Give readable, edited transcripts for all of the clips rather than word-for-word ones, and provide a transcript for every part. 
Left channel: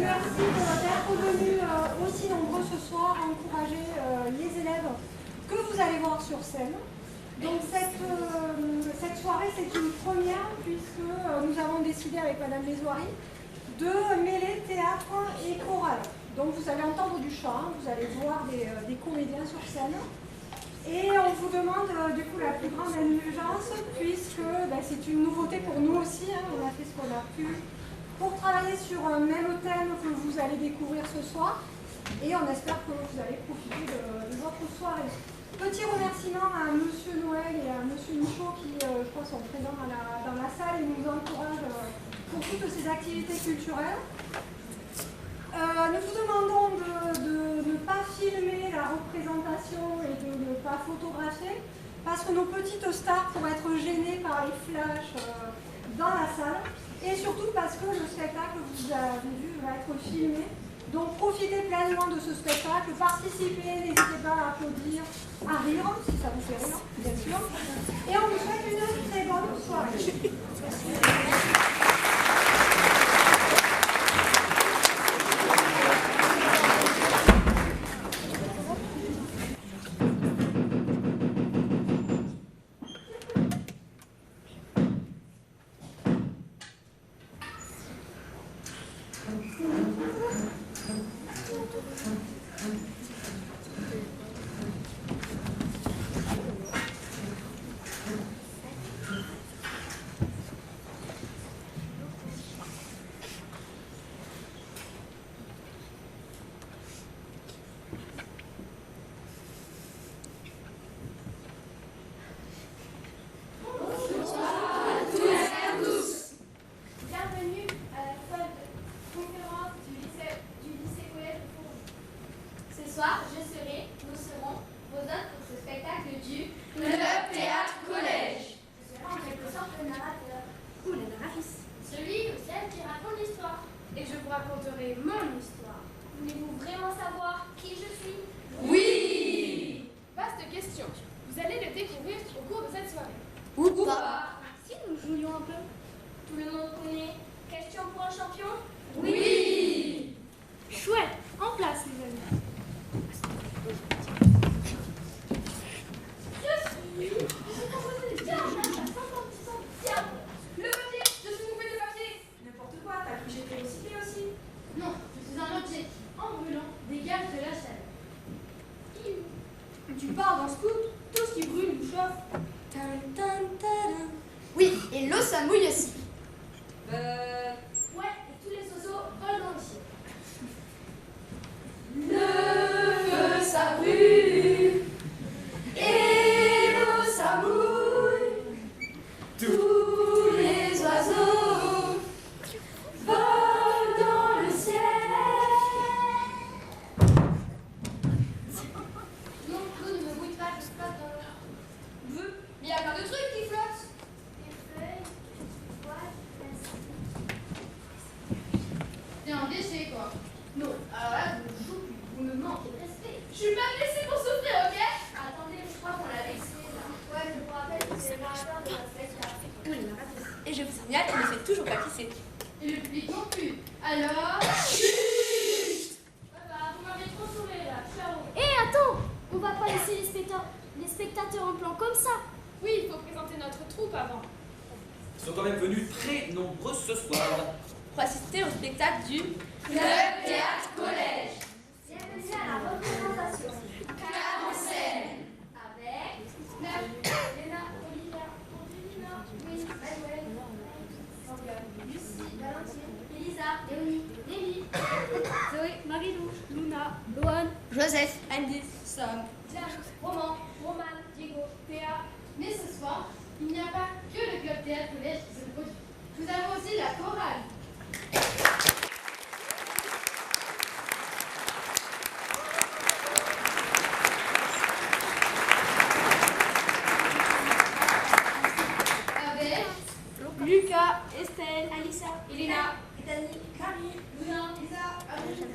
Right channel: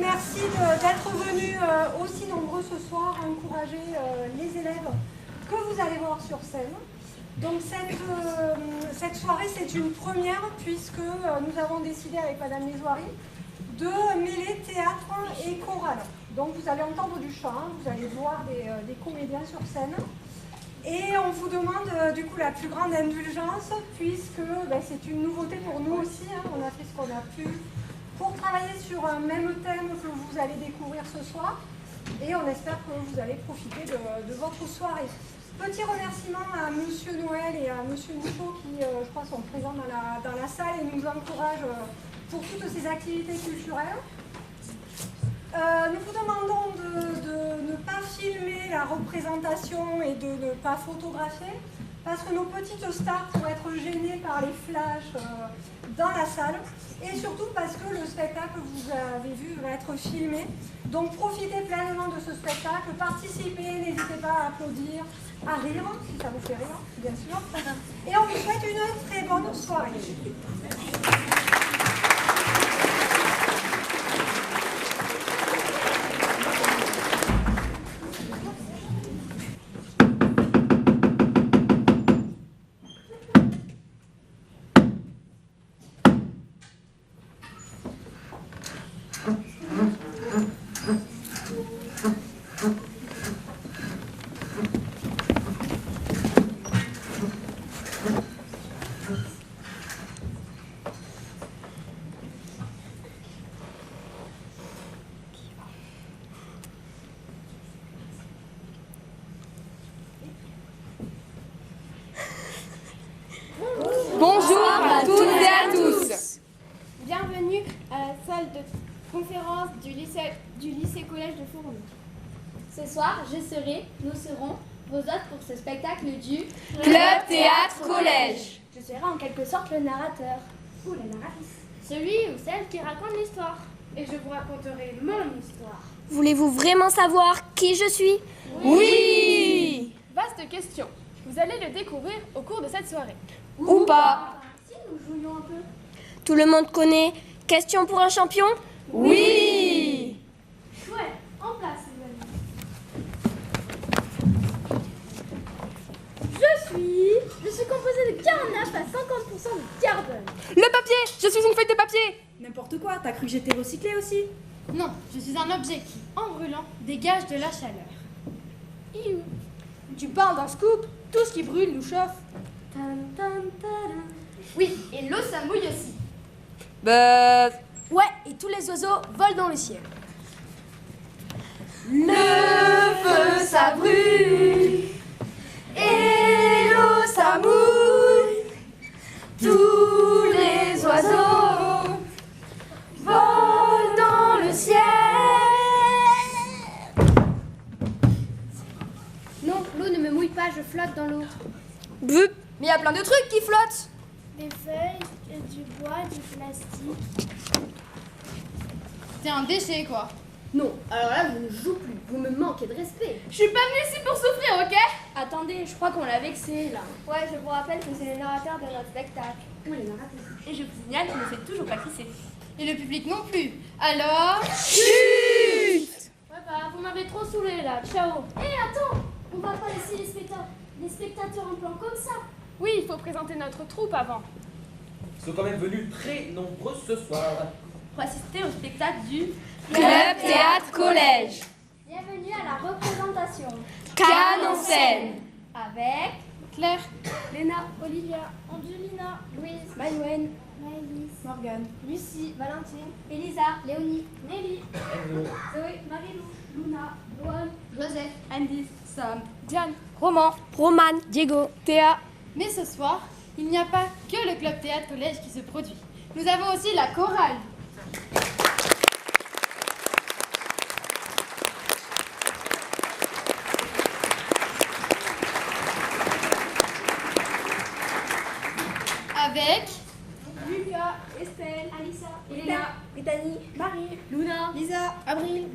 Merci d'être venus aussi nombreux ce soir à encourager les élèves que vous allez voir sur scène. Donc cette soirée, c'est une première puisque nous avons décidé avec Madame Lesoiry de mêler théâtre et chorale. Donc vous allez entendre du chant, vous allez voir des comédiens sur scène. Et on vous demande du coup la plus grande indulgence puisque c'est une nouveauté pour nous aussi, on a fait ce qu'on a pu pour travailler sur un même thème que vous allez découvrir ce soir. Et on espère que vous allez profiter de votre soirée. Petit remerciement à Monsieur Noël et à Monsieur Michaud qui, je crois, sont présents dans la salle et nous encouragent pour toutes ces activités culturelles. Nous vous demandons de ne pas filmer la représentation et de ne pas photographier parce que nos petites stars pourraient être gênées par les flashs dans la salle et surtout parce que le spectacle que vous avez vu va être filmé. Donc profitez pleinement de ce spectacle, participez, n'hésitez pas à applaudir, à rire, si ça vous fait rire, bien sûr. Et on vous souhaite une très bonne soirée. Bonjour à toutes et à tous. Bienvenue à la salle de conférence du lycée-collège de Fourmi. Ce soir, nous serons vos hôtes pour ce spectacle du Club Théâtre Collège. Je serai en quelque sorte le narrateur ou la narratrice. Celui ou celle qui raconte l'histoire. Et je vous raconterai mon histoire. Voulez-vous vraiment savoir qui je suis? Oui. Vaste question. Vous allez le découvrir au cours de cette soirée. Ou pas. Si nous jouions un peu. Tout le monde connaît Question pour un champion? Oui. Chouette, en place les amis. Je suis composée de 49 à 50% de carbone. Le papier. Je suis une feuille de papier. N'importe quoi, t'as cru que j'étais recyclée aussi? Non, je suis un objet qui, en brûlant, dégage de la chaleur. Iou. Tu parles d'un scoop. Tout ce qui brûle nous chauffe. Oui, et l'eau ça mouille aussi. Ouais, et tous les oiseaux volent dans le ciel. Le feu ça brûle et l'eau ça mouille. Tous les oiseaux volent dans le ciel. Non, l'eau ne me mouille pas, je flotte dans l'eau. Bup. Mais il y a plein de trucs qui flottent. Des feuilles, du bois, du plastique. T'es un déchet, quoi. Non, alors là, je ne joue plus. Vous me manquez de respect. Je suis pas venue ici pour souffrir, ok? Attendez, je crois qu'on l'a vexé, là. Ouais, je vous rappelle que c'est le narrateur de notre spectacle. Oui, le narrateur. Et je vous signale qu'il ne fait toujours pas qui c'est. Et le public non plus. Alors... Chut. Ouais, bah, vous m'avez trop saoulé, là. Ciao. Hé, attends! On va pas laisser les spectateurs en plan comme ça. Oui, il faut présenter notre troupe avant. Ils sont quand même venus très nombreux ce soir. Pour assister au spectacle du Club Théâtre Collège. Bienvenue à la représentation. Cannes en scène. avec Claire, Léna, Olivia, Angelina, Louise, Manuel, Maëlys, Morgane, Lucie, Valentine, Elisa, Léonie, Nelly, Zoé, Marilou, Luna, Loane, Joseph, Andy, Sam, Diane. Roman, Roman, Diego, Théa. mais ce soir, il n'y a pas que le Club Théâtre Collège qui se produit. Nous avons aussi la chorale. Avec Lucas, Estelle, Alissa, Elena, Bethany, Marie, Luna, Lisa, Avril,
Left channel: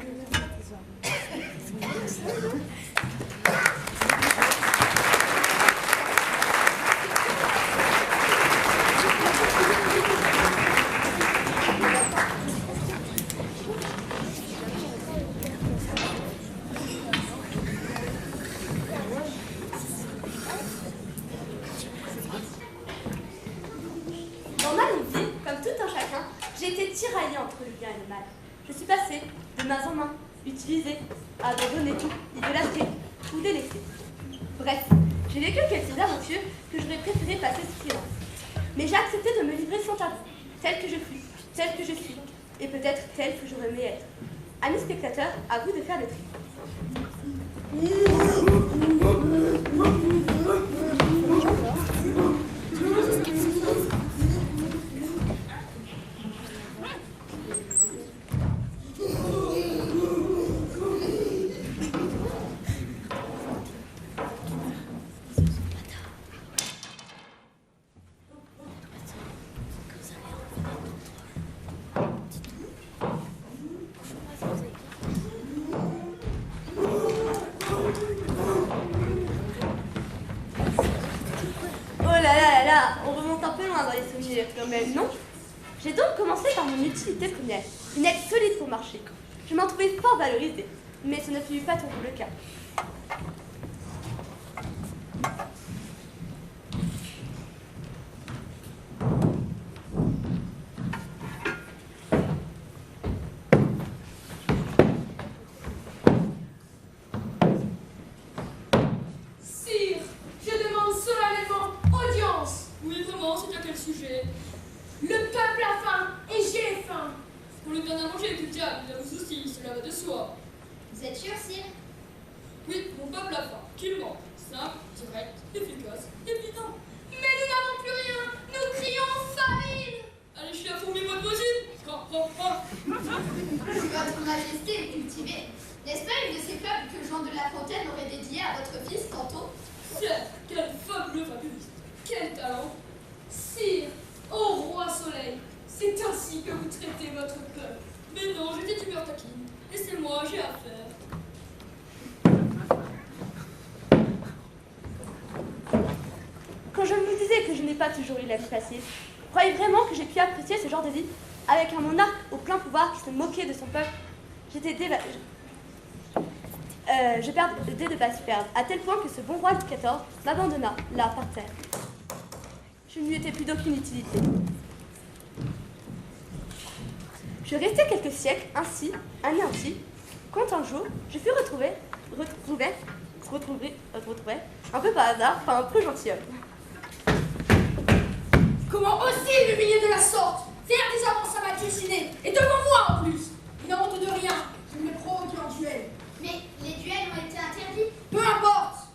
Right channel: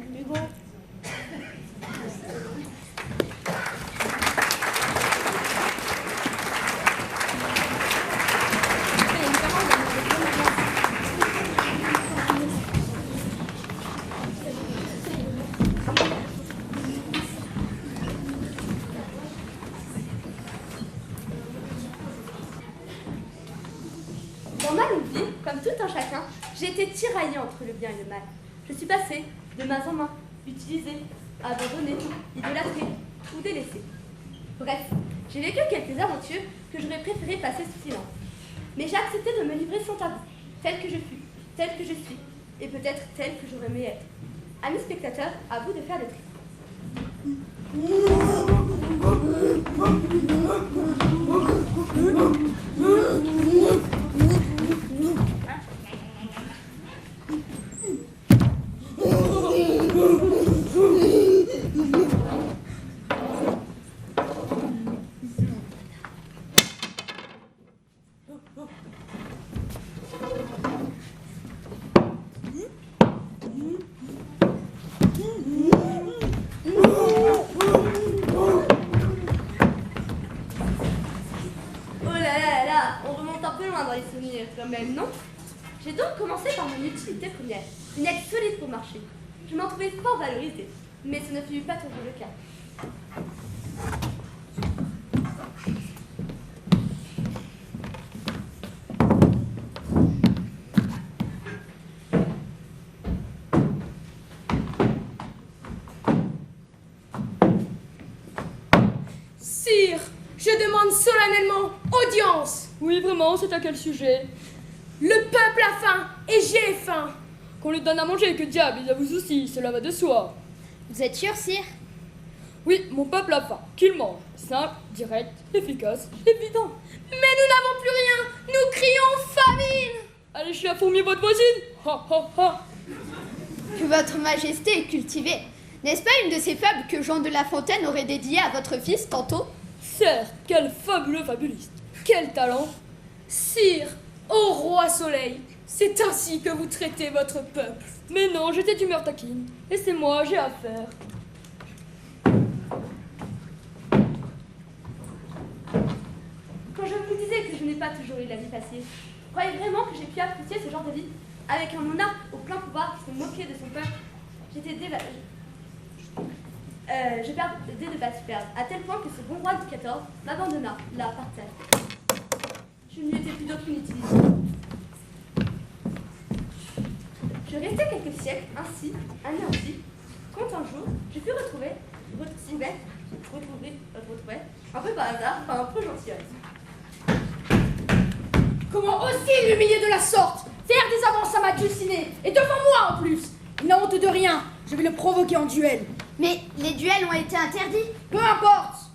entre le bien et le mal. Je suis passée de main en main, utilisée, abandonnée, idolâtrée ou délaissée. Bref, j'ai vécu quelques aventures que j'aurais préféré passer sous silence. Mais j'ai accepté de me livrer sans tabou, telle que je fus, telle que je suis, et peut-être telle que j'aurais aimé être. Amis spectateurs, à vous de faire le tri. Non. J'ai donc commencé par mon utilité première, une aide solide pour marcher. Je m'en trouvais fort valorisée, mais ce ne fut pas toujours le cas. Sire, je demande solennellement audience. Oui, vraiment, c'est à quel sujet? Le peuple a faim et j'ai faim. Qu'on lui donne à manger, que diable, il y a vous aussi, cela va de soi. Vous êtes sûr, sire? Oui, mon peuple a faim, qu'il mange. Simple, direct, efficace, évident. Mais nous n'avons plus rien, nous crions famine. Allez chez la fourmi votre voisine. Ha, ha, ha. Votre Majesté est cultivée. N'est-ce pas une de ces fables que Jean de La Fontaine aurait dédiée à votre fils tantôt? Certes, quel fabuleux fabuliste. Quel talent. Sire, ô roi soleil, c'est ainsi que vous traitez votre peuple. Mais non, j'étais d'humeur taquine. Laissez-moi, j'ai affaire. Quand je me disais que je n'ai pas toujours eu la vie facile, croyez vraiment que j'ai pu apprécier ce genre de vie avec un monarque au plein pouvoir qui se moquait de son peuple? J'étais je perdais de pas se perdre, à tel point que ce bon roi Louis XIV m'abandonna, là, par terre. Je ne lui étais plus d'aucune utilité. Je restai quelques siècles ainsi, anéanti, quand un jour, je fus retrouvé, un peu par hasard, par un peu gentilhomme. Comment oser l'humilier de la sorte? Faire des avances à ma dulcinée, et devant moi en plus. Il n'a honte de rien, je vais le provoquer en duel. Mais les duels ont été interdits. Peu importe.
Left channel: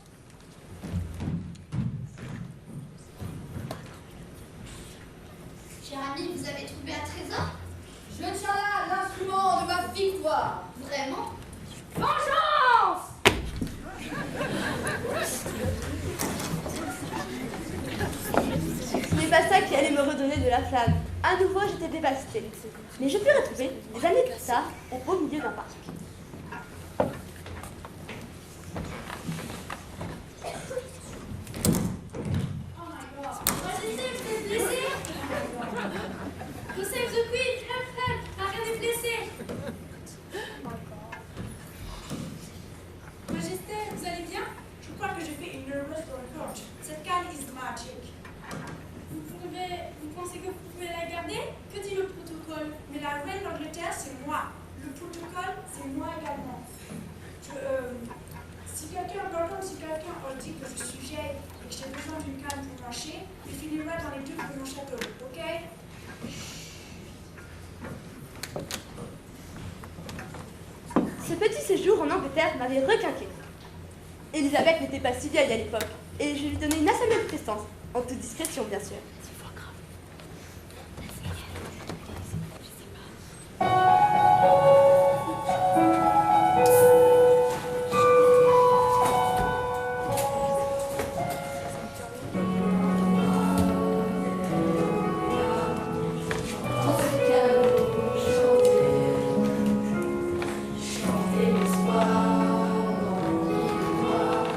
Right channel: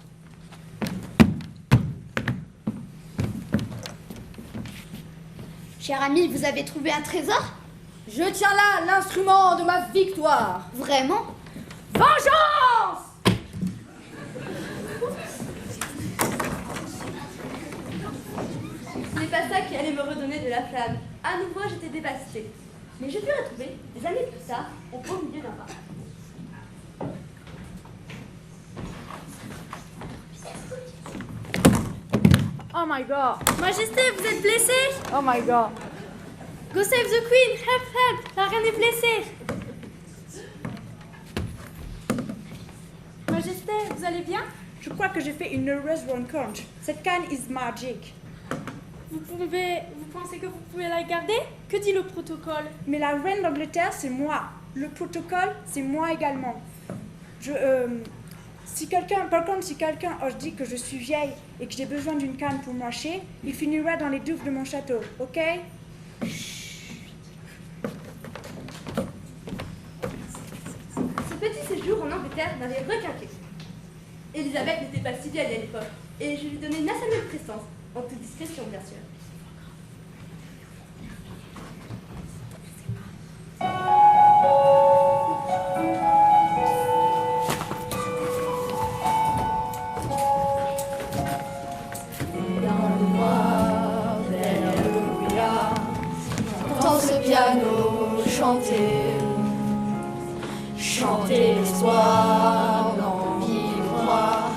Cher ami, vous avez trouvé un trésor? Je tiens là l'instrument de ma victoire. Vraiment? Vengeance! Ce n'est pas ça qui allait me redonner de la flamme. À nouveau, j'étais dévastée. Mais je pus retrouver, des années plus tard, au beau milieu d'un parc. Oh my god. Majesté, vous êtes blessée? Oh my god. Go save the queen, help, la reine est blessée. Majesté, vous allez bien? Je crois que j'ai fait une heureuse rencontre. Cette canne is magic. Vous pensez que vous pouvez la garder? Que dit le protocole? Mais la reine d'Angleterre, c'est moi. Le protocole, c'est moi également. Par contre, si quelqu'un ose dire que je suis vieille et que j'ai besoin d'une canne pour marcher, il finira dans les douves de mon château, ok? Ce petit séjour en Angleterre m'avait requinqué. Elisabeth n'était pas si vieille à l'époque, et je lui donnais une assez belle prestance, en toute discrétion bien sûr. Dans ce piano, chanter l'histoire, dans qui croit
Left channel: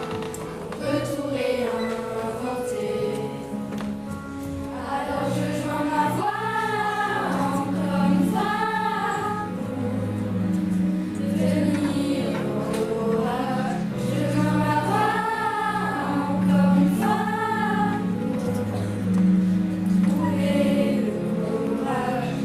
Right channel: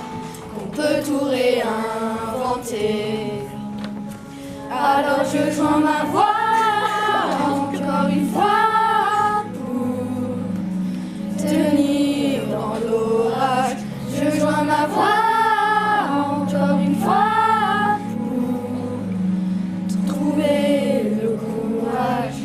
qu'on peut tout réinventer. Alors je joins ma voix encore une fois pour tenir dans l'orage. Je joins ma voix encore une fois pour trouver le courage.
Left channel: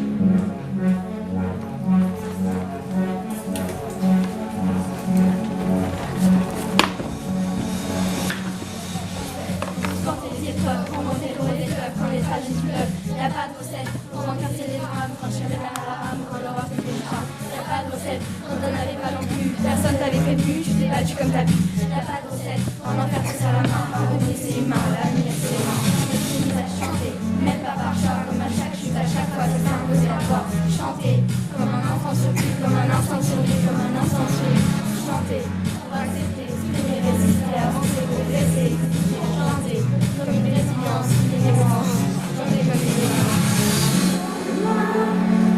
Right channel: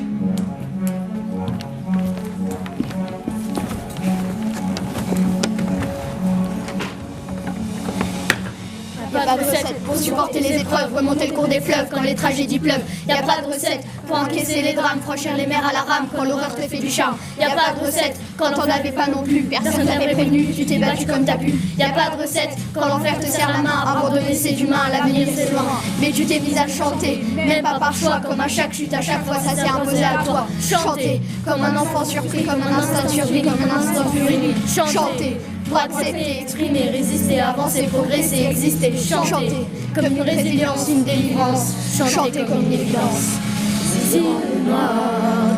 pour supporter les épreuves, remonter le cours des fleuves quand les tragédies pleuvent. Y a pas de recette pour encaisser les drames, franchir les mers à la rame quand l'horreur te fait du charme. Y a pas de recette quand t'en avais pas non plus, personne n'avait prévenu, tu t'es battu comme t'as pu. Y a pas de recette quand l'enfer te serre la main, abandonner c'est humain, l'avenir c'est loin. Mais tu t'es mise à chanter, même pas par choix, comme à chaque chute, à chaque fois ça s'est imposé à toi. Chanter, comme un enfant surpris, comme un instinct surpris, comme un instinct surpris. Chanter, droit d'accepter, exprimer, résister, avancer, progresser, exister. Chanter, comme une résilience, une délivrance. Chanter comme une délivrance. Ici,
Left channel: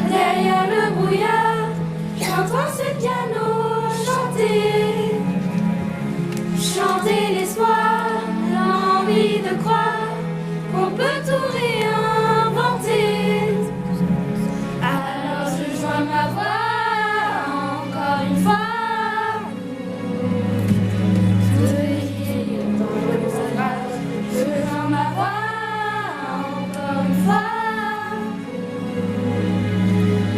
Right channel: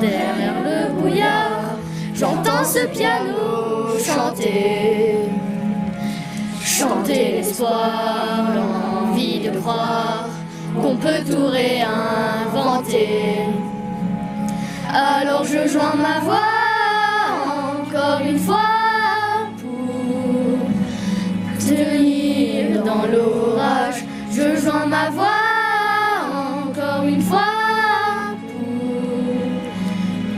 derrière le brouillard, j'entends ce piano chanter. Chanter l'espoir, l'envie de croire qu'on peut tout réinventer. Alors je joins ma voix encore une fois pour tenir dans l'orage. Je joins ma voix encore une fois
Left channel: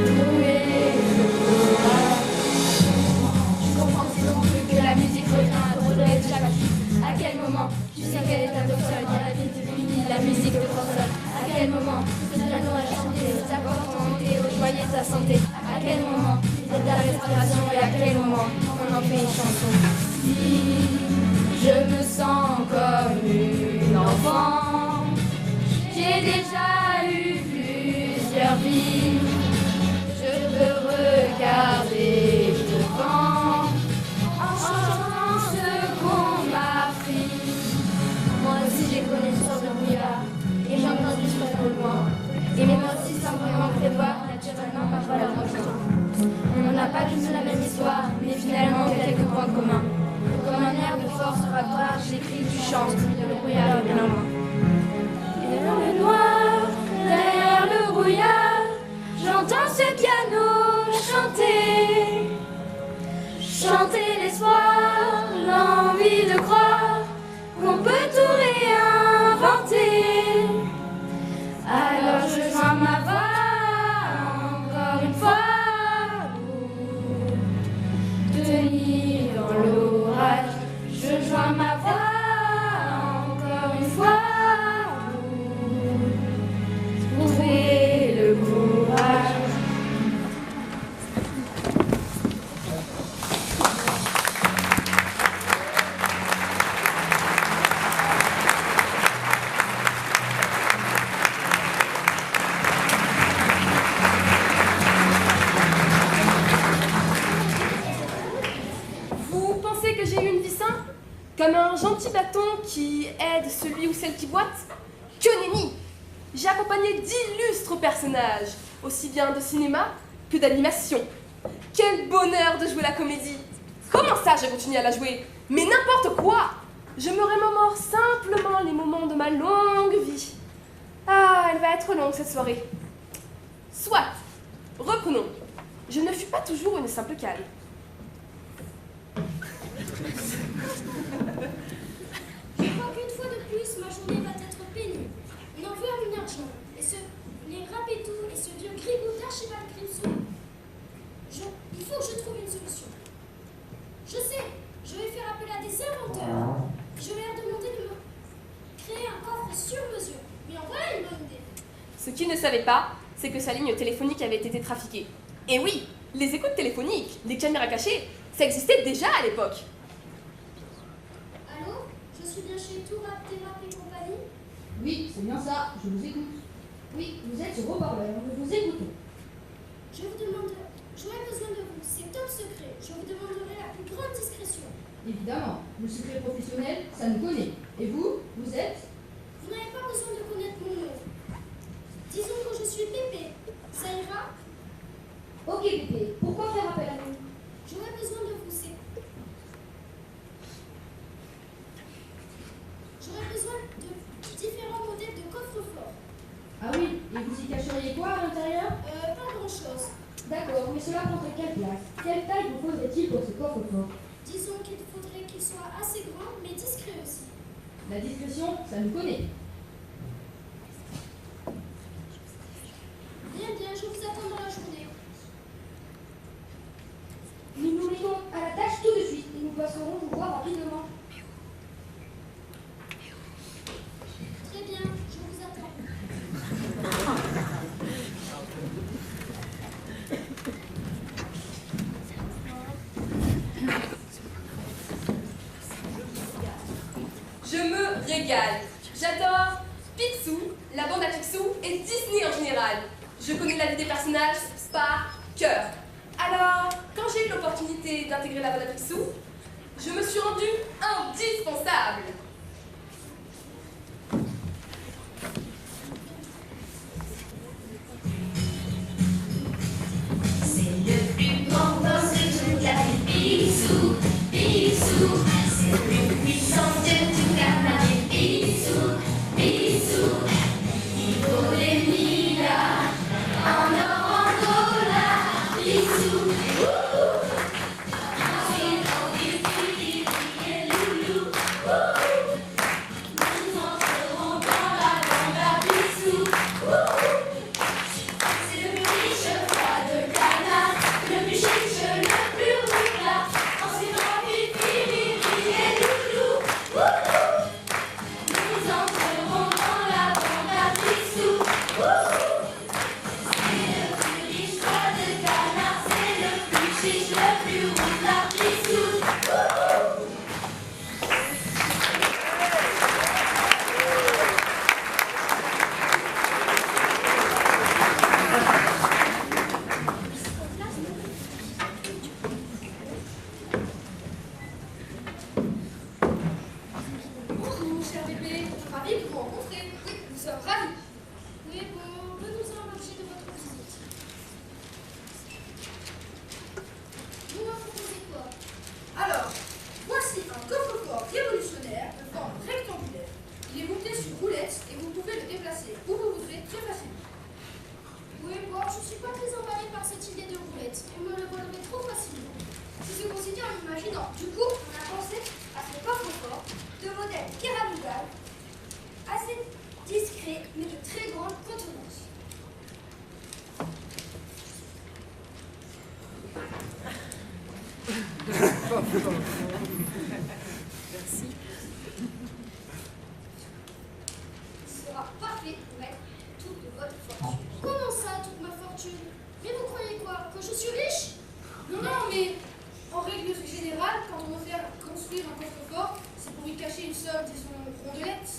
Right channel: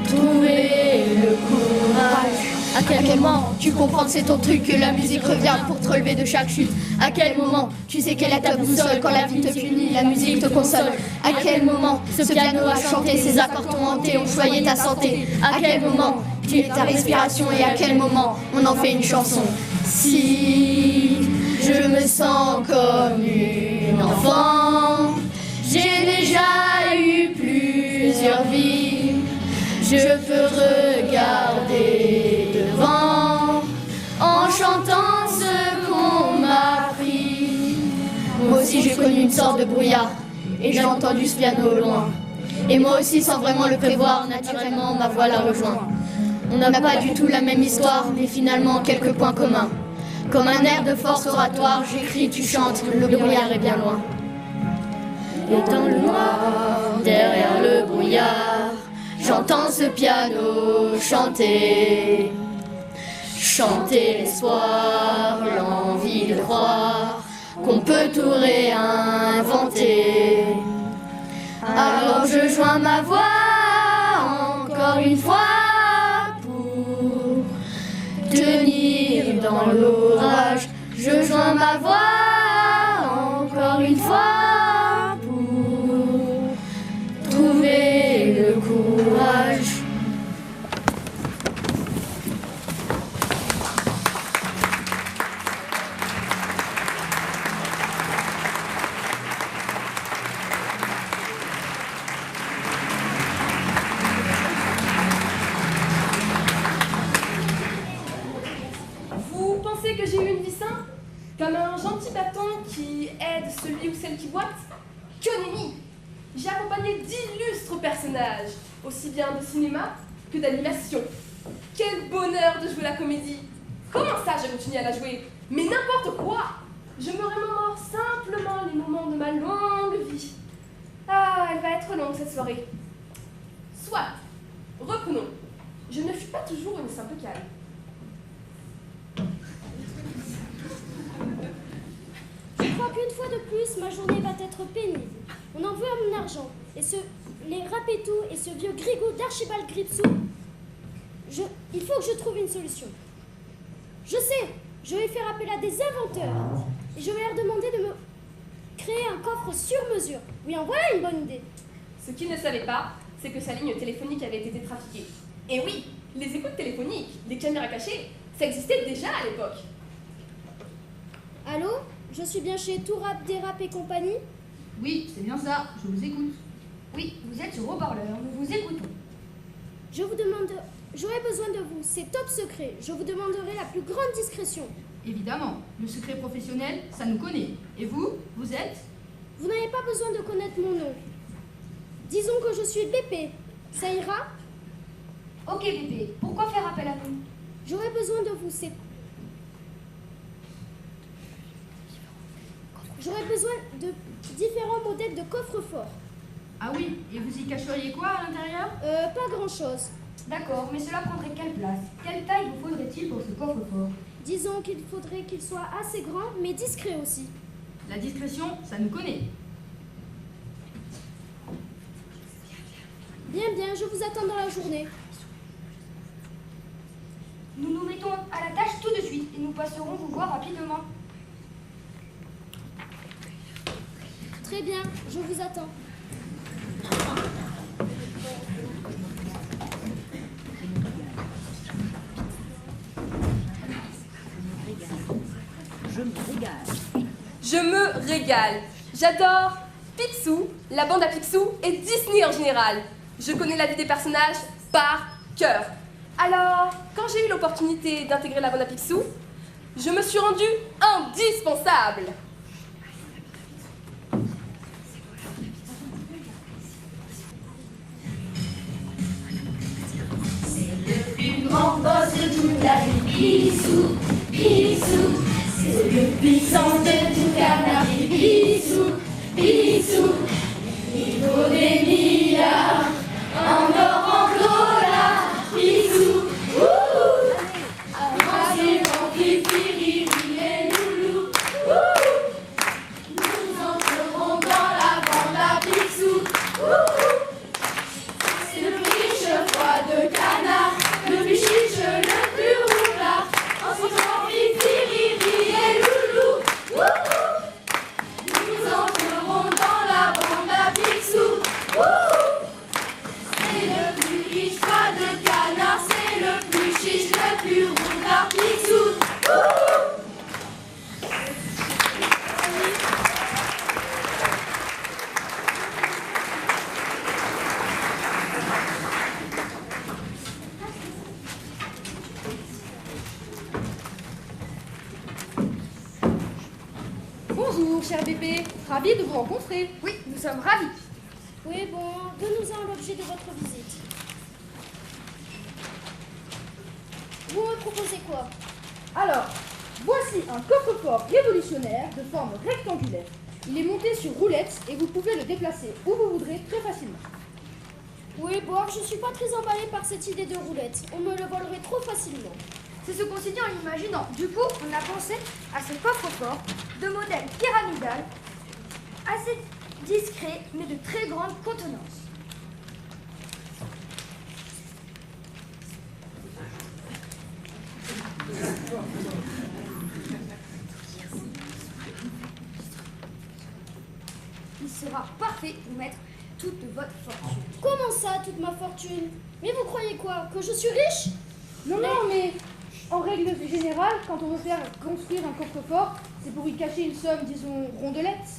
pour trouver le courage. À quel moment tu comprends que c'est ton truc, que la musique revient pour te relever de chaque chute? À quel moment tu sais qu'elle est ta boussole quand la vie te punit, la musique te console? À quel moment ce piano a chanté, ses accords t'ont hanté, ont choyé ta santé? À quel moment tu es ta respiration et à quel moment on en fait une chanson? Si je me sens comme une enfant, j'ai déjà eu plusieurs vies, je peux regarder devant en chantant ce qu'on m'a appris. Moi aussi j'ai connu une sorte de brouillard et j'ai entendu ce piano au loin. Et moi aussi sans vraiment le prévoir, naturellement ma voix la rejoint. On n'a pas du tout la même histoire, mais finalement quelques points communs. Comme un air de force oratoire, j'écris, tu chantes, le brouillard est bien loin. Et dans le noir, derrière le brouillard, j'entends ce piano chanter. Chanter l'espoir, l'envie de croire qu'on peut tout réinventer. Alors je joins ma voix encore une fois pour tenir dans l'orage. Je joins ma voix encore une fois pour trouver le courage. Vous pensez que j'ai eu une vie simple? Comme un gentil bâton qui aide celui ou celle qui boite? Que nenni! J'ai accompagné d'illustres personnages, aussi bien de cinéma que d'animation. Quel bonheur de jouer la comédie! Comment ça, j'ai continué à la jouer? Mais n'importe quoi! Je me remémore simplement les moments de ma longue vie. Ah, elle va être longue cette soirée. Soit, reprenons. Je ne fus pas toujours une simple cale. Je crois qu'une fois de plus, ma journée va être pénible. On en veut à mon argent. Et les Rapetous et ce vieux grigou d'Archibald Cripsou, il faut que je trouve une solution. Je sais, je vais faire appel à des inventeurs. Je vais leur demander de me créer un coffre sur mesure. Oui, en voilà une bonne idée. Ce qu'ils ne savaient pas, c'est que sa ligne téléphonique avait été trafiquée. Et oui, les écoutes téléphoniques, les caméras cachées, ça existait déjà à l'époque. Allô? Je suis bien chez Tout Rap, Dérap et compagnie? Oui, c'est bien ça, je vous écoute. Oui, vous êtes sur haut-parleur, nous vous écoutons. J'aurais besoin de vous, c'est top secret. Je vous demanderai la plus grande discrétion. Évidemment, le secret professionnel, ça nous connaît. Et vous, vous êtes? Vous n'avez pas besoin de connaître mon nom. Disons que je suis Pépé. Ça ira? Ok Pépé, pourquoi faire appel à nous? J'aurais besoin de vous, J'aurais besoin de différents modèles de coffre-fort. Ah oui, et vous y cacheriez quoi à l'intérieur? Pas grand-chose. D'accord, mais cela prendrait quelle place? Quelle taille vous faudrait-il pour ce coffre-fort? Disons qu'il faudrait qu'il soit assez grand, mais discret aussi. La discrétion, ça nous connaît. Bien, je vous attends dans la journée. Nous nous mettons à la tâche tout de suite et nous passerons vous voir rapidement. bien, je vous attends. Je me régale. J'adore Picsou, la bande à Picsou et Disney en général. Je connais la vie des personnages par cœur. Alors, quand j'ai eu l'opportunité d'intégrer la bande à Picsou, je me suis rendue indispensable. C'est le plus grand boss de toute la vie, Picsou, Picsou. C'est le plus puissant de tout canard, Picsou, Picsou. Il vaut des milliards en or, en dollars, Picsou. C'est l'anti-Fili, les loulous. Nous entrerons dans la bande à Picsou. C'est le plus riche roi de canard, le plus chiche, le plus roulard. Ensuite, l'anti-Fili, les loulous. Nous entrerons dans la bande à Picsou. C'est le plus riche roi de canard, c'est le plus chiche, le plus roulard, Picsou. Bonjour, cher bébé. Ravi de vous rencontrer. Oui, nous sommes ravis. Oui, bon, donnez-nous l'objet de votre visite. Vous me proposez quoi? Alors, voici un coffre-fort révolutionnaire de forme rectangulaire. Il est monté sur roulette et vous pouvez le déplacer où vous voudrez très facilement. Oui, bon, je suis pas très emballée par cette idée de roulette. On me le volerait trop facilement. C'est ce qu'on s'est dit en l'imaginant. Du coup, on a pensé à ce coffre-fort de modèle pyramidal, assez discret, mais de très grande contenance. Il sera parfait pour mettre toute votre fortune. Comment ça, toute ma fortune? Mais vous croyez quoi? Que je suis riche? Non, non, mais en règle générale, quand on veut faire construire un coffre-fort, c'est pour y cacher une somme, disons, rondelette.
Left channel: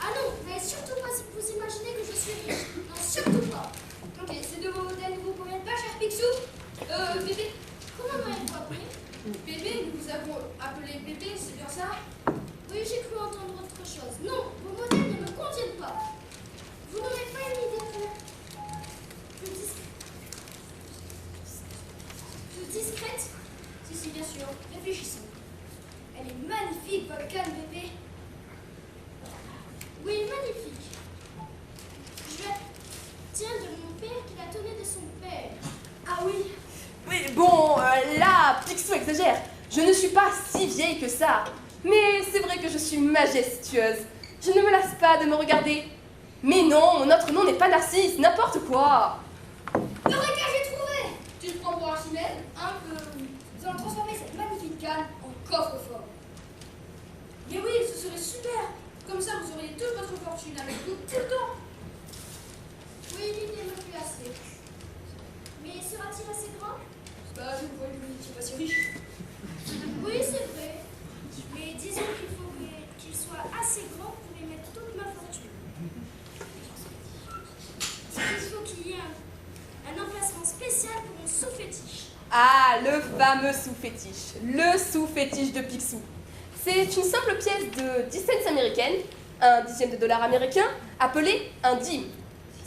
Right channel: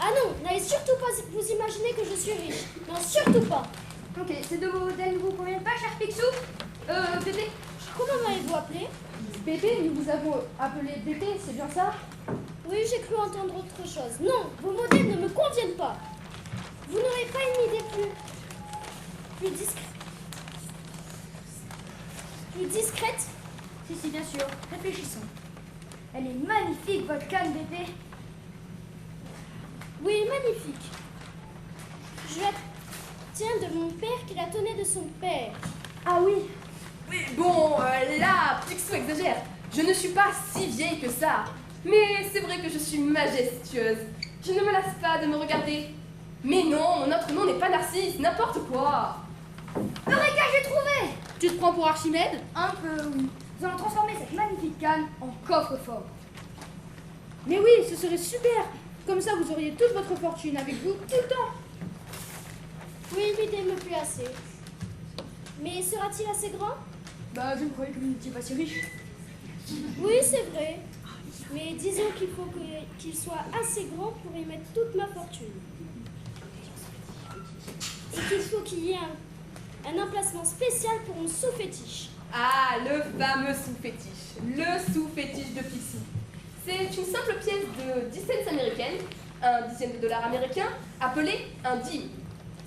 Ah non, n'allez surtout pas vous imaginer que je suis riche. Non, surtout pas. Ok, ces deux modèles ne vous conviennent pas, cher Picsou? Bébé? Comment m'avez-vous appelé? Bébé, nous vous avons appelé bébé, c'est bien ça? Oui, j'ai cru entendre autre chose. Non, vos modèles ne me conviennent pas. Vous n'aurez pas une idée plus discrète? Plus discrète? Si, bien sûr. Réfléchissons. Elle est magnifique, votre canne, bébé. Oui, magnifique. Je la tiens de mon père qui la tenait de son père. Ah oui. Oui, bon, là, Picsou exagère. Je ne suis pas si vieille que ça. Mais c'est vrai que je suis majestueuse. Je ne me lasse pas de me regarder. Mais non, notre nom n'est pas Narcisse, n'importe quoi. Eureka, j'ai trouvé! Tu te prends pour Archimède? Un peu, oui. Nous allons transformer cette magnifique canne en coffre-fort. Mais oui, ce serait super. Comme ça, vous auriez toute votre fortune avec vous tout le temps. Oui, l'idée me plaît assez. Mais sera-t-il assez grand? Bah, je croyais que vous n'étiez pas si riche. Oui, c'est vrai. Mais disons qu'il faut qu'il soit assez grand pour y mettre toute ma fortune. Et qu'il faut qu'il y ait un emplacement spécial pour mon sous-fétiche. Ah, le fameux sous-fétiche. Le sous-fétiche de Picsou. C'est une simple pièce de 10 cents américaines, un dixième de dollar américain, appelée un dime.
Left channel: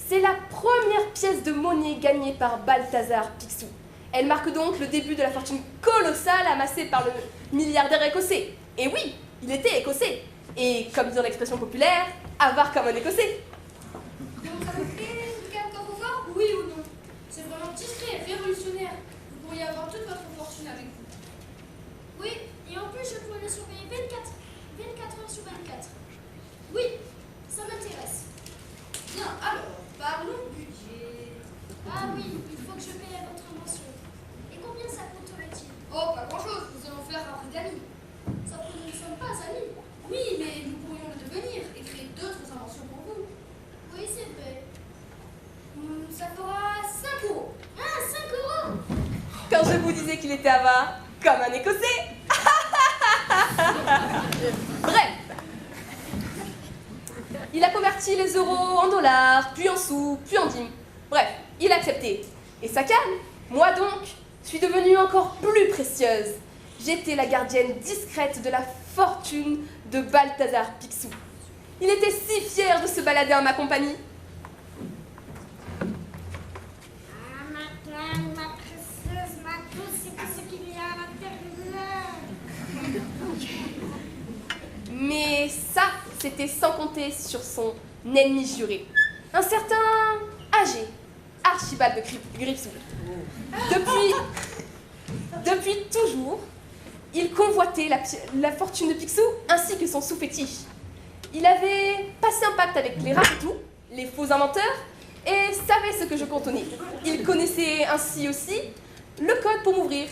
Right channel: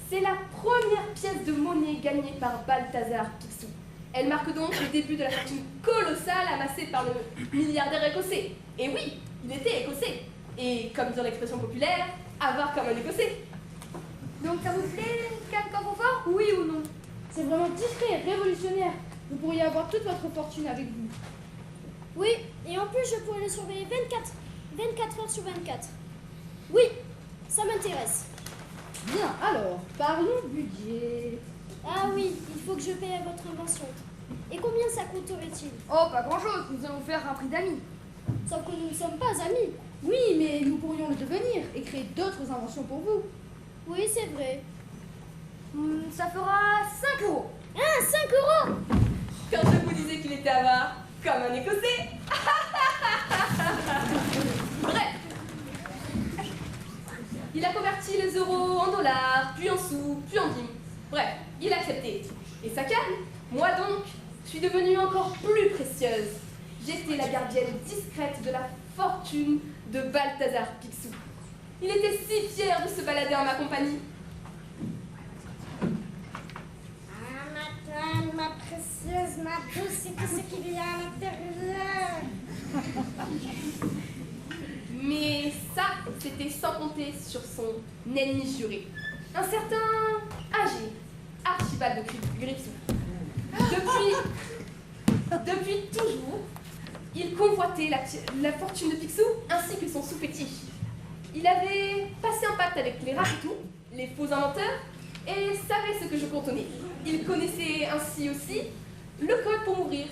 C'est la première pièce de monnaie gagnée par Balthazar Picsou. Elle marque donc le début de la fortune colossale amassée par le milliardaire écossais. Et oui, il était écossais. Et comme dit dans l'expression populaire, avare comme un écossais. Donc ça vous plaît, une canne coffre-fort? Oui ou non? C'est vraiment discret et révolutionnaire. Vous pourriez avoir toute votre fortune avec vous. Oui, et en plus je pourrais le surveiller 24 heures sur 24. Oui, ça m'intéresse. Bien, alors, parlons budget. Ah oui, il faut que je paye à votre invention. Et combien ça coûterait-il? Oh, pas grand-chose, nous allons faire un prix d'amis. Sauf que nous ne sommes pas amis. Oui, mais nous pourrions le devenir et créer d'autres inventions pour vous. Oui, c'est vrai. Ça fera 5 euros. Ah, 5 euros! Quand je vous disais qu'il était avare, comme un Écossais. Bref. Il a converti les euros en dollars, puis en sous, puis en dîmes. Bref, il a accepté. Et sa canne, moi donc, suis devenue encore plus précieuse. J'étais la gardienne discrète de la fortune de Balthazar Picsou. Il était si fier de se balader en ma compagnie. Ah, ma canne, ma précieuse, ma douce, c'est que ce qu'il y a à l'intérieur. Mais ça, c'était sans compter sur son ennemi juré. Un certain âgé, Archibald de Gripsou. Depuis toujours, il convoitait la fortune de Picsou ainsi que son sous-fétiche. Il avait passé un pacte avec les Rapetous, les faux inventeurs, et savait ce que je contenais. Il connaissait ainsi aussi le code pour m'ouvrir.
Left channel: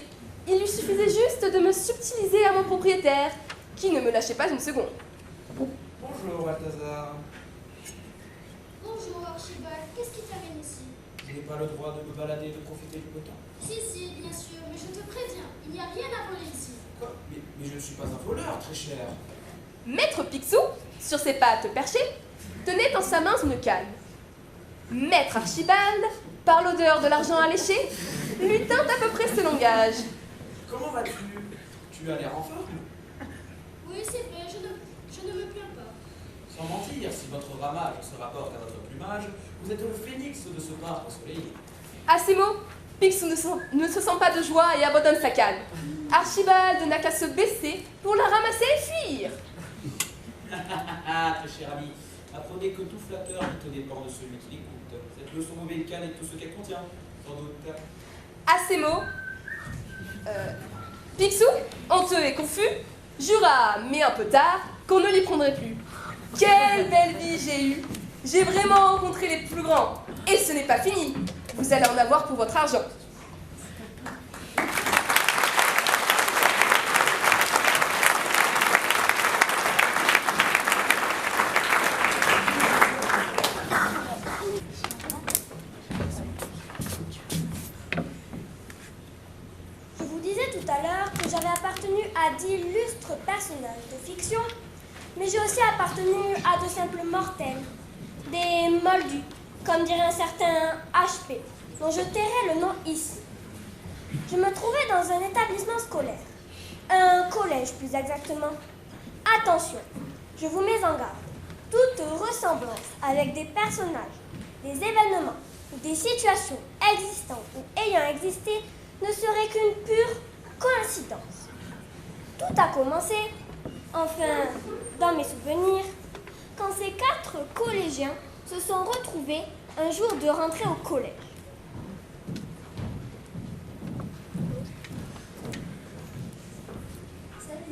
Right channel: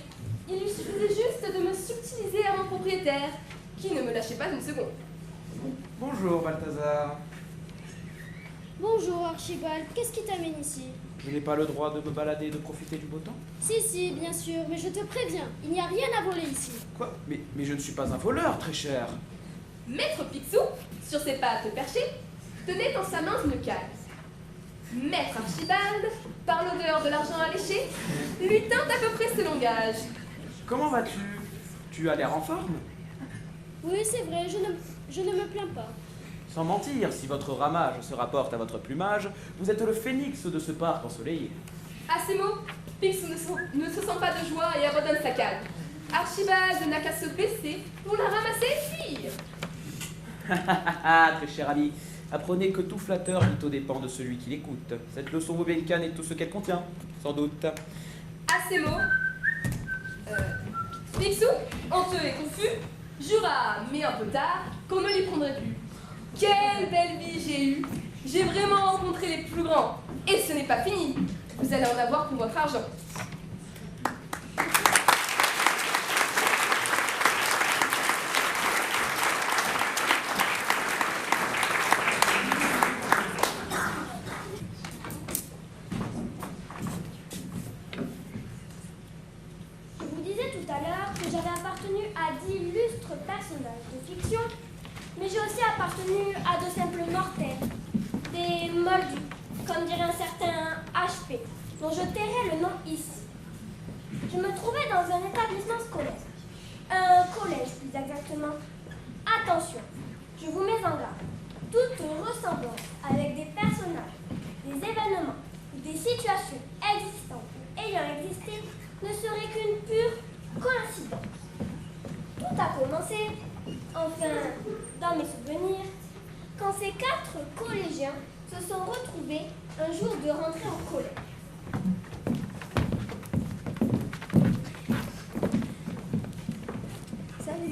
Il lui suffisait juste de me subtiliser à mon propriétaire, qui ne me lâchait pas une seconde. Bonjour, Balthazar. Bonjour Archibald, qu'est-ce qui t'amène ici? Je n'ai pas le droit de me balader et de profiter du beau temps? Si, bien sûr, mais je te préviens, il n'y a rien à voler ici. Quoi? Mais je ne suis pas un voleur, très cher. Maître Picsou, sur ses pattes perchées, tenait en sa main une canne. Maître Archibald, par l'odeur de l'argent alléché, lui tint à peu près ce langage. Comment vas-tu? Tu as l'air en forme? Oui, c'est vrai, je ne me plains pas. Sans mentir, si votre ramage se rapporte à votre plumage, vous êtes le phénix de ce parc ensoleillé. À ces mots, Picsou ne se sent pas de joie et abandonne sa canne. Archibald n'a qu'à se baisser pour la ramasser et fuir. Très cher ami, apprenez que tout flatteur vit aux dépens de celui qui l'écoute. Cette leçon canne et tout ce qu'elle contient, sans doute. À ces mots, Picsou, honteux et confus, jura, mais un peu tard, qu'on ne l'y prendrait plus. Quelle belle vie j'ai eue! J'ai vraiment rencontré les plus grands. Et ce n'est pas fini. Vous allez en avoir pour votre argent. Je vous disais tout à l'heure que j'avais appartenu à d'illustres personnages de fiction, mais j'ai aussi appartenu à de simples mortels, des moldus, comme dirait un certain HP, dont je tairai le nom ici. Je me trouvais dans un établissement scolaire, un collège plus exactement. Attention, je vous mets en garde. Toute ressemblance avec des personnages, des événements ou des situations existantes ou ayant existé ne serait qu'une pure coïncidence. Tout a commencé, enfin, dans mes souvenirs, quand ces 4 collégiens se sont retrouvés un jour de rentrée au collège. Salut.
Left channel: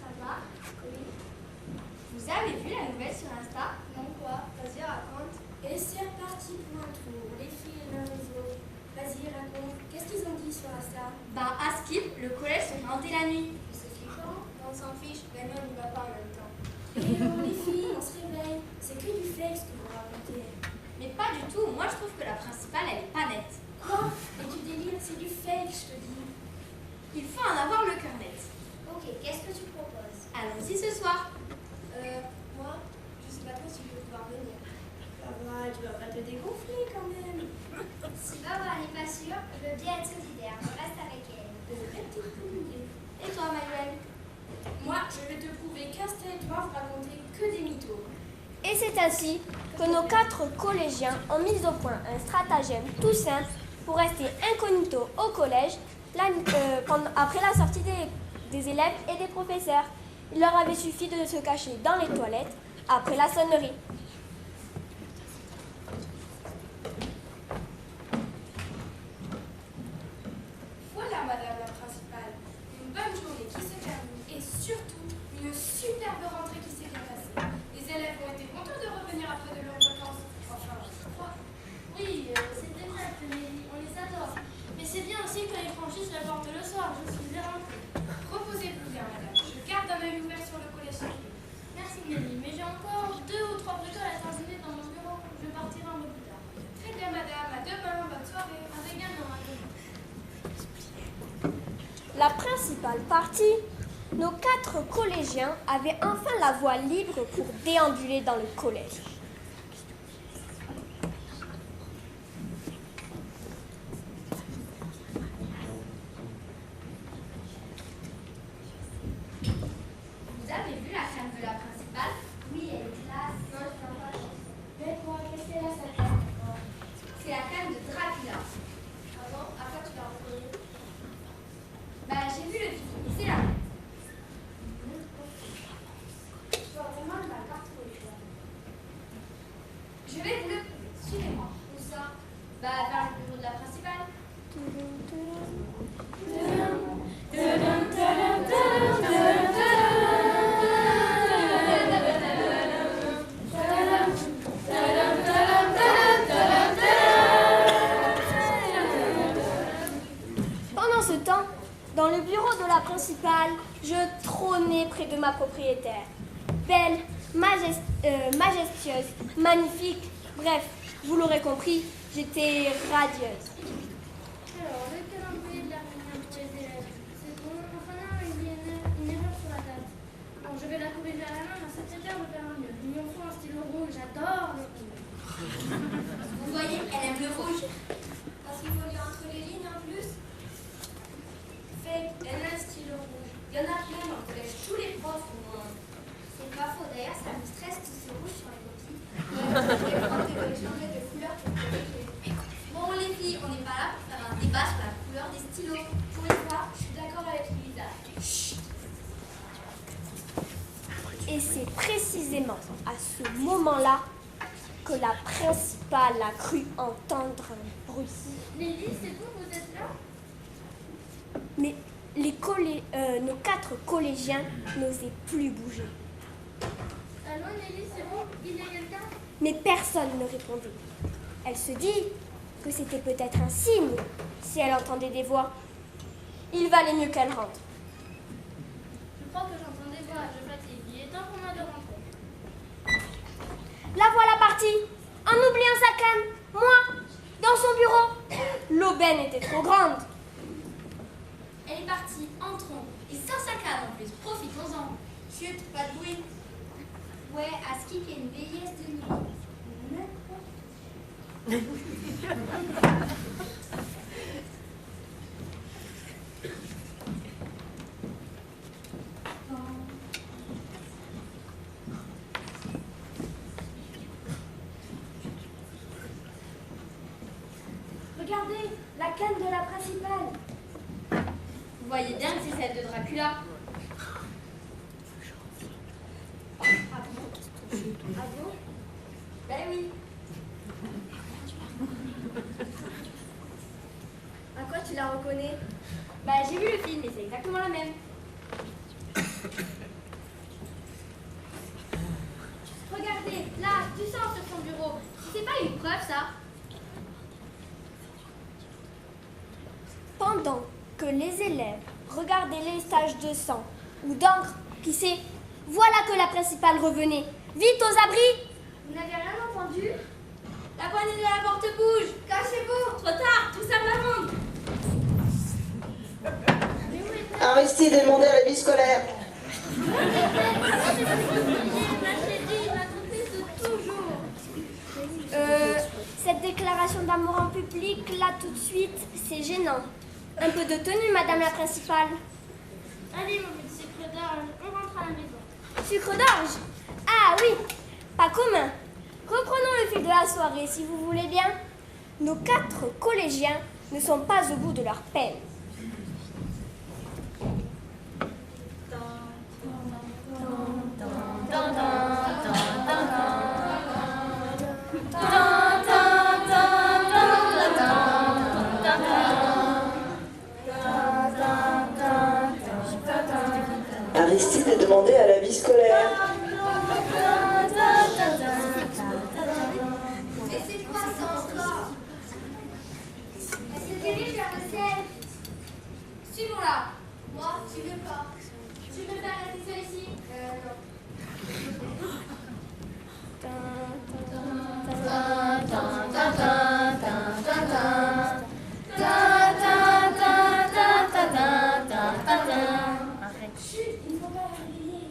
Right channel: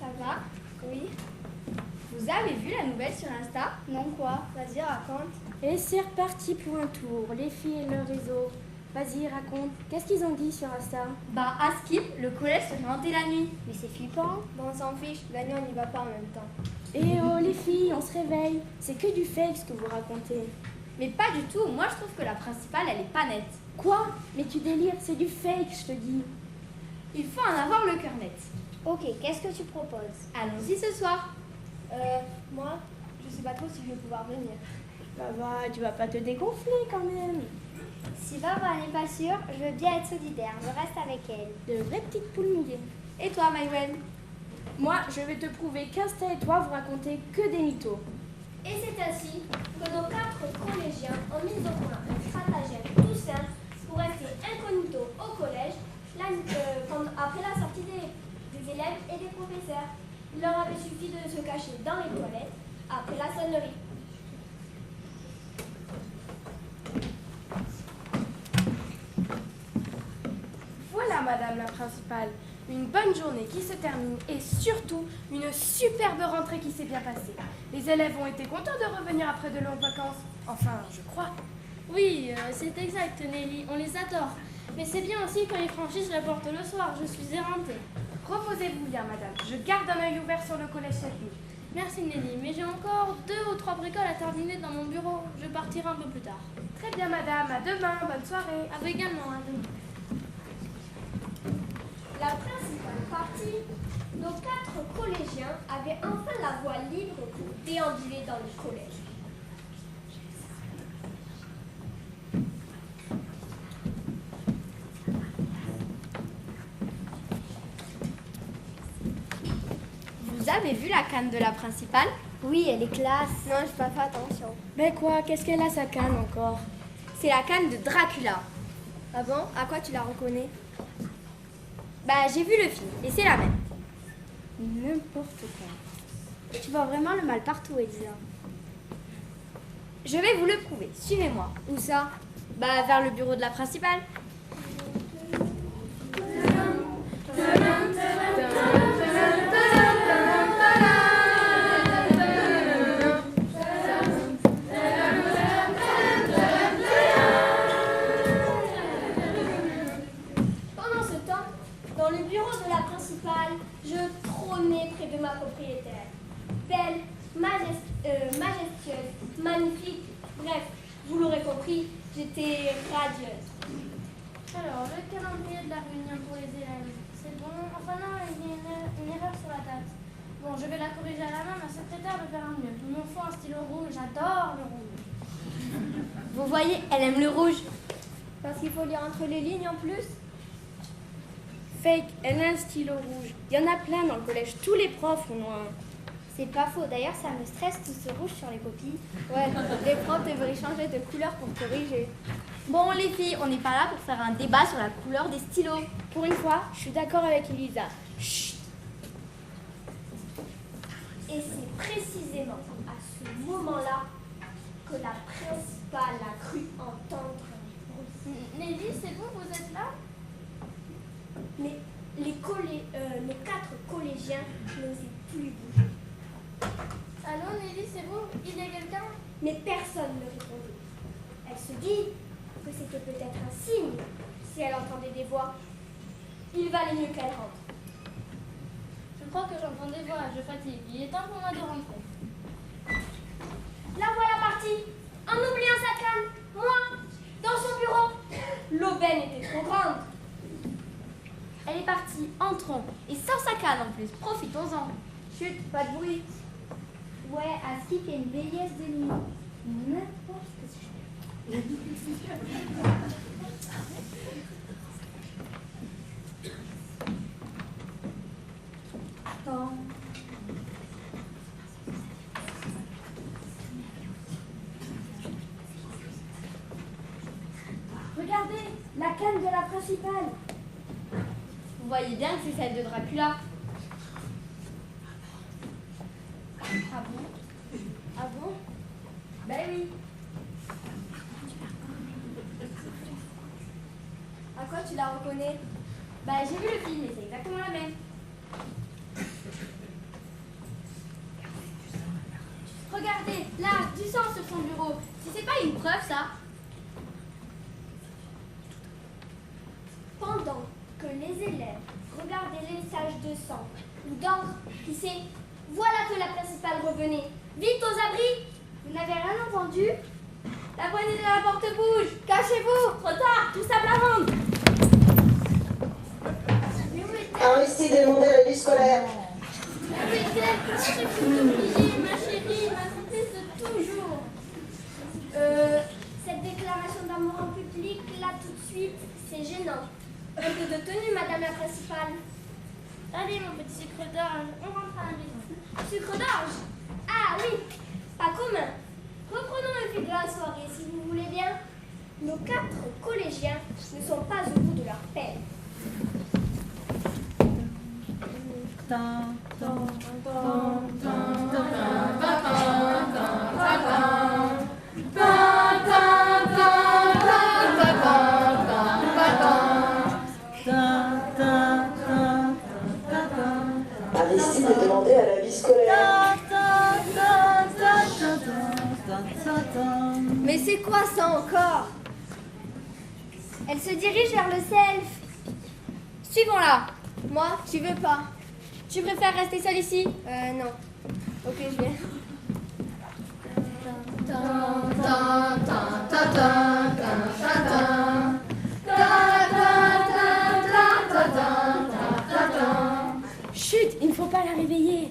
Ça va? Oui. Vous avez vu la nouvelle sur Insta? Non, quoi? Vas-y, raconte. Et c'est reparti pour un tour, les filles et leur réseau. Vas-y, raconte, qu'est-ce qu'ils ont dit sur Insta? Ben, à Skip, le collège se fait hanter la nuit. Mais c'est flippant. On s'en fiche, la nuit on n'y va pas en même temps. Et oh les filles, on se réveille, c'est que du fake ce que vous racontez. Mais pas du tout, moi je trouve que la principale elle est pas nette. Quoi? Mais tu délires, c'est du fake, je te dis. Il faut en avoir le cœur net. Ok, qu'est-ce que tu proposes? Allons-y ce soir. Moi, je sais pas trop si je vais pouvoir venir. Ça va, tu vas pas te dégonfler quand même. Si Barbara n'est pas sûre, je veux bien être solidaire. Je reste avec elle. De vraies petites poules mouillées. Et toi, Maïwen? Moi, je vais te prouver qu'Insta et toi, vous racontez que des mythos. Et c'est ainsi que nos 4 collégiens ont mis au point un stratagème tout simple pour rester incognito au collège après la sortie des élèves et des professeurs. Il leur avait suffi de se cacher dans les toilettes après la sonnerie. Voilà, madame la principale. Une bonne journée qui se termine et surtout une superbe rentrée qui s'est bien passée. Les élèves ont été contents de revenir après de longues vacances. Enfin, je crois. Oui, c'est exact, Nelly, on les adore. Mais c'est bien aussi quand ils franchissent la porte le soir, je suis éreintée. Reposez-vous bien, madame. Je garde un œil ouvert sur le collège cette nuit. Merci Nelly, mais j'ai encore 2 ou 3 bricoles à terminer dans mon bureau. Je partirai un peu plus tard. Très bien, madame. À demain. Bonne soirée. À vous également, à vous. La principale partie, nos 4 collégiens avaient enfin la voie libre pour déambuler dans le collège. Vous avez vu la canne de la principale? Oui, elle est classe. Non, je n'ai pas fait attention. Mais quoi? Qu'est-ce qu'elle a sa canne encore? C'est la canne de Dracula. Ah bon? À quoi tu la reconnais? Bah, j'ai vu le film, et c'est la même. N'importe quoi. Tu vois vraiment le mal partout, Elisa. Je vais vous le prouver. Suivez-moi. Où ça? Bah, vers le bureau de la principale. Pendant ce temps, dans le bureau de la principale, je trônais près de ma propriétaire. Belle, majestueuse, magnifique, bref, vous l'aurez compris, j'étais radieuse. Alors, le calendrier de la réunion pour les élèves, c'est bon. Enfin non, il y a une erreur sur la date. Bon, je vais la corriger à la main, ma secrétaire le verra mieux. Il me faut un stylo rouge, j'adore le rouge. Vous voyez, elle aime le rouge. Parce qu'il faut lire entre les lignes en plus. Fake, elle a un stylo rouge. Il y en a plein dans le collège. Tous les profs ont un. C'est pas faux. D'ailleurs, ça me stresse tout ce rouge sur les copies. Ouais, les profs devraient changer de couleur pour corriger. Bon, les filles, on n'est pas là pour faire un débat sur la couleur des stylos. Pour une fois, je suis d'accord avec Elisa. Chut. Et c'est précisément à ce moment-là que la principale a cru entendre un bruit. Nelly, c'est vous, vous êtes là? Mais nos 4 collégiens n'osaient plus bouger. Allô, Nelly, c'est vous? Il y a quelqu'un? Mais personne ne répondait. Elle se dit que c'était peut-être un signe si elle entendait des voix. Il valait mieux qu'elle rentre. Je crois que j'entends des voix, je fatigue. Il est temps pour moi de rentrer. La voilà partie, en oubliant sa canne. Moi, dans son bureau. L'aubaine était trop grande. Elle est partie, entrons. Et sans sa canne en plus, profitons-en. Chut, pas de bruit. Ouais, à ce qu'il y a une bellesse de nuit. N'importe quoi. Regardez, la canne de la principale. Vous voyez bien que c'est celle de Dracula. Ah bon? Ah bon? Ben oui. À quoi tu la reconnais? Bah, j'ai vu le film et c'est exactement la même. Regardez, là, du sang sur son bureau. Si c'est pas une preuve, ça. Pendant que les élèves regardaient les taches de sang ou d'encre, qui sait, voilà que la principale revenait. Vite aux abris! Vous n'avez rien entendu? La poignée de la porte bouge. Cachez-vous. Trop tard, tout ça m'amende. Aristide est demandé à la vie scolaire. Cette déclaration d'amour en public, là tout de suite, c'est gênant. Un peu de tenue, madame la principale. Allez, mon petit sucre d'orge, on rentre à la maison. Sucre d'orge? Ah oui, pas commun. Reprenons le fil de la soirée, si vous voulez bien. Nos 4 collégiens ne sont pas au bout de leur peine. Aristide est demandé à la vie scolaire. Mais c'est quoi ça encore? Elle se se dirige vers le self. Suivons-la. Moi, j'y veux pas. Tu préfères rester seule ici? Non. Ok, je viens. Chut, il ne faut pas la réveiller.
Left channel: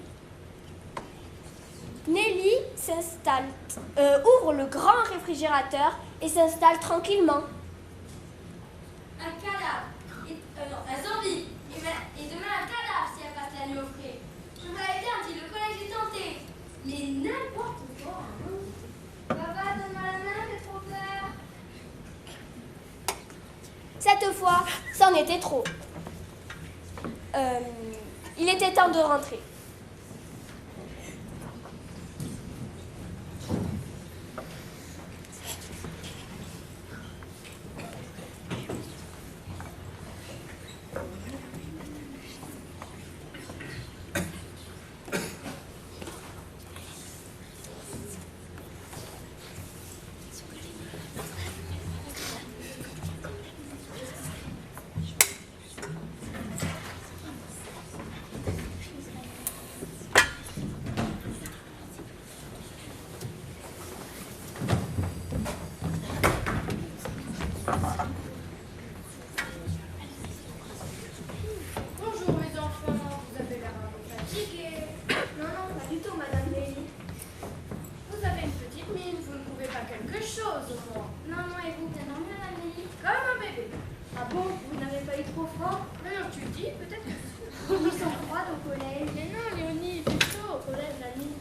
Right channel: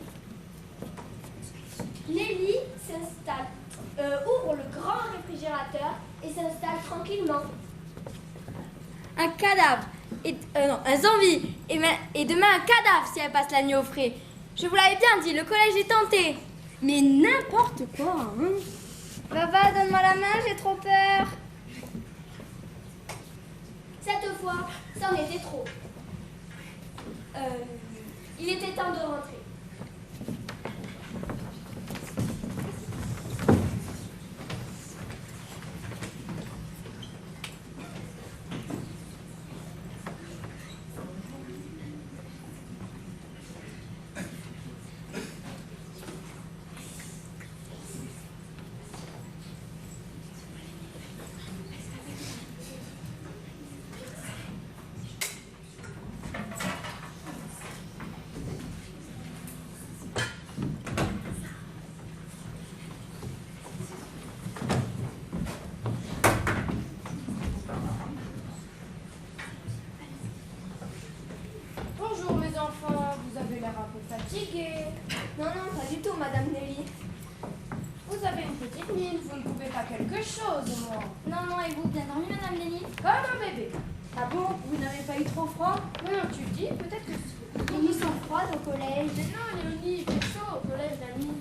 Nelly s'installe, ouvre le grand réfrigérateur et s'installe tranquillement. Un cadavre. Non, un zombie. Et demain un cadavre si elle passe la nuit au frais. Je vous l'avais bien dit, le collège est tenté. Mais n'importe quoi, hein. Papa, donne-moi la main, j'ai trop peur. Cette fois, c'en était trop. Il était temps de rentrer. Bonjour mes enfants, vous avez l'air un peu fatigués. Non, pas du tout, Madame Nelly. Vous avez une petite mine, vous ne pouvez pas quelque chose au moins. Non, et vous, bien dormi, Madame Nelly? Comme un bébé. Ah bon, vous n'avez pas eu trop froid? Maintenant tu dis, peut-être que si. Ils sont froids au collège. Mais non, Léonie, il fait chaud au collège la nuit.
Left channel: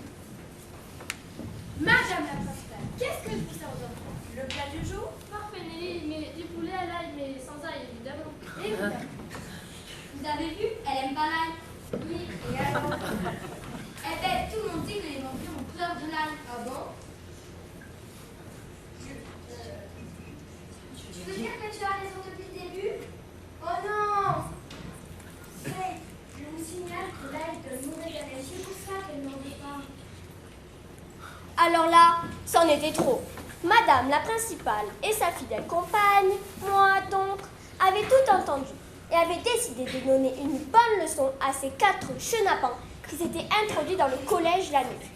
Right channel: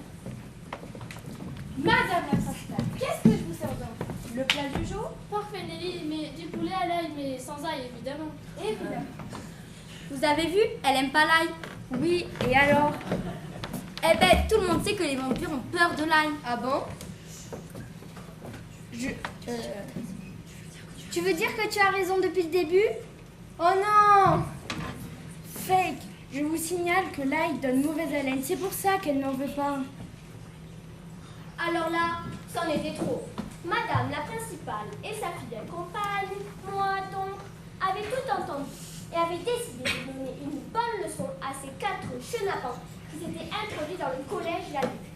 Madame la principale, qu'est-ce que je vous sers d'enfant? Le plat du jour? Parfait, Nelly, mais du poulet à l'ail, mais sans ail, évidemment. Évidemment. Vous avez vu? Elle aime pas l'ail. Oui, et alors? Eh ben, tout le monde sait que les vampires ont peur de l'ail. Ah bon? Tu veux dire que tu as raison depuis le début? Oh non! Fake, je vous signale que l'ail donne mauvaise haleine, c'est pour ça qu'elle n'en veut pas. Alors là, c'en était trop. Madame la principale et sa fidèle compagne, moi donc, avaient tout entendu et avaient décidé de donner une bonne leçon à ces 4 chenapans qui s'étaient introduits dans le collège la nuit.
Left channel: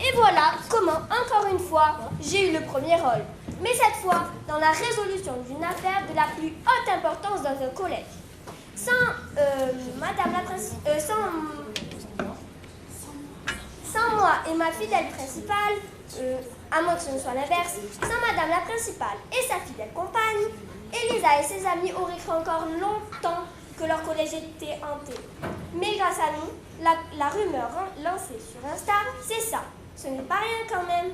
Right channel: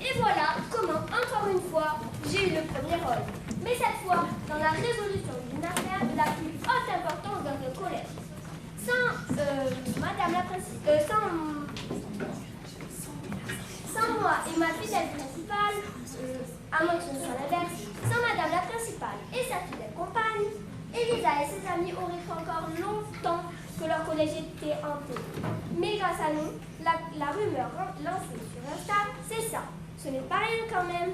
Et voilà comment, encore une fois, j'ai eu le premier rôle. Mais cette fois, dans la résolution d'une affaire de la plus haute importance dans un collège. Sans moi et ma fidèle principale, à moins que ce ne soit l'inverse, sans Madame la principale et sa fidèle compagne, Elisa et ses amis auraient cru encore longtemps que leur collège était hanté. Mais grâce à nous, la rumeur lancée sur Insta, c'est ça. Ce n'est pas rien quand même.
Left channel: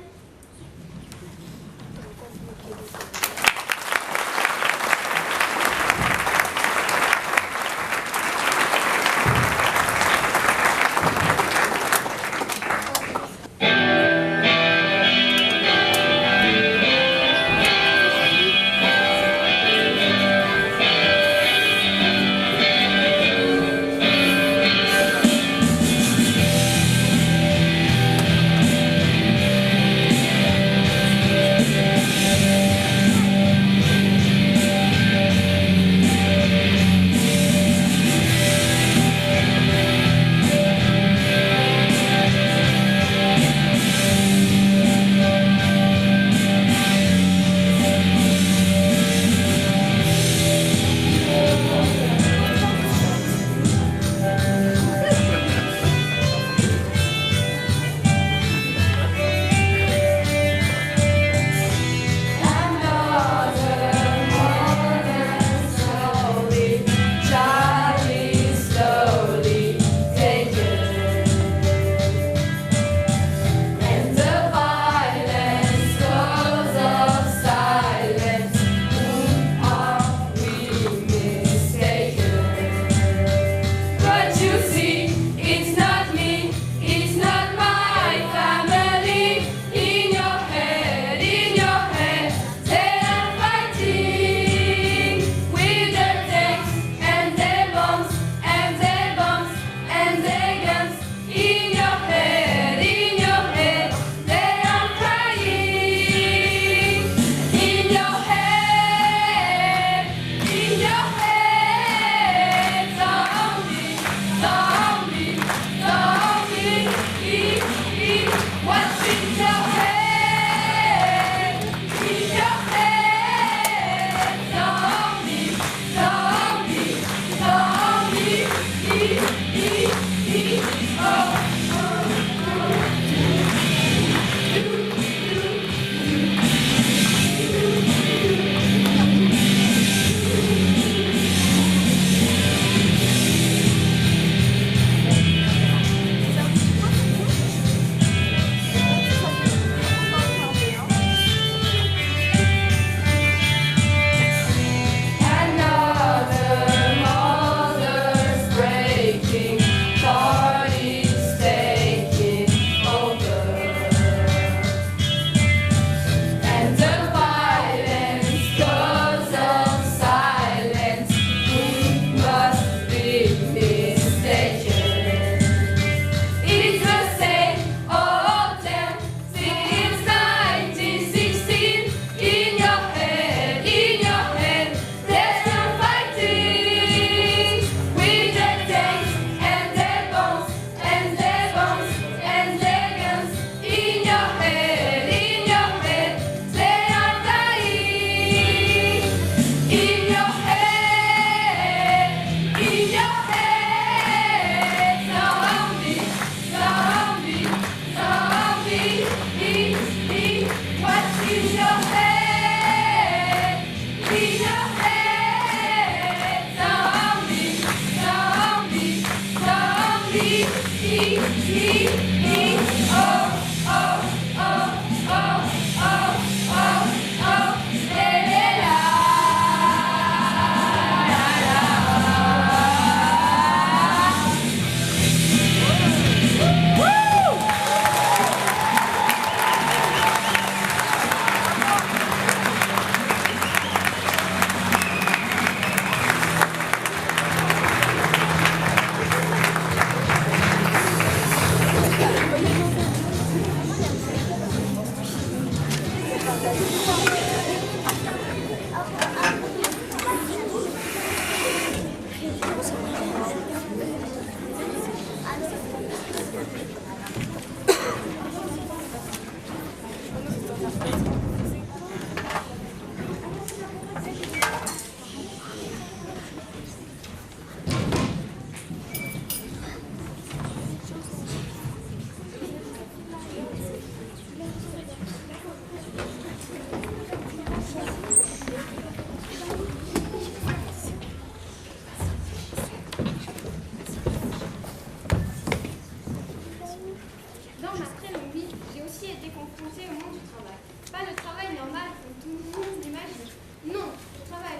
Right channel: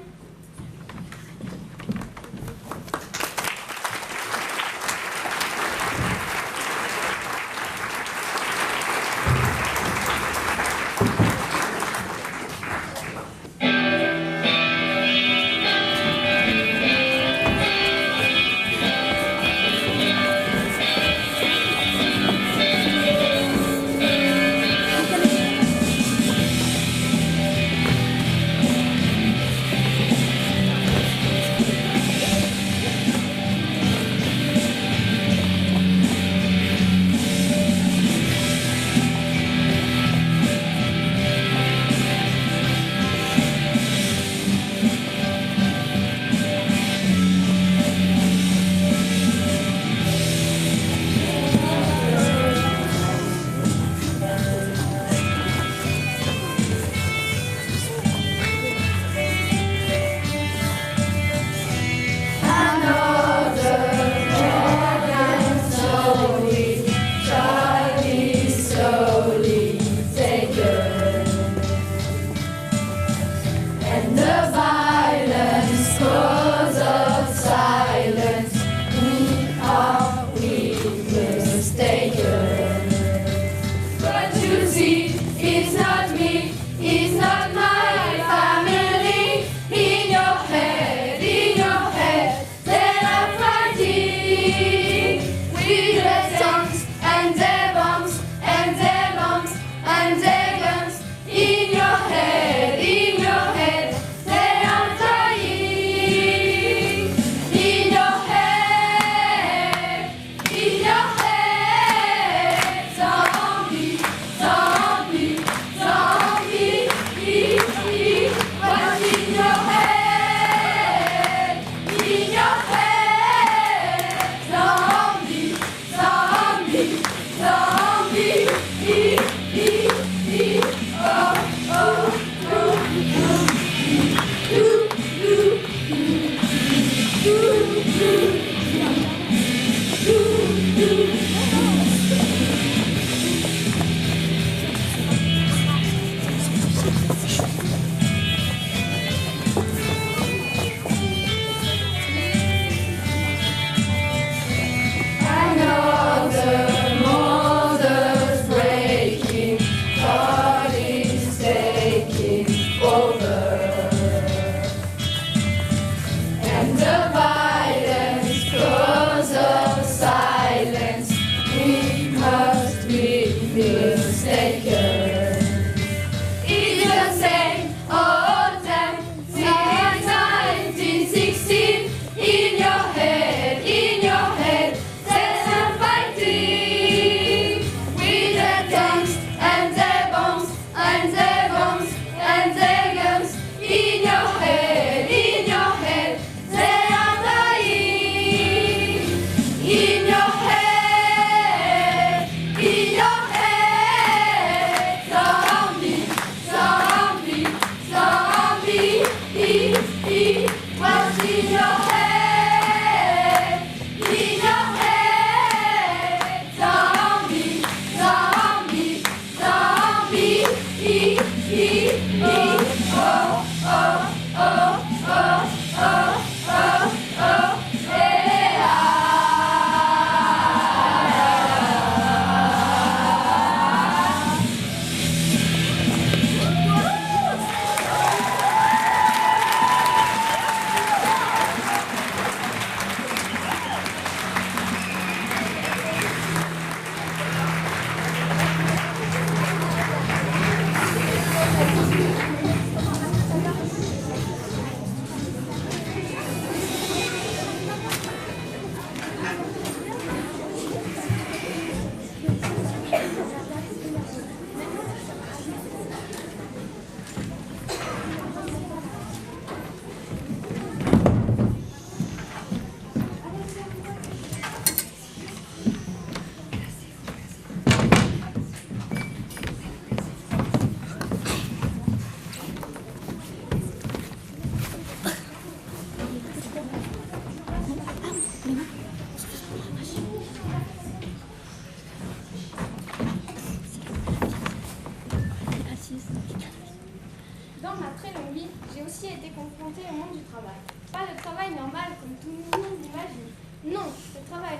Durant ma très longue vie, j'ai aussi été confrontée au monde du travail. Pas le travail normal comme tout le monde l'imagine. Non, le travail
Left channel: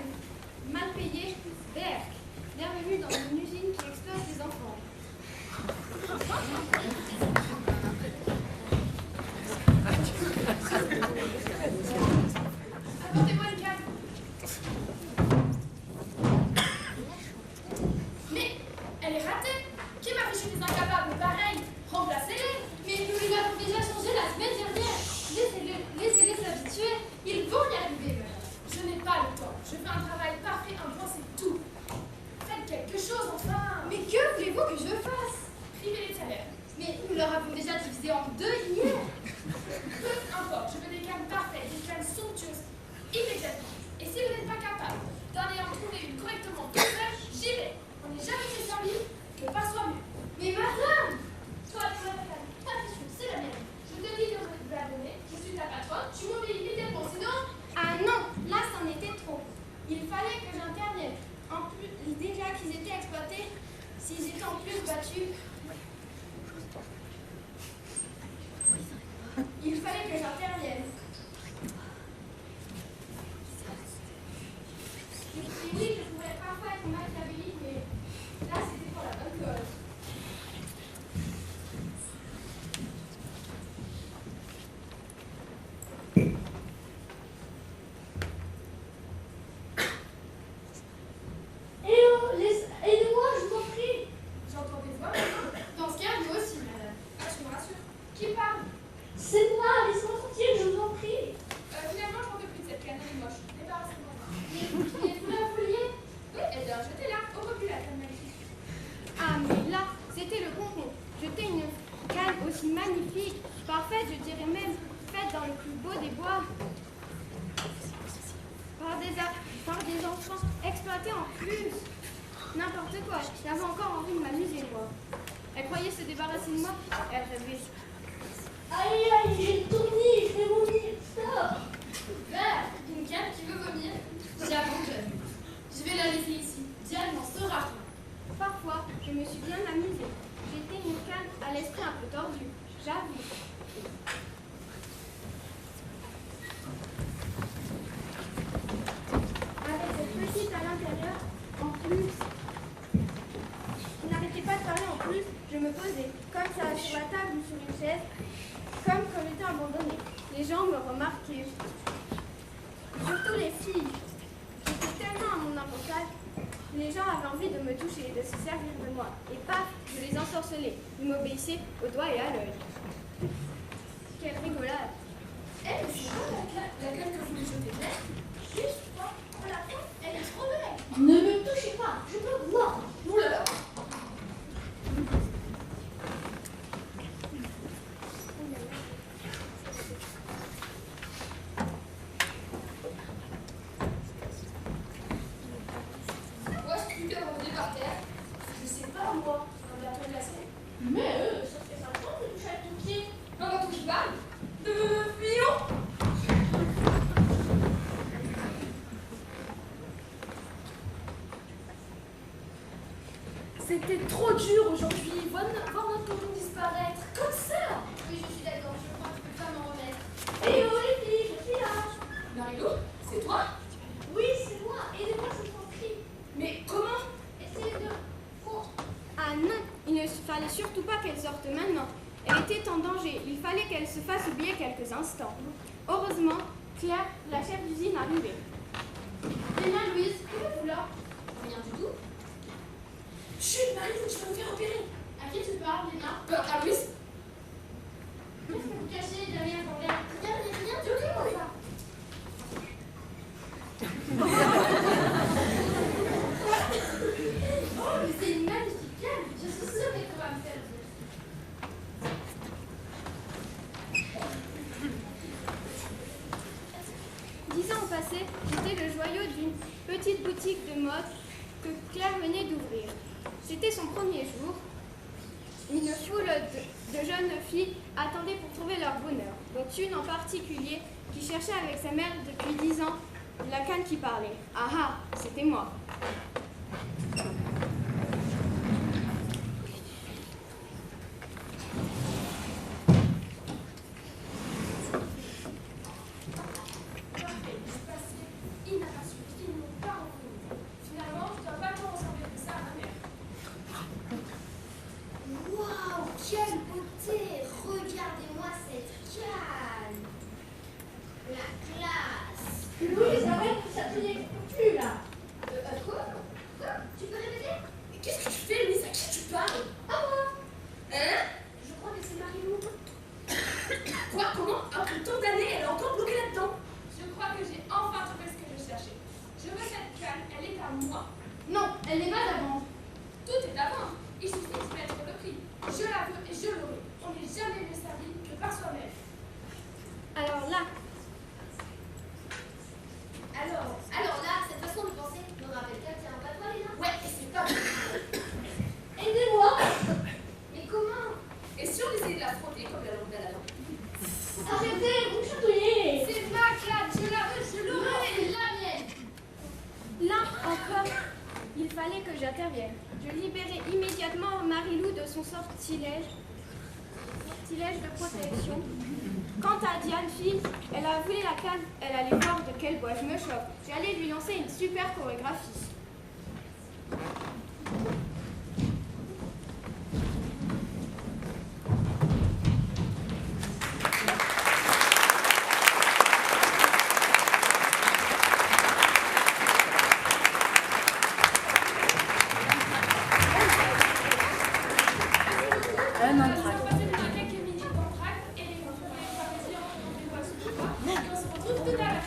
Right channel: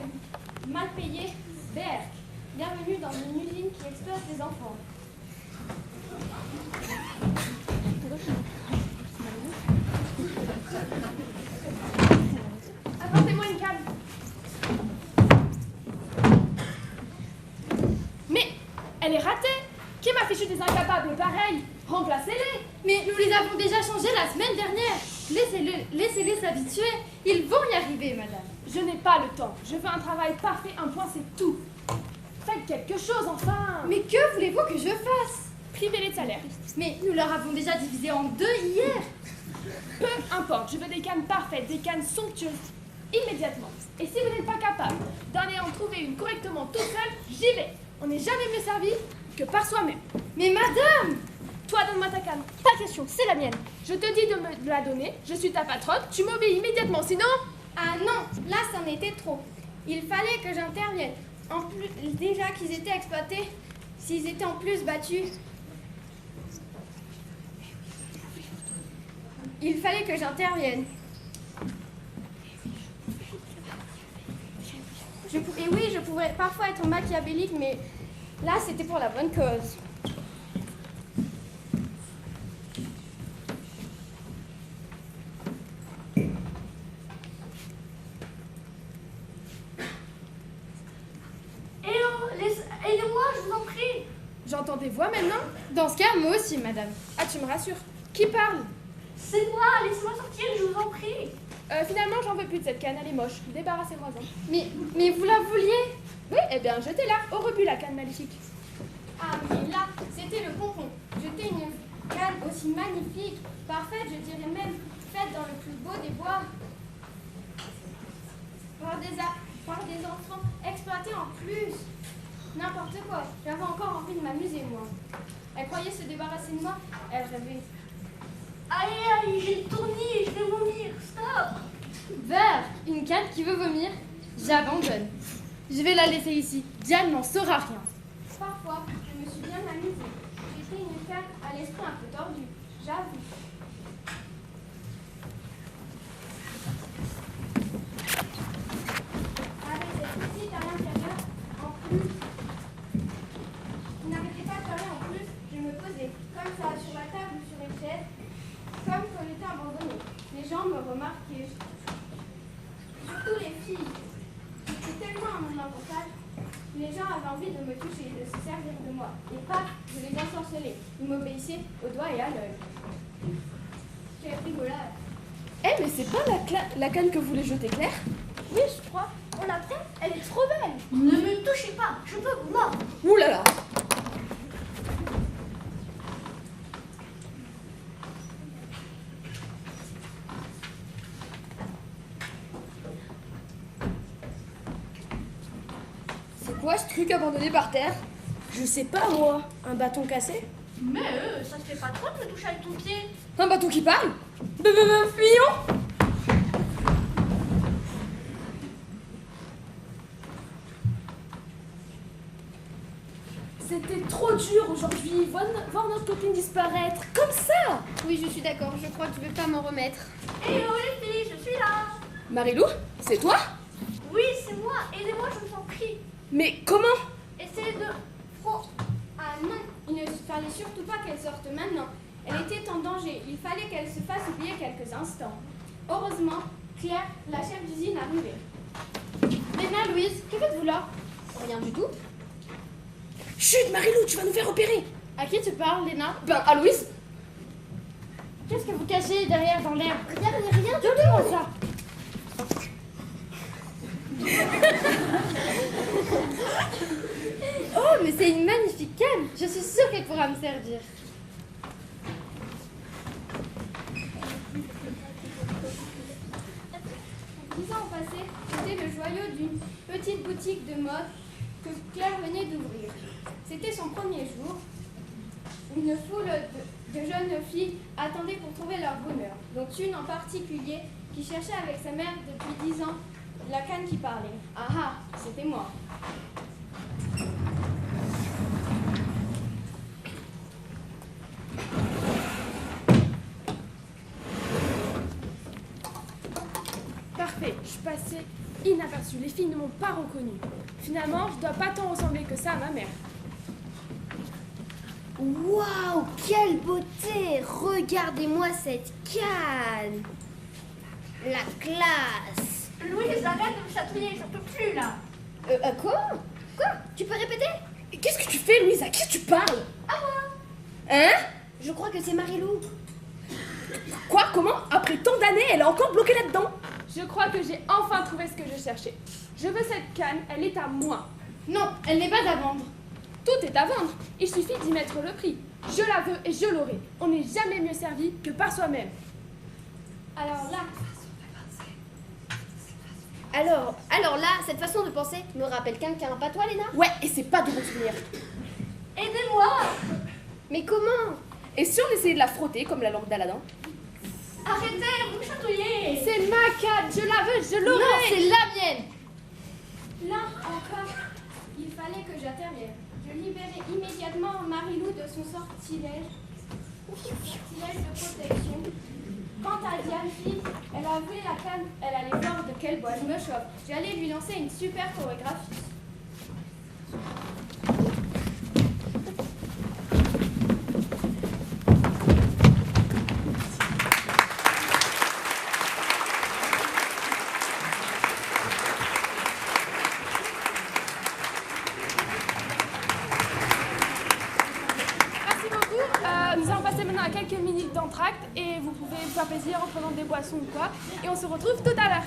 mal payé, berk. Bienvenue dans une usine qui exploite des enfants. Apportez-moi une canne. Mais elle est ratée. Qui m'a fichu des incapables pareils? Remplacez-les. Mais nous les avons déjà changés la semaine dernière. Laissez-les s'habituer. Ils vont y arriver, madame. Je n'ai pas le temps. Je veux un travail parfait, un point, c'est tout. Faites quelque chose, enfin. Mais que voulez-vous que je fasse? Privez les salaires. Mais nous leur avons déjà divisé en 2 hier. Peu importe, je veux des cannes parfaites, des cannes somptueuses, immédiatement. Et si vous n'êtes pas capable d'en en trouver une correctement toute seule, j'y vais. On n'est jamais mieux servi que par soi-même. Mais madame! Toi, donne-moi ta canne. Pas question, c'est la mienne. Je te dis de me la donner, je suis ta patronne, tu m'obéis immédiatement, sinon... Ah non, là c'en était trop. Il fallait que j'intervienne. En plus, déjà qu'ils étaient exploités, s'ils étaient en plus battus... Il fallait que j'intervienne. Et oui, je pourrais parfois être machiavélique, mais là c'était pour la bonne cause. Aidez-moi, je vous en prie. J'entends des voix maintenant? Dans ce cas, moi aussi, madame. Ah, tu me rassures. Qui parle? C'est moi, laissez-moi tranquille, je vous en prie. Finalement, j'en veux plus de cette canne, elle est moche. Débarrassez-moi-en. Mais vous la vouliez? Oui, eh bien, jetez-la. Au rebut, la canne maléfique. Ah, mais là, c'était le bonbon. Jeter une canne aussi magnifique, parfaite, je dirais même faite dans le plus beau des bois. Par des enfants exploités en plus. N'importe quoi, j'avais encore envie de m'amuser, moi. Elle croyait se débarrasser de moi, elle rêvait. Aïe, aïe, j'ai une tournie, je vais vomir, stop. Vert, une canne qui veut vomir, j'abandonne. Je vais la laisser ici. Diane n'en saura rien. Parfois, je me suis bien amusée. J'étais une canne à l'esprit un peu tordu, j'avoue. Avec cette petite à l'intérieur, en plus, il n'arrêtait pas de parler en plus, je me posais, comme ça, sur la table ou sur une chaise, comme quand j'étais abandonnée. Les gens me remarquaient. Surtout les filles. J'étais tellement à mon importance, les gens avaient envie de me toucher, de se servir de moi. Et paf, je les ensorcelais. Ils m'obéissaient au doigt et à l'œil. Quelle rigolade. Eh, mais c'est pas la canne que voulait jeter Claire? Oui, je crois. On la prend, elle est trop belle. Ne me touchez pas, je peux vous mordre. Ouh là là. C'est quoi ce truc abandonné par terre? Je sais pas, moi. Un bâton cassé? Mais ça te fait pas trop de me toucher avec ton pied. Un bâton qui parle? Fuyons! C'était trop dur aujourd'hui. Voir notre copine disparaître. Comme ça! Oui, je suis d'accord. Je crois que je vais pas m'en remettre. Eh oh les filles, je suis là. Marilou, c'est toi? Oui, c'est moi. Aidez-moi, je vous en prie. Mais comment? Essayez de... Oh. Ah non, il ne fallait surtout pas qu'elle sorte maintenant. Elle était en danger. Il fallait qu'elle se fasse oublier quelques instants. Heureusement, Claire, la chef d'usine, arrivait. Léna, Louise, que faites-vous là? Rien du tout. Chut, Marilou, tu vas nous faire opérer. À qui tu parles, Léna? Ben, à Louise. Qu'est-ce que vous cachez derrière dans l'air? Rien. Donnez-moi ça. Oh, mais c'est une magnifique canne. Je suis sûre qu'elle pourra me servir. 10 ans ont passé, j'étais le joyau d'une petite boutique de mode que Claire venait d'ouvrir. C'était son premier jour. Une foule de jeunes filles attendaient pour trouver leur bonheur, dont une en particulier qui cherchait avec sa mère depuis 10 ans la canne qui parlait. Ah ah, c'était moi. passé inaperçu. Les filles ne m'ont pas reconnue. Finalement, je dois pas tant ressembler que ça à ma mère. Waouh, quelle beauté! Regardez-moi cette canne! La classe! Louise, arrête de chatouiller, j'en peux plus là. Quoi? Tu peux répéter? Qu'est-ce que tu fais, Louise? À qui tu parles? À moi! Hein? Je crois que c'est Marilou. Quoi? Comment? Après tant d'années, elle est encore bloquée là-dedans? Je crois que j'ai enfin trouvé ce que je cherchais. Je veux cette canne, elle est à moi. Non, elle n'est pas à vendre. Tout est à vendre. Il suffit d'y mettre le prix. Je la veux et je l'aurai. On n'est jamais mieux servi que par soi-même. Alors là, cette façon de penser me rappelle quelqu'un, pas toi, Léna? Ouais, et c'est pas de retenir. Aidez-moi! Mais comment? Et si on essayait de la frotter comme la lampe d'Aladin? Arrêtez, vous chatouillez. C'est ma canne, je la veux, je l'aurai. Non, c'est la mienne. Là encore, il fallait que j'intervienne. Je libérais immédiatement Marilou de son sortilège de protection. Quant à Diane, fille, elle a voulu la canne, elle allait voir de quel bois je me chauffe. J'allais lui lancer une super chorégraphie. Nous allons passer maintenant à quelques minutes d'entracte et vous pouvez vous faire plaisir en prenant des boissons ou quoi. Et on se retrouve tout à l'heure.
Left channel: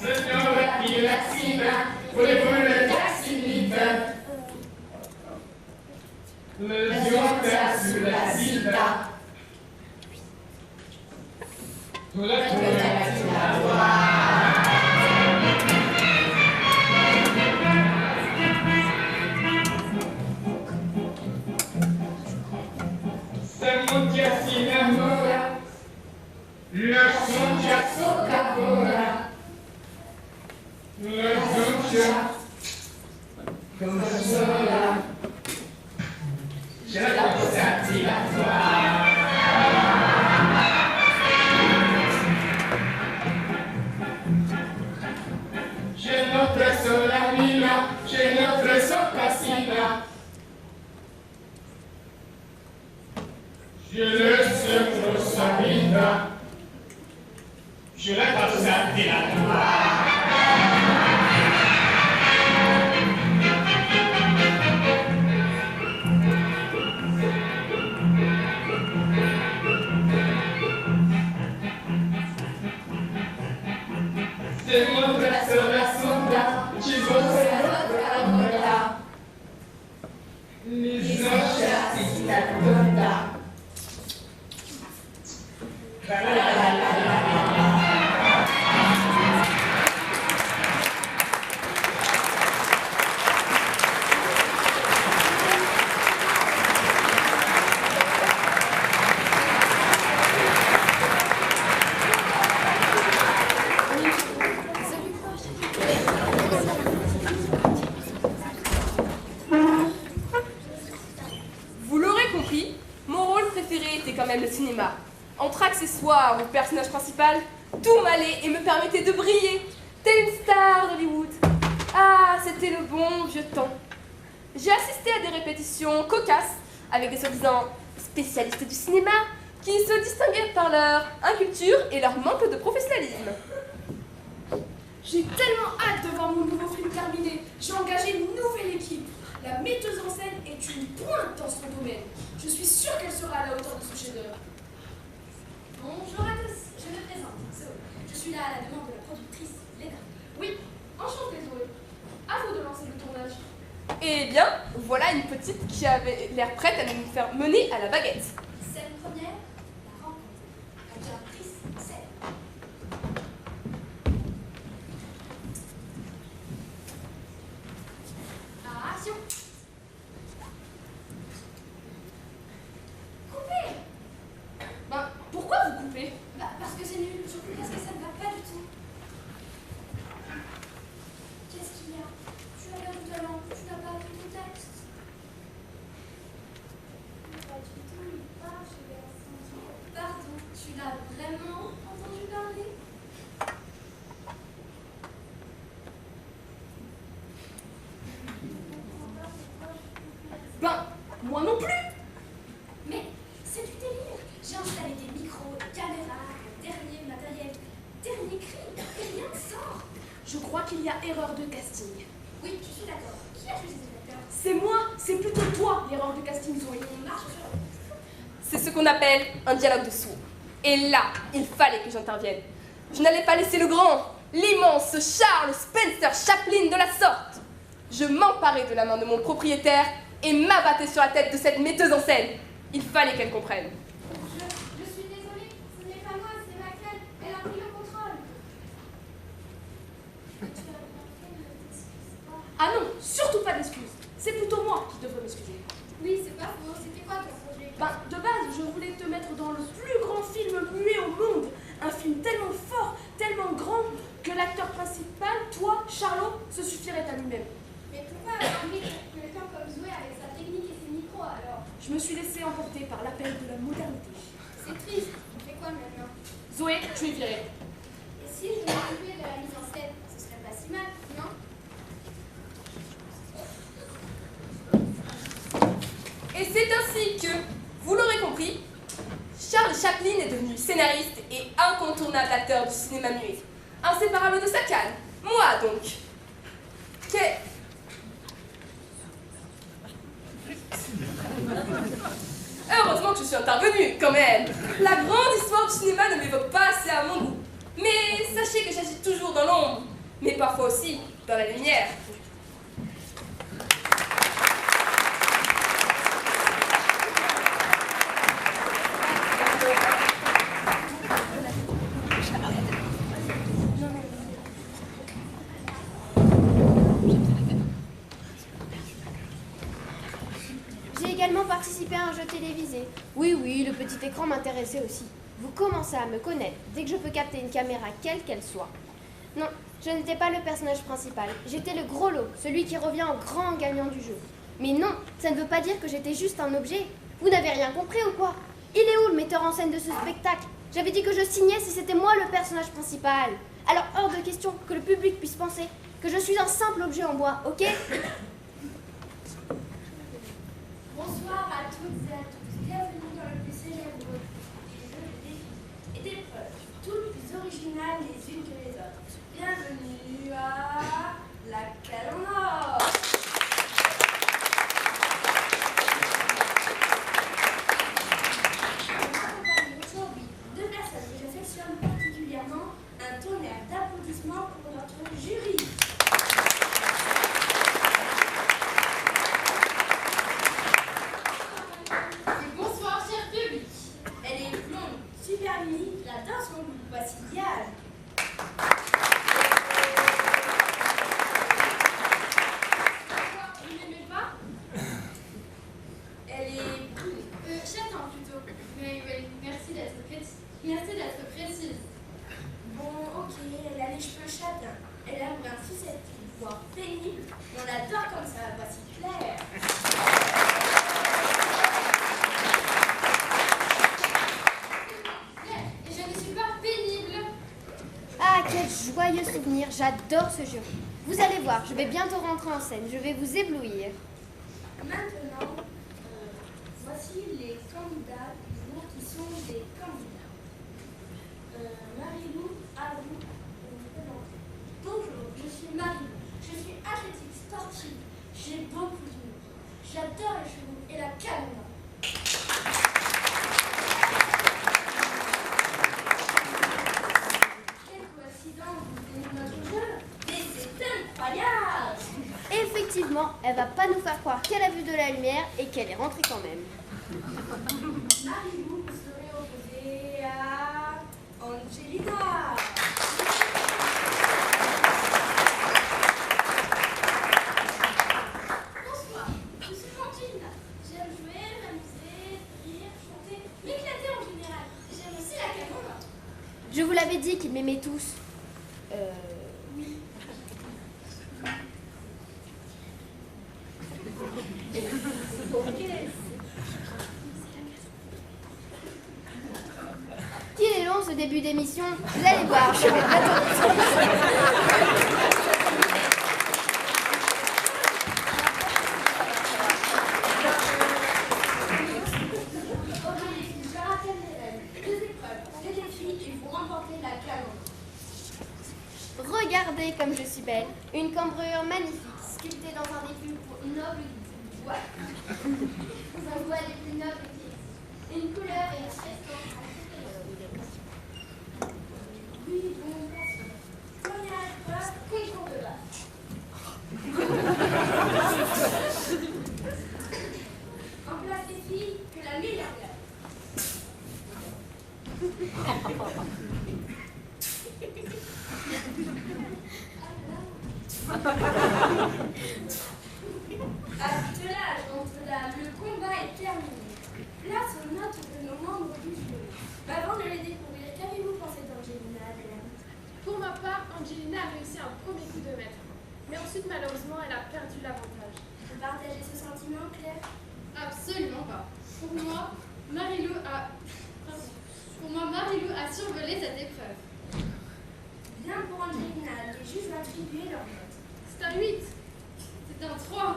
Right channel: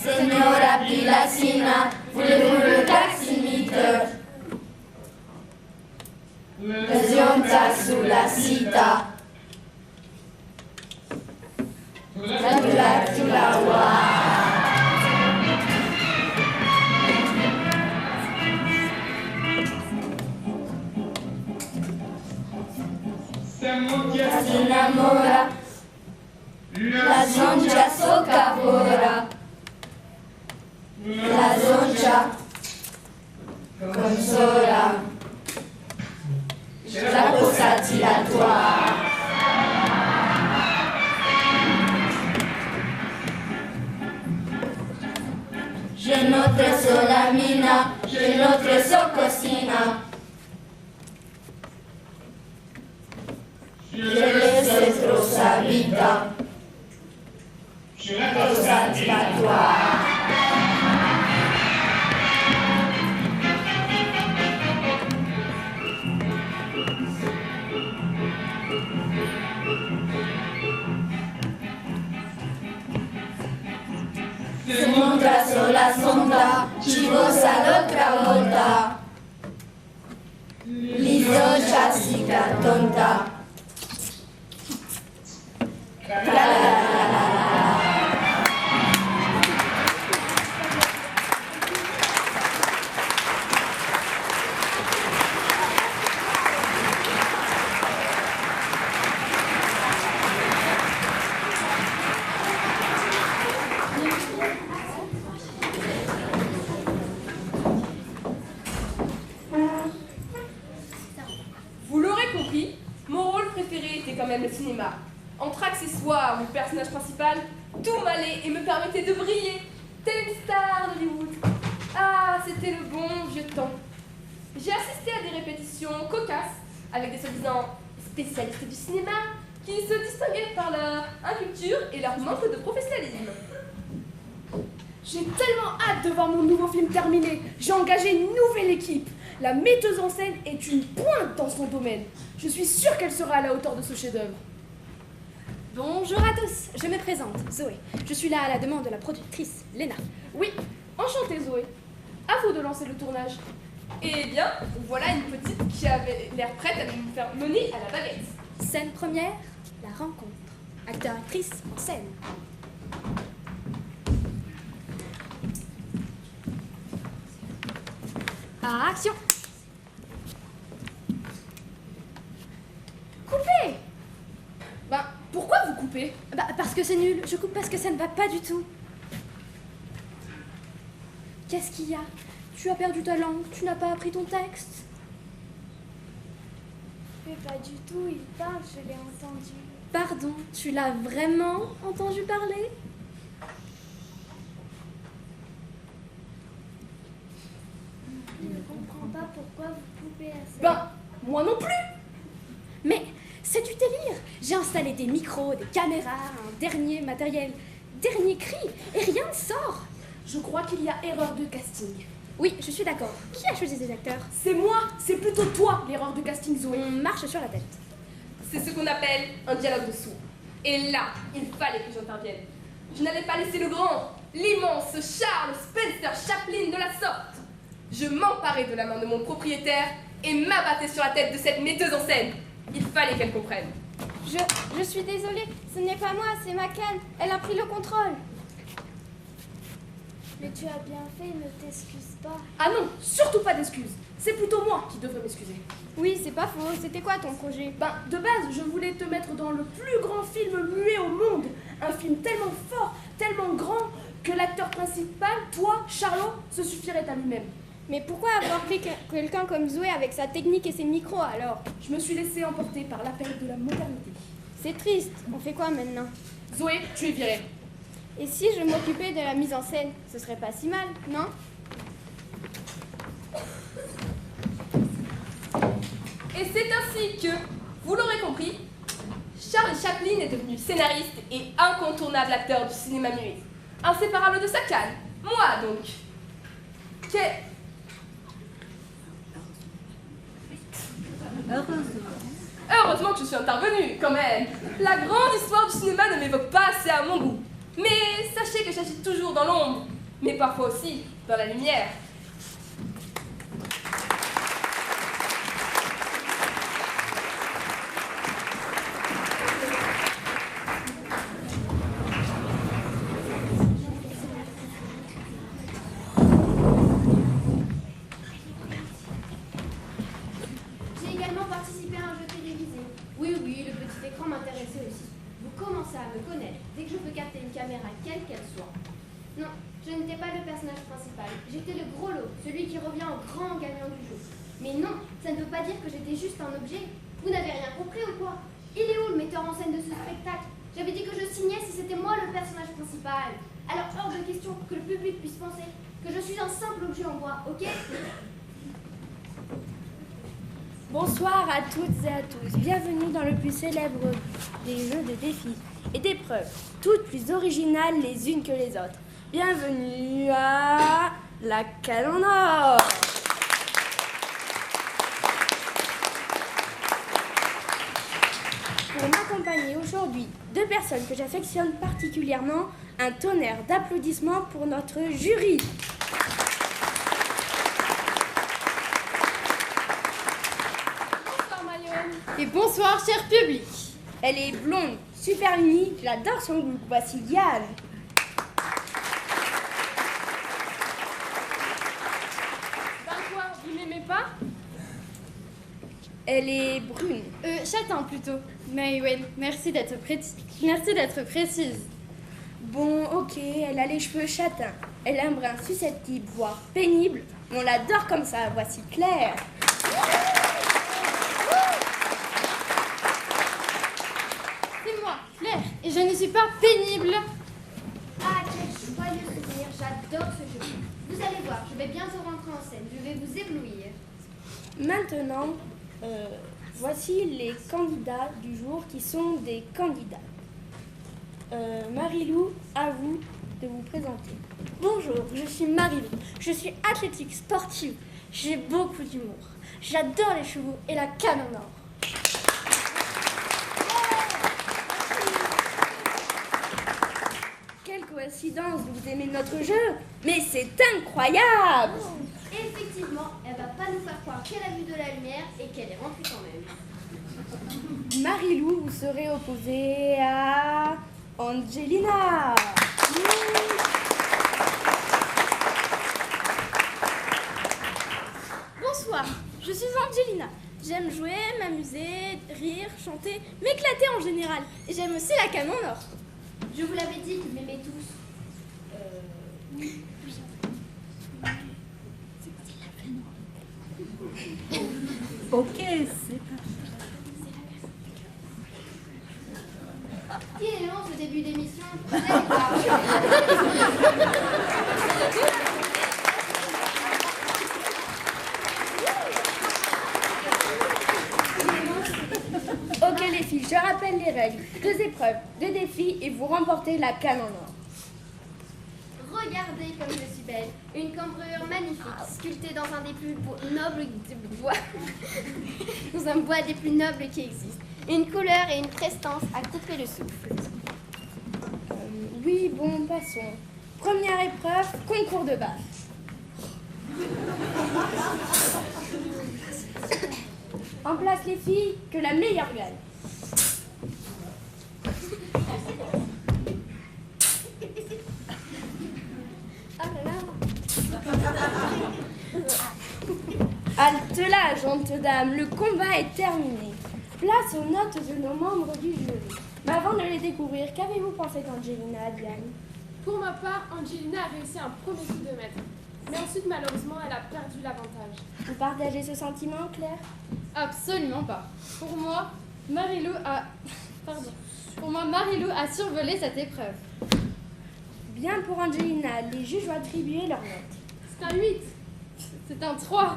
Signora Pilassina, voulez-vous le taximite? Zionza sulla città. Samutia si innamora, la Zionza soccavora. La Zionza consola, la cosa tiratoire. Je note sola mina, je note socosina. Je sais trop sa vita, je la cosa tiratoire. le personnage principal, tout m'allait et me permettait de briller, telle une star d'Hollywood. Ah, c'était le bon vieux temps. J'ai assisté à des répétitions cocasses avec des soi-disant spécialistes du cinéma qui se distinguaient par leur inculture et leur manque de professionnalisme. J'ai tellement hâte de voir mon nouveau film terminé. J'ai engagé une nouvelle équipe. La metteuse en scène est une pointe dans son domaine. Je suis sûre qu'elle sera à la hauteur de ce chef-d'œuvre. Bonjour à tous, je me présente, Zoé. Je suis là à la demande de la productrice, Léna. Oui, enchantée Zoé. À vous de lancer le tournage. Eh bien, voilà une petite qui avait l'air prête à nous faire mener à la baguette. Scène première, la rencontre. Acteur-actrice en scène. Action! Coupez! Ben, pourquoi vous coupez? Bah, parce que c'est nul. Je coupe parce que ça ne va pas du tout. Qu'est-ce qu'il y a? Tu as perdu ta langue, tu n'as pas appris ton texte. Mais pas du tout, il parle, je l'ai entendu. Pardon, tu l'as vraiment entendu parler? Je ne comprends pas pourquoi vous coupez la scène. Ben, moi non plus. Mais c'est du délire. J'ai installé des micros, des caméras, un dernier matériel, dernier cri, et rien ne sort. Je crois qu'il y a erreur de casting. Oui, je suis d'accord. Qui a choisi ces acteurs? C'est moi, c'est plutôt toi l'erreur de casting, Zoé. On marche sur la tête. C'est ce qu'on appelle un dialogue de sourds. Et là, il fallait que j'intervienne. Je n'allais pas laisser le grand, l'immense Charles Spencer Chaplin de la sorte. Je m'emparais de la main de mon propriétaire et m'abattais sur la tête de cette metteuse en scène. Il fallait qu'elle comprenne. Je suis désolée, ce n'est pas moi, c'est ma canne. Elle a pris le contrôle. Mais tu as bien fait, ne t'excuse pas. Ah non, surtout pas d'excuses. C'est plutôt moi qui devrais m'excuser. Oui, c'est pas faux. C'était quoi ton projet? Ben, de base, je voulais te mettre dans le plus grand film muet au monde. Un film tellement fort, tellement grand, que l'acteur principal, toi, Charlot, se suffirait à lui-même. Mais pourquoi avoir pris quelqu'un comme Zoé avec sa technique et ses micros alors? Je me suis laissée emporter par l'appel de la modernité. C'est triste. On fait quoi maintenant? Zoé, tu es virée. Et si je m'occupais de la mise en scène, ce serait pas si mal, non? Et c'est ainsi que, vous l'aurez compris, Charles Chaplin est devenu scénariste et incontournable acteur du cinéma muet. Inséparable de sa canne. Moi donc. Heureusement que je suis intervenue, quand même. La grande histoire du cinéma ne m'évoque pas assez à mon goût. Mais sachez que j'agis toujours dans l'ombre, mais parfois aussi dans la lumière. J'ai également participé à un jeu télévisé. Oui, le petit écran m'intéressait aussi. Vous commencez à me connaître dès que je peux capter une caméra, quelle qu'elle soit. Non, je n'étais pas le personnage principal. J'étais le gros lot, celui qui revient en grand gagnant du jeu. Mais non, ça ne veut pas dire que j'étais juste un objet. Vous n'avez rien compris ou quoi? Il est où le metteur en scène de ce spectacle? J'avais dit que je signais si c'était moi le personnage principal. Alors hors de question que le public puisse penser que je suis un simple objet en bois, ok? Bonsoir à toutes et à tous. Bienvenue dans le plus célèbre des jeux de défis et d'épreuves, toutes plus originales les unes que les autres. Bienvenue à la canne en or. Pour m'accompagner aujourd'hui, deux personnes que j'affectionne particulièrement, un tonnerre d'applaudissements pour notre jury. Et bonsoir, cher public. Elle est blonde, super unie, j'adore son goût. Voici Yann. Vous n'aimez pas? Elle est brune. Châtain plutôt. Mais oui, merci d'être précise. Bon, ok, elle a les cheveux châtains. Elle a un brin susceptible, voire pénible. On l'adore comme ça. Voici Claire. C'est moi, Claire, et je ne suis pas pénible. Ah, quel joyeux souvenir, j'adore ce jeu. Vous allez voir, je vais bientôt rentrer en scène, je vais vous éblouir. Maintenant, voici les candidats du jour qui sont des candidats. Marilou, à vous de vous présenter. Bonjour, je suis Marilou. Je suis athlétique sportive. J'ai beaucoup d'humour. J'adore les chevaux et la canne en or. Quelle coïncidence, vous aimez notre jeu? Mais c'est incroyable! Effectivement, elle va pas nous faire croire qu'elle a vu de la lumière et qu'elle est rentrée quand même. Marilou, vous serez opposée à Angelina. Bonsoir, je suis Angelina. J'aime jouer, m'amuser, rire, chanter, m'éclater en général. Et j'aime aussi la canne en or. Je vous l'avais dit qu'ils m'aimaient tous. Ok, Il est long ce début d'émission, vous allez voir, je vais Ok les filles, je rappelle les règles. 2 épreuves, 2 défis et vous remportez la canne en or. Regardez comme je suis belle. Une cambrure magnifique, sculptée dans un des plus nobles bois. dans un bois des plus nobles qui existent. Une couleur et une prestance à couper le souffle. Oui, bon, passons. Première épreuve, concours de baffe. En place les filles, que la meilleure gagne. Halte là, gentes dames, le combat est terminé. Place aux notes de nos membres du jury. Mais avant de les découvrir, qu'avez-vous pensé d'Angelina, Adrienne? Pour ma part, Angelina a réussi un premier coup de maître. Mais ensuite, malheureusement, elle a perdu l'avantage. Vous partagez ce sentiment, Claire? Absolument pas. Pour moi, Marilou a survolé cette épreuve. Bien pour Angelina, les juges ont attribué leurs notes. C'est un 8. C'est un 3.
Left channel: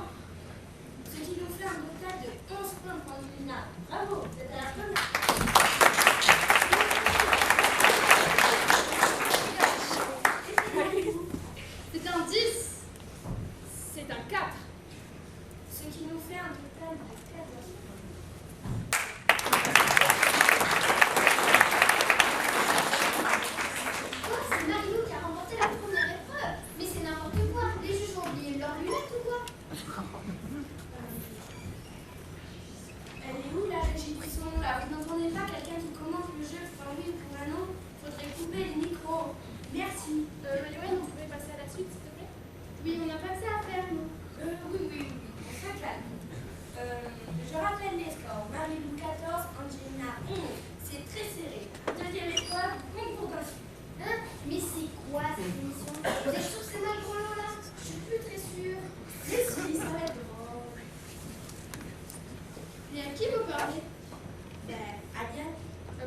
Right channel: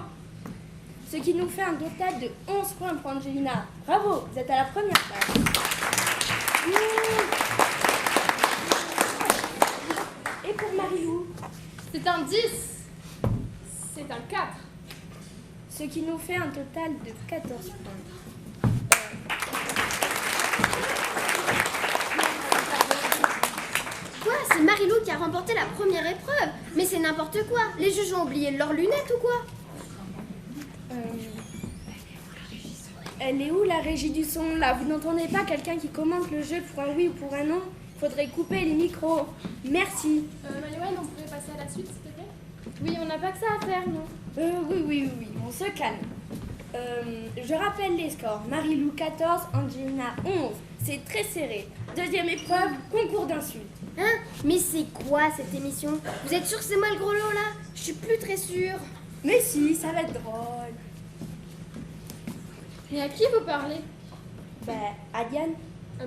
Ce qui nous fait un total de 11 points pour Angelina. Bravo, vous êtes à la première place. Et pour Marilou? C'est un 10. C'est un 4. Ce qui nous fait un total de 14 points. Quoi? C'est Marilou qui a remporté la première épreuve? Mais c'est n'importe quoi. Les juges ont oublié leurs lunettes ou quoi? Elle est où la régie du son là? Vous n'entendez pas quelqu'un qui commente le jeu pour un oui ou pour un non? Faudrait couper les micros. Merci. Manuel, on pourrait passer à la suite, s'il te plaît? Oui, on n'a pas que ça à faire, non? Oui, on se calme. Je rappelle les scores. Marilou 14, Angelina 11. C'est très serré. Deuxième épreuve, concours d'insultes. Hein? Mais c'est quoi cette émission? Vous êtes sûr que c'est moi le gros lot là? Je suis plus très sûre. Mais si, ça va être drôle. Mais à qui vous parlez? À Diane.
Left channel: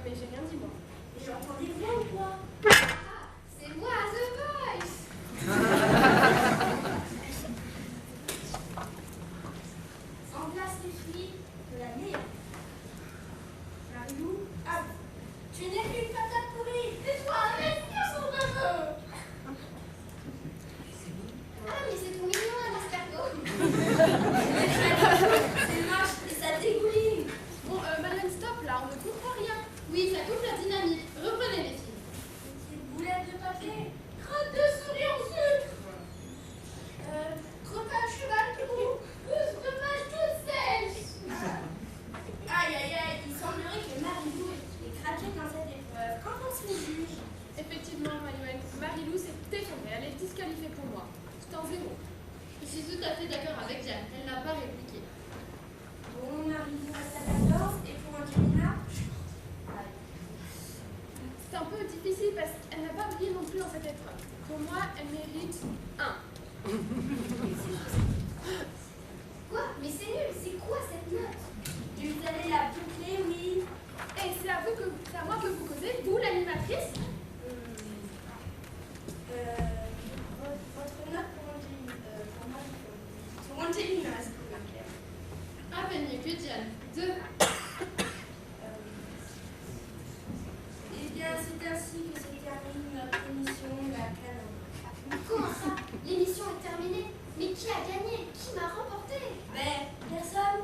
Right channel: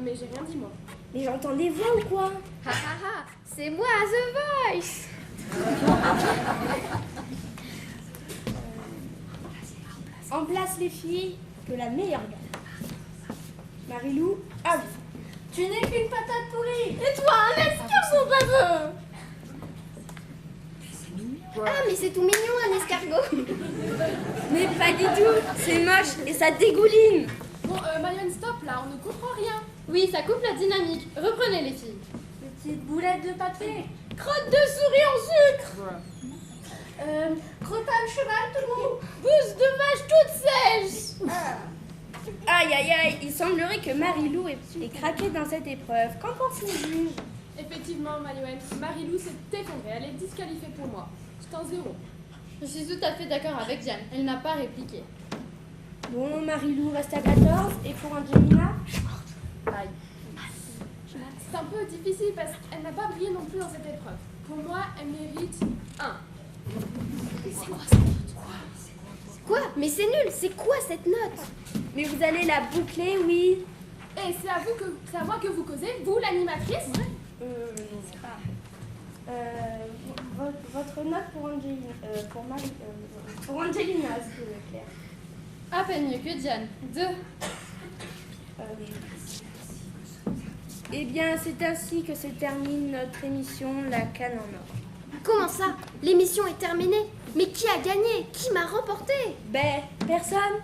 Mais j'ai rien dit, moi. Mais j'entends des voix ou quoi? Ah, c'est moi, The Voice. En place les filles, que la meilleure gagne. Marilou, à vous. Tu n'es qu'une patate pourrie. Et toi, un escargot baveux. Ah, mais c'est tout mignon, un escargot. Mais pas du tout, c'est moche et ça dégouline. Bon, Marianne, stop, là, on ne comprend rien. Oui, ça coupe la dynamique. Reprenez les filles. Petite boulette de papier. Crotte de souris en sucre. Crottin de cheval tout gros. Pousse de vache toute sèche. Aïe, il semblerait que Marilou ait craqué dans cette épreuve. Qu'en pense le juge? Effectivement, Manuel, Marilou s'est effondrée. Elle est disqualifiée pour moi. C'est un 0. Je suis tout à fait d'accord avec Diane. Elle n'a pas répliqué. Bon, Marilou reste à 14 et pour Angelina? Bye. C'est un peu difficile parce qu'elle n'a pas brillé non plus dans cette épreuve. Pour moi, elle mérite 1. Quoi? Mais c'est nul, c'est quoi cette note? Mais vous allez la boucler, oui. mais c'est à moi que vous causez, vous, l'animatrice? Votre note pour Angelina, pour Angelina, est-ce que vous plaît? À peine mieux que Diane. 2. Eh bien, c'est ainsi que se termine notre émission La Canne en Or. Comment ça? L'émission est terminée. Mais qui a gagné? Qui m'a remporté? Ben, personne.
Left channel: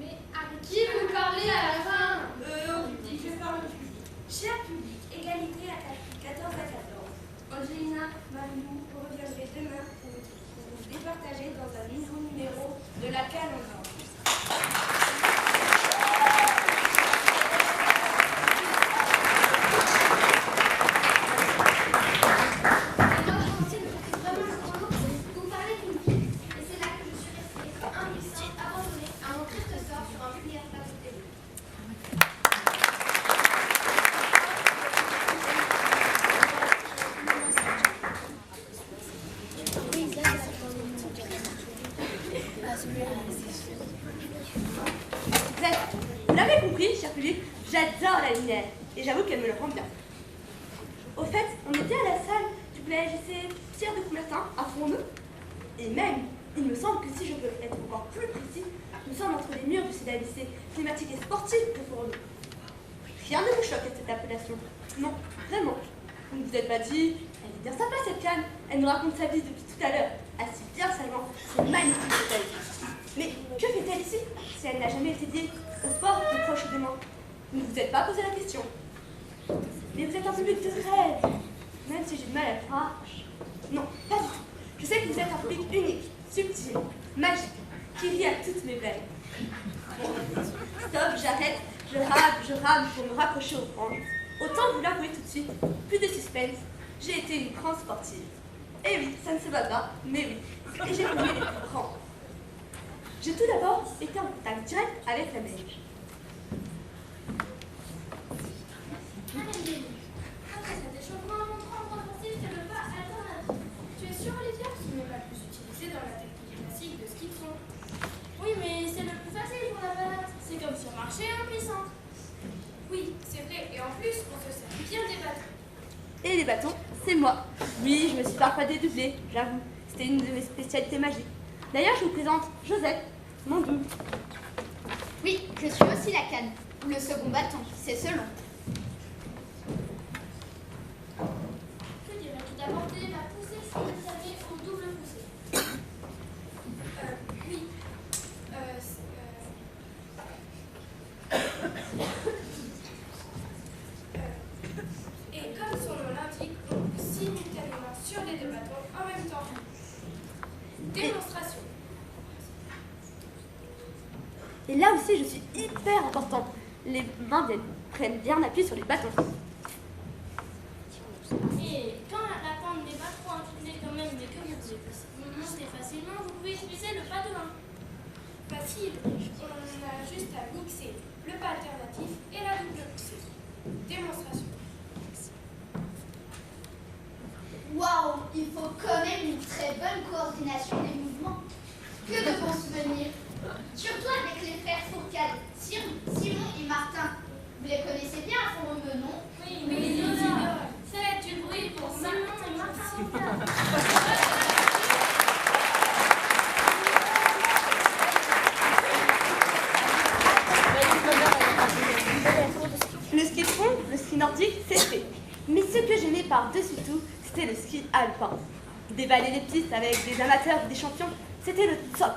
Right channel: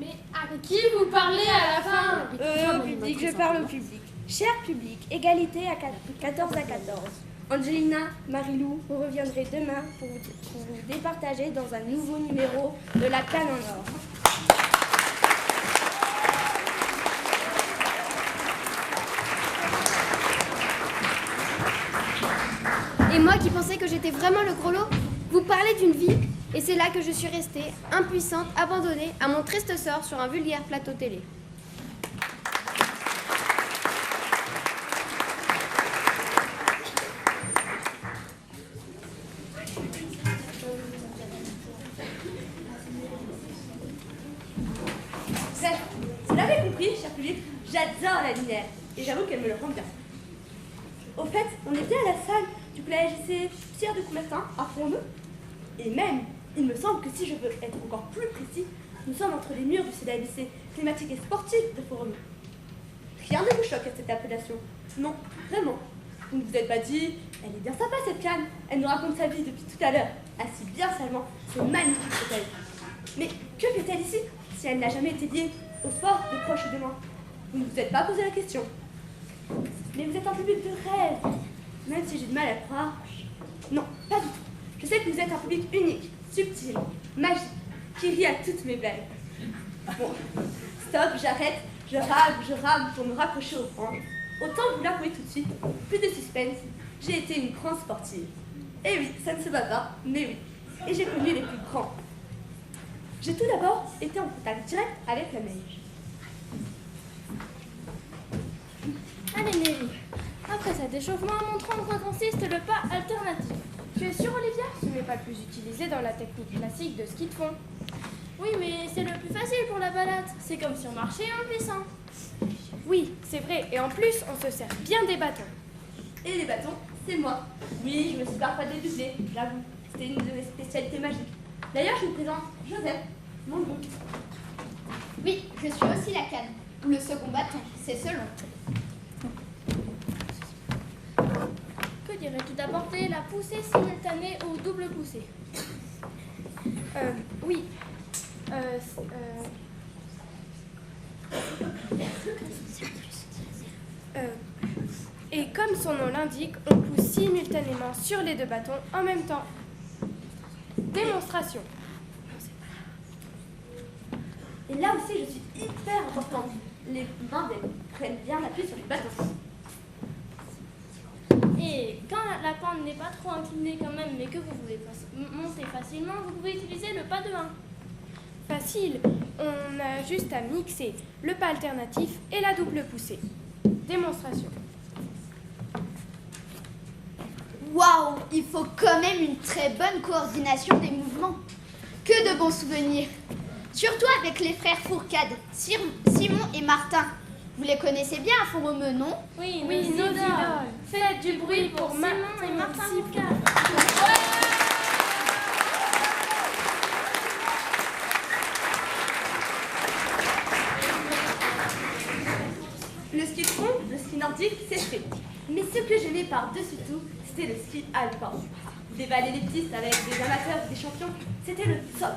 Mais à qui vous parlez à la fin? Au public, je parle au public. Cher public, égalité à 14 à 14. Angelina, Marilou, vous reviendrez demain pour vous départager dans un nouveau numéro de La Canne en Or. Et moi qui pensais que j'étais vraiment le gros lot, vous parlez d'une vie. Et c'est là que je suis restée, impuissante, abandonnée à mon triste sort sur un vulgaire plateau télé. Vous l'avez compris, cher public, j'adore la lumière. Et j'avoue qu'elle me le rend bien. Au fait, on est bien à la salle du PLGC Pierre de Coubertin à Fondeux. Et même, il me semble que si je veux être encore plus précis, nous sommes entre les murs du CDABC climatique et sportif de Fourneau. Rien ne me choque à cette appellation. Non, vraiment. Vous ne vous êtes pas dit, elle est bien sympa cette canne, elle nous raconte sa vie depuis tout à l'heure, assise bien salement, c'est magnifique cette taille. Mais que fait-elle ici si elle n'a jamais été liée au sport de proche de moi? Vous ne vous êtes pas posé la question. Mais vous êtes un public de rêve, même si j'ai du mal à le croire. Non, pas du tout. Je sais que vous êtes un public unique, subtil, magique, qui rit à toutes mes blagues. Bon, stop, j'arrête, je rame pour me raccrocher aux branches. Autant vous l'avouer tout de suite, plus de suspense, j'ai été une grande sportive. Et oui, ça ne se voit pas, mais oui, et j'ai connu les plus grands. J'ai tout d'abord été en contact direct avec la neige. Allez Nelly, après cet échauffement, montrons en quoi consiste le pas alternatif. Tu es sûre, Olivia? Ce n'est pas le plus utilisé dans la technique classique de ski de fond. Oui, mais c'est le plus facile pour la balade. C'est comme si on marchait en glissant. Oui, c'est vrai, et en plus, on se sert bien des bâtons. Et les bâtons, c'est moi. Oui, je me suis parfois dédoublée, j'avoue. C'était une de mes spécialités magiques. D'ailleurs, je vous présente Josette, mon double. Oui, je suis aussi la canne. Ou le second bâton, c'est selon. Que dirais-tu d'apporter la poussée simultanée au double poussée? Oui. Et comme son nom l'indique, on pousse simultanément sur les deux bâtons en même temps. Démonstration. Et là aussi, je suis hyper importante. Les mains prennent bien appui sur les bâtons. Et quand la pente n'est pas trop inclinée quand même, mais que vous pouvez monter facilement, vous pouvez utiliser le pas de 1. Facile. On a juste à mixer le pas alternatif et la double poussée. Démonstration. Waouh, il faut quand même une très bonne coordination des mouvements. Que de bons souvenirs. Surtout avec les frères Fourcade, Simon et Martin. Vous les connaissez bien à Fourneau, non? Oui, mais les idoles. Faites du bruit pour Simon et Martin Fourcade. Le ski de fond, le ski nordique, c'est fait. Mais ce que j'aimais par-dessus tout, c'était le ski alpin. Dévaler les pistes avec des amateurs ou des champions, c'était le top.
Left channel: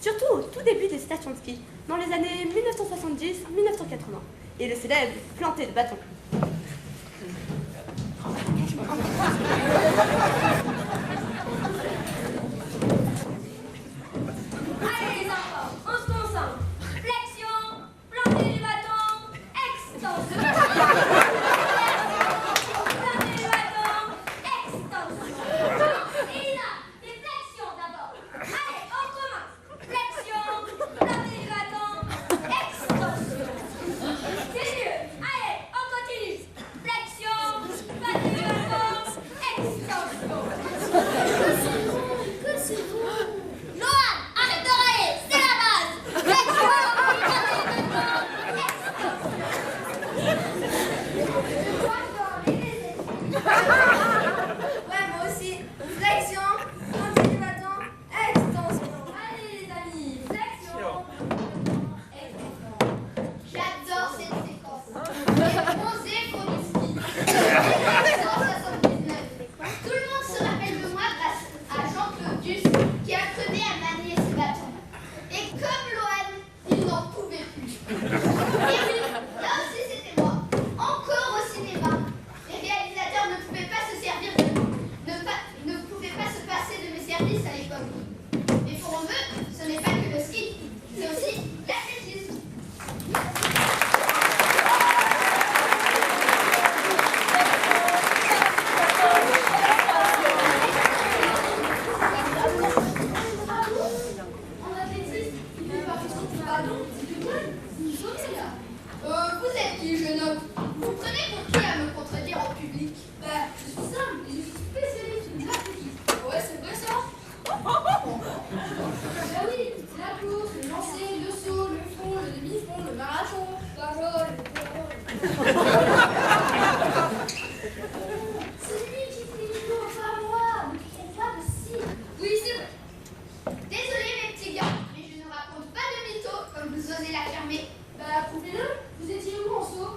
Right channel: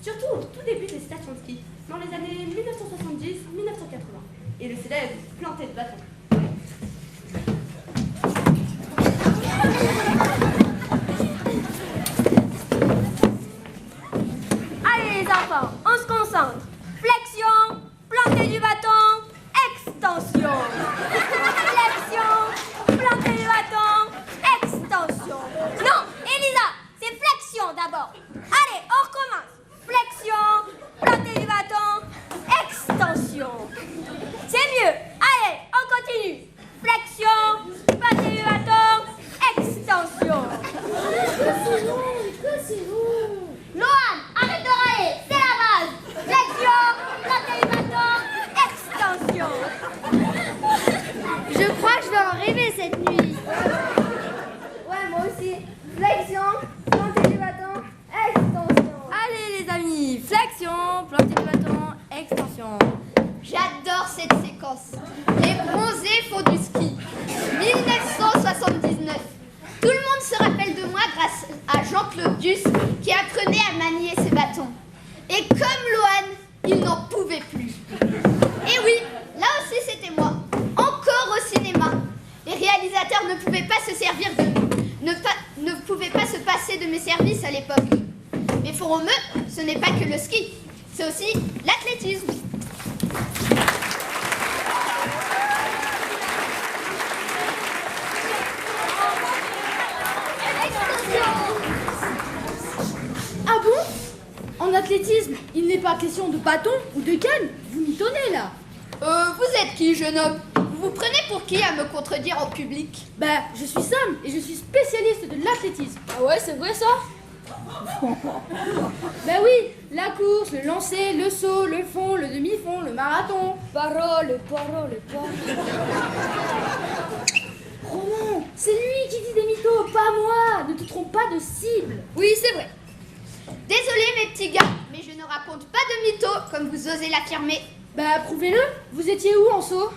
Surtout au tout début des stations de ski, dans les années 1970-1980, et le célèbre planté de bâton. Allez les enfants, on se concentre. Flexion, planter du bâton, extension. Flexion, planter du bâton, extension. Non, Elisa, c'est flexion d'abord. Allez, on recommence. Flexion, planter du bâton, extension. C'est mieux. Allez, on continue. mes services à l'époque. Mais pour eux, ce n'est pas que le ski, c'est aussi l'athlétisme. Ah bon? En athlétisme, il n'est pas question de bâton ou de canne. Vous m'y donnez là. Vous êtes qui, jeune homme? Vous vous prenez pour qui à me contredire en public? Bah, je suis Sam et je suis spécialiste de l'athlétisme. Ah ouais, c'est vrai ça? Bah oui, la course, le lancer, le saut, le fond, le demi-fond, le marathon. Parole. Oh non, c'est lui qui dit des mythos, pas moi. Ne te trompe pas de cible. Oui, c'est vrai. Désolé mes petits gars, mais je ne raconte pas de mythos comme vous osez l'affirmer. Bah prouvez-le, vous étiez où en saut?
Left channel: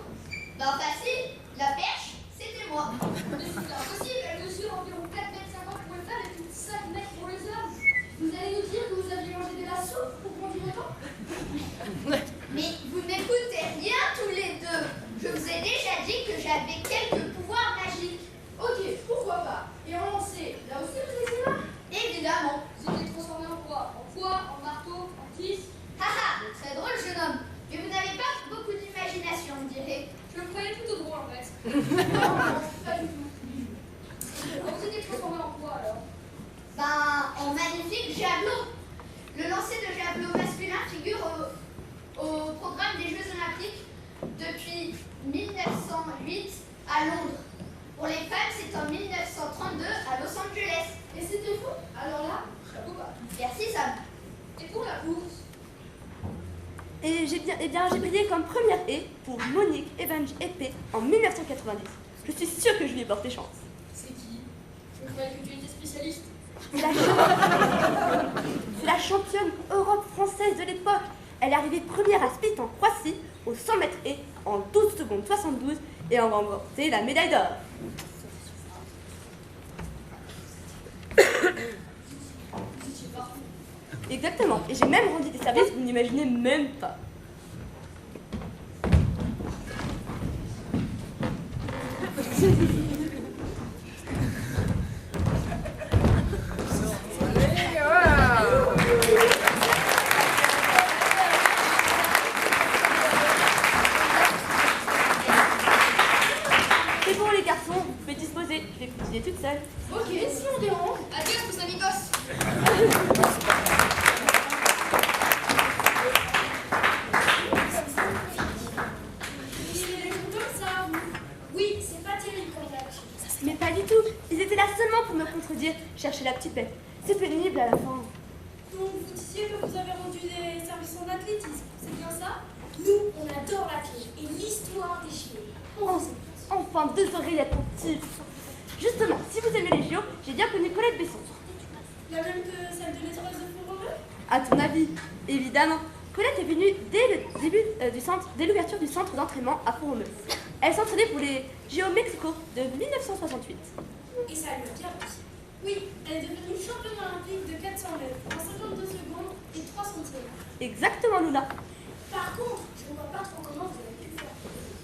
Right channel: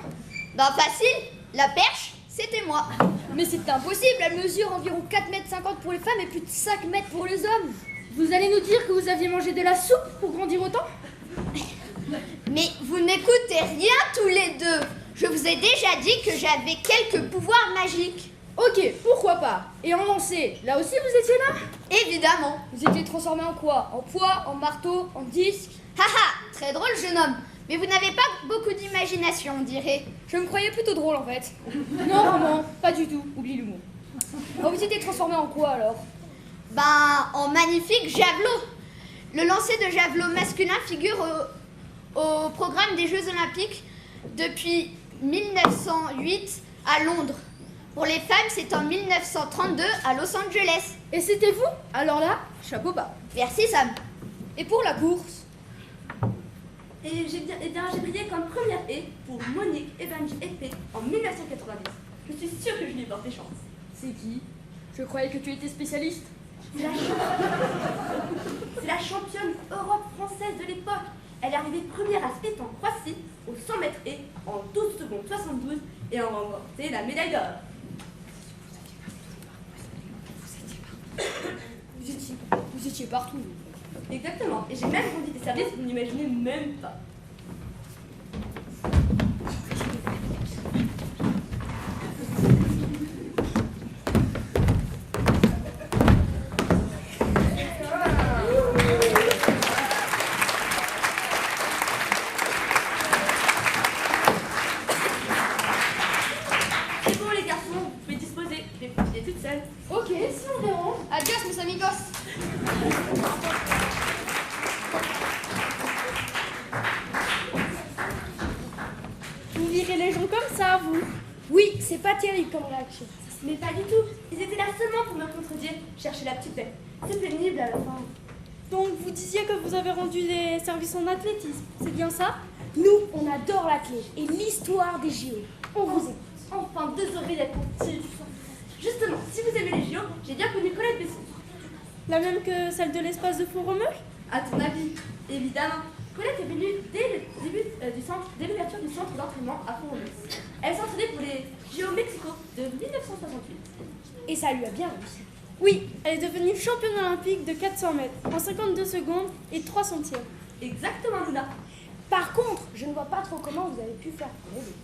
Bah facile, la perche, c'était moi. Mais c'est impossible, elle mesure environ 4,50 m pour les femmes et plus de 5 m pour les hommes. Vous allez nous dire que vous aviez mangé de la soupe pour grandir autant? Mais vous n'écoutez rien tous les deux. Je vous ai déjà dit que j'avais quelques pouvoirs magiques. Ok, pourquoi pas. Et en lancer, là aussi vous étiez là? Évidemment. Vous étiez transformé en quoi? En poids, en marteau, en disque? Haha, très drôle jeune homme. Mais vous n'avez pas beaucoup d'imagination, on dirait. Je me croyais plutôt drôle en fait. Non, pas du tout. Oublie l'humour. Alors vous étiez transformé en quoi alors? Ben, en magnifique javelot. Le lancer de javelot masculin figure au programme des Jeux Olympiques depuis 1908 à Londres. Pour les femmes, c'est en 1932 à Los Angeles. Et c'était vous? Alors là, chapeau bas. Merci Sam. Et pour la course? Et j'ai brillé comme première haie pour Monique Evans épée en 1990. Je suis sûre que je lui ai porté chance. C'est qui? Je croyais que tu étais spécialiste. C'est la championne Europe française de l'époque. Elle est arrivée première à Split en Croatie au 100 mètres haies en 12 secondes 72 et a remporté la médaille d'or. Vous étiez partout. Exactement, et j'ai même rendu des services que vous n'imaginez même pas. Et pour les garçons, vous pouvez disposer, je vais continuer toute seule. Ok, si on dérange. Adios mes amigos. Vous virez les gens comme ça, vous? Oui, c'est pas terrible comme réaction. Mais pas du tout. Ils étaient là seulement pour me contredire, chercher la petite paix. C'est pénible à la fin. Donc vous disiez que vous avez rendu des services en athlétisme, c'est bien ça? Nous, on adore l'athlé et l'histoire des JO. On vous écoute. Enfin, deux oreilles d'être petite. Justement, si vous aimez les JO, j'ai bien connu Colette Besson. La même que celle de l'espace de Font-Romeu? À ton avis, évidemment. Colette est venue dès le début dès l'ouverture du centre d'entraînement à Font-Romeu. Elle s'entraînait pour les JO Mexico de 1968. Et ça lui a bien réussi. Oui, elle est devenue championne olympique de 400 mètres en 52 secondes et 3 centièmes. Exactement, Luna. Par contre, je ne vois pas trop comment vous avez pu faire pour aider.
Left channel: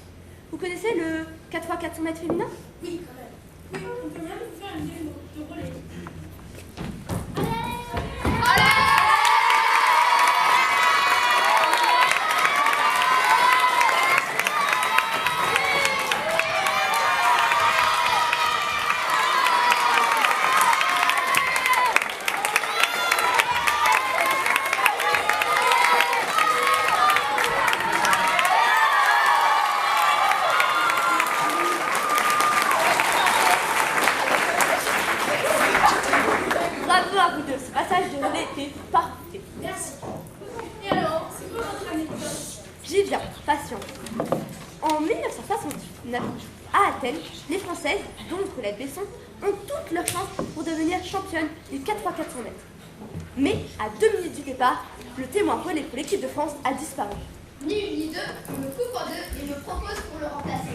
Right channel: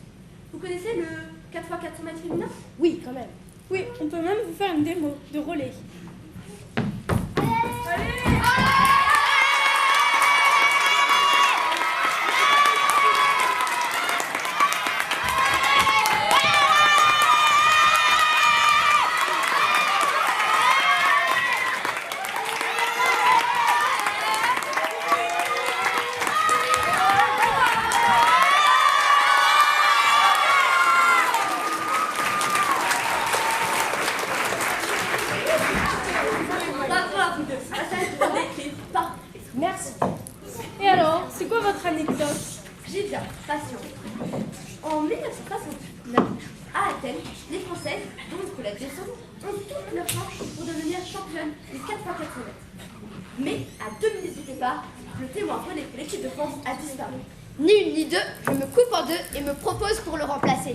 Vous connaissez le 4x400 mètres féminin? Oui, quand même. Oui, on peut même vous faire une démo de relais. Bravo à vous deux. La salle de relais était parfaite. Merci. Et alors, c'est quoi votre anecdote? J'y viens, patiente. En 1969, à Athènes, les Françaises, dont Colette Besson, ont toutes leurs chances pour devenir championnes du 4x400 mètres. Mais, à 2 minutes du départ, le témoin relais pour l'équipe de France a disparu. Ni une ni deux, je me coupe en deux et me propose pour le remplacer.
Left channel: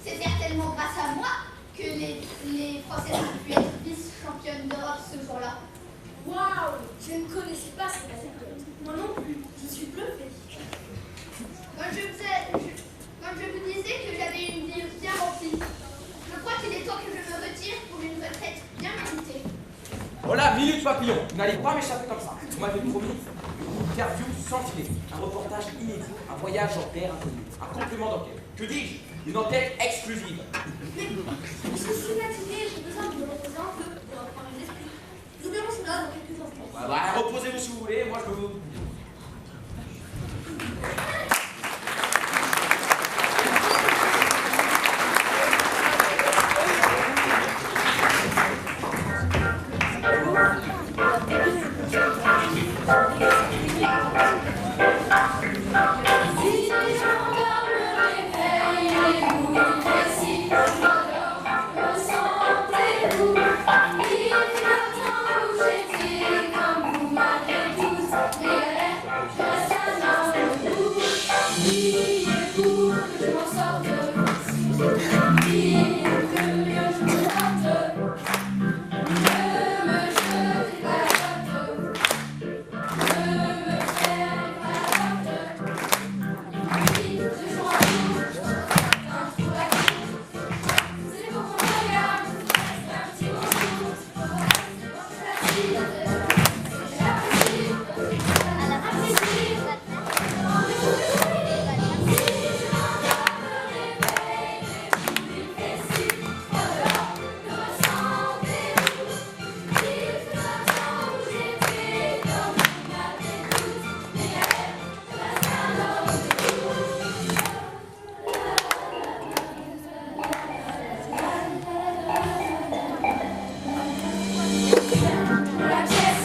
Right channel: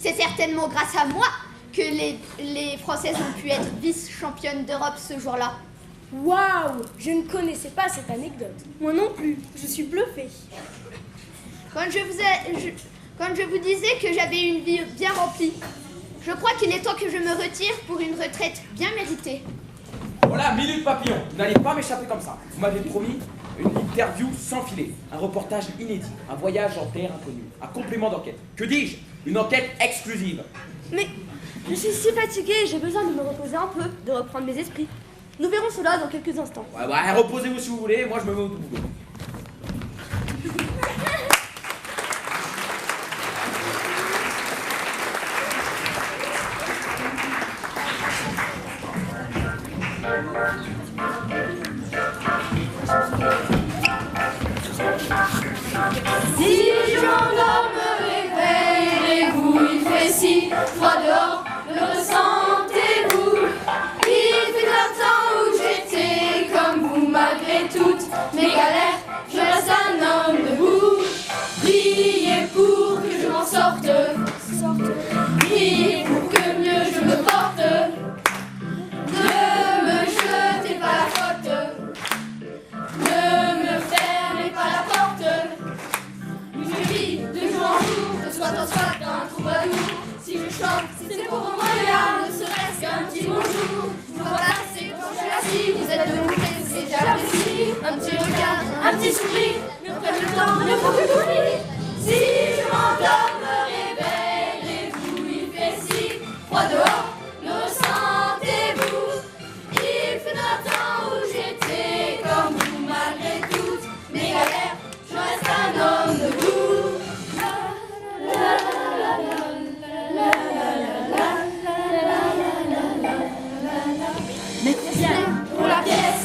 C'est certainement grâce à moi que les Françaises ont pu être vice-championnes d'Europe ce jour-là. Waouh, je ne connaissais pas cette anecdote. Moi non plus, je suis bluffée. Quand je vous disais que j'avais une vie bien remplie, je crois qu'il est temps que je me retire pour une retraite bien méritée. Voilà, minute papillon. Vous n'allez pas m'échapper comme ça. Vous m'avez promis une interview sans filet, un reportage inédit, un voyage en terre inconnue, un complément d'enquête. Que dis-je? Une enquête exclusive. Mais je suis si fatiguée, j'ai besoin de me reposer un peu, de reprendre mes esprits. Nous verrons cela dans quelques instants. Ouais, bah, reposez-vous si vous voulez, moi je me mets au double. Si je m'endors, me réveille, et vous, il fait si froid dehors, le ressentez-vous? Il fait un temps où j'étais comme vous, malgré toutes mes galères, je reste un homme debout. Priez pour que je m'en sorte, priez pour que mieux je me porte. Ne me jetez pas la faute, ne me fermez pas la porte. Oui, de jour en jour, de soir en soir, d'un troubadour. Si je chante, c'est pour mon regard, ne serait-ce qu'un petit bonjour. Je me vois passer proche de la scie, vous êtes de monter, c'est déjà la réussite. Un petit regard, un petit sourire, ne prenne le temps, ne faut plus d'ouvrir. Si je m'endors, me réveille, et vous, il fait si froid dehors, le ressentez-vous? Il fait un temps où j'étais comme vous, malgré toutes mes galères, je reste un homme debout. Pour la pièce,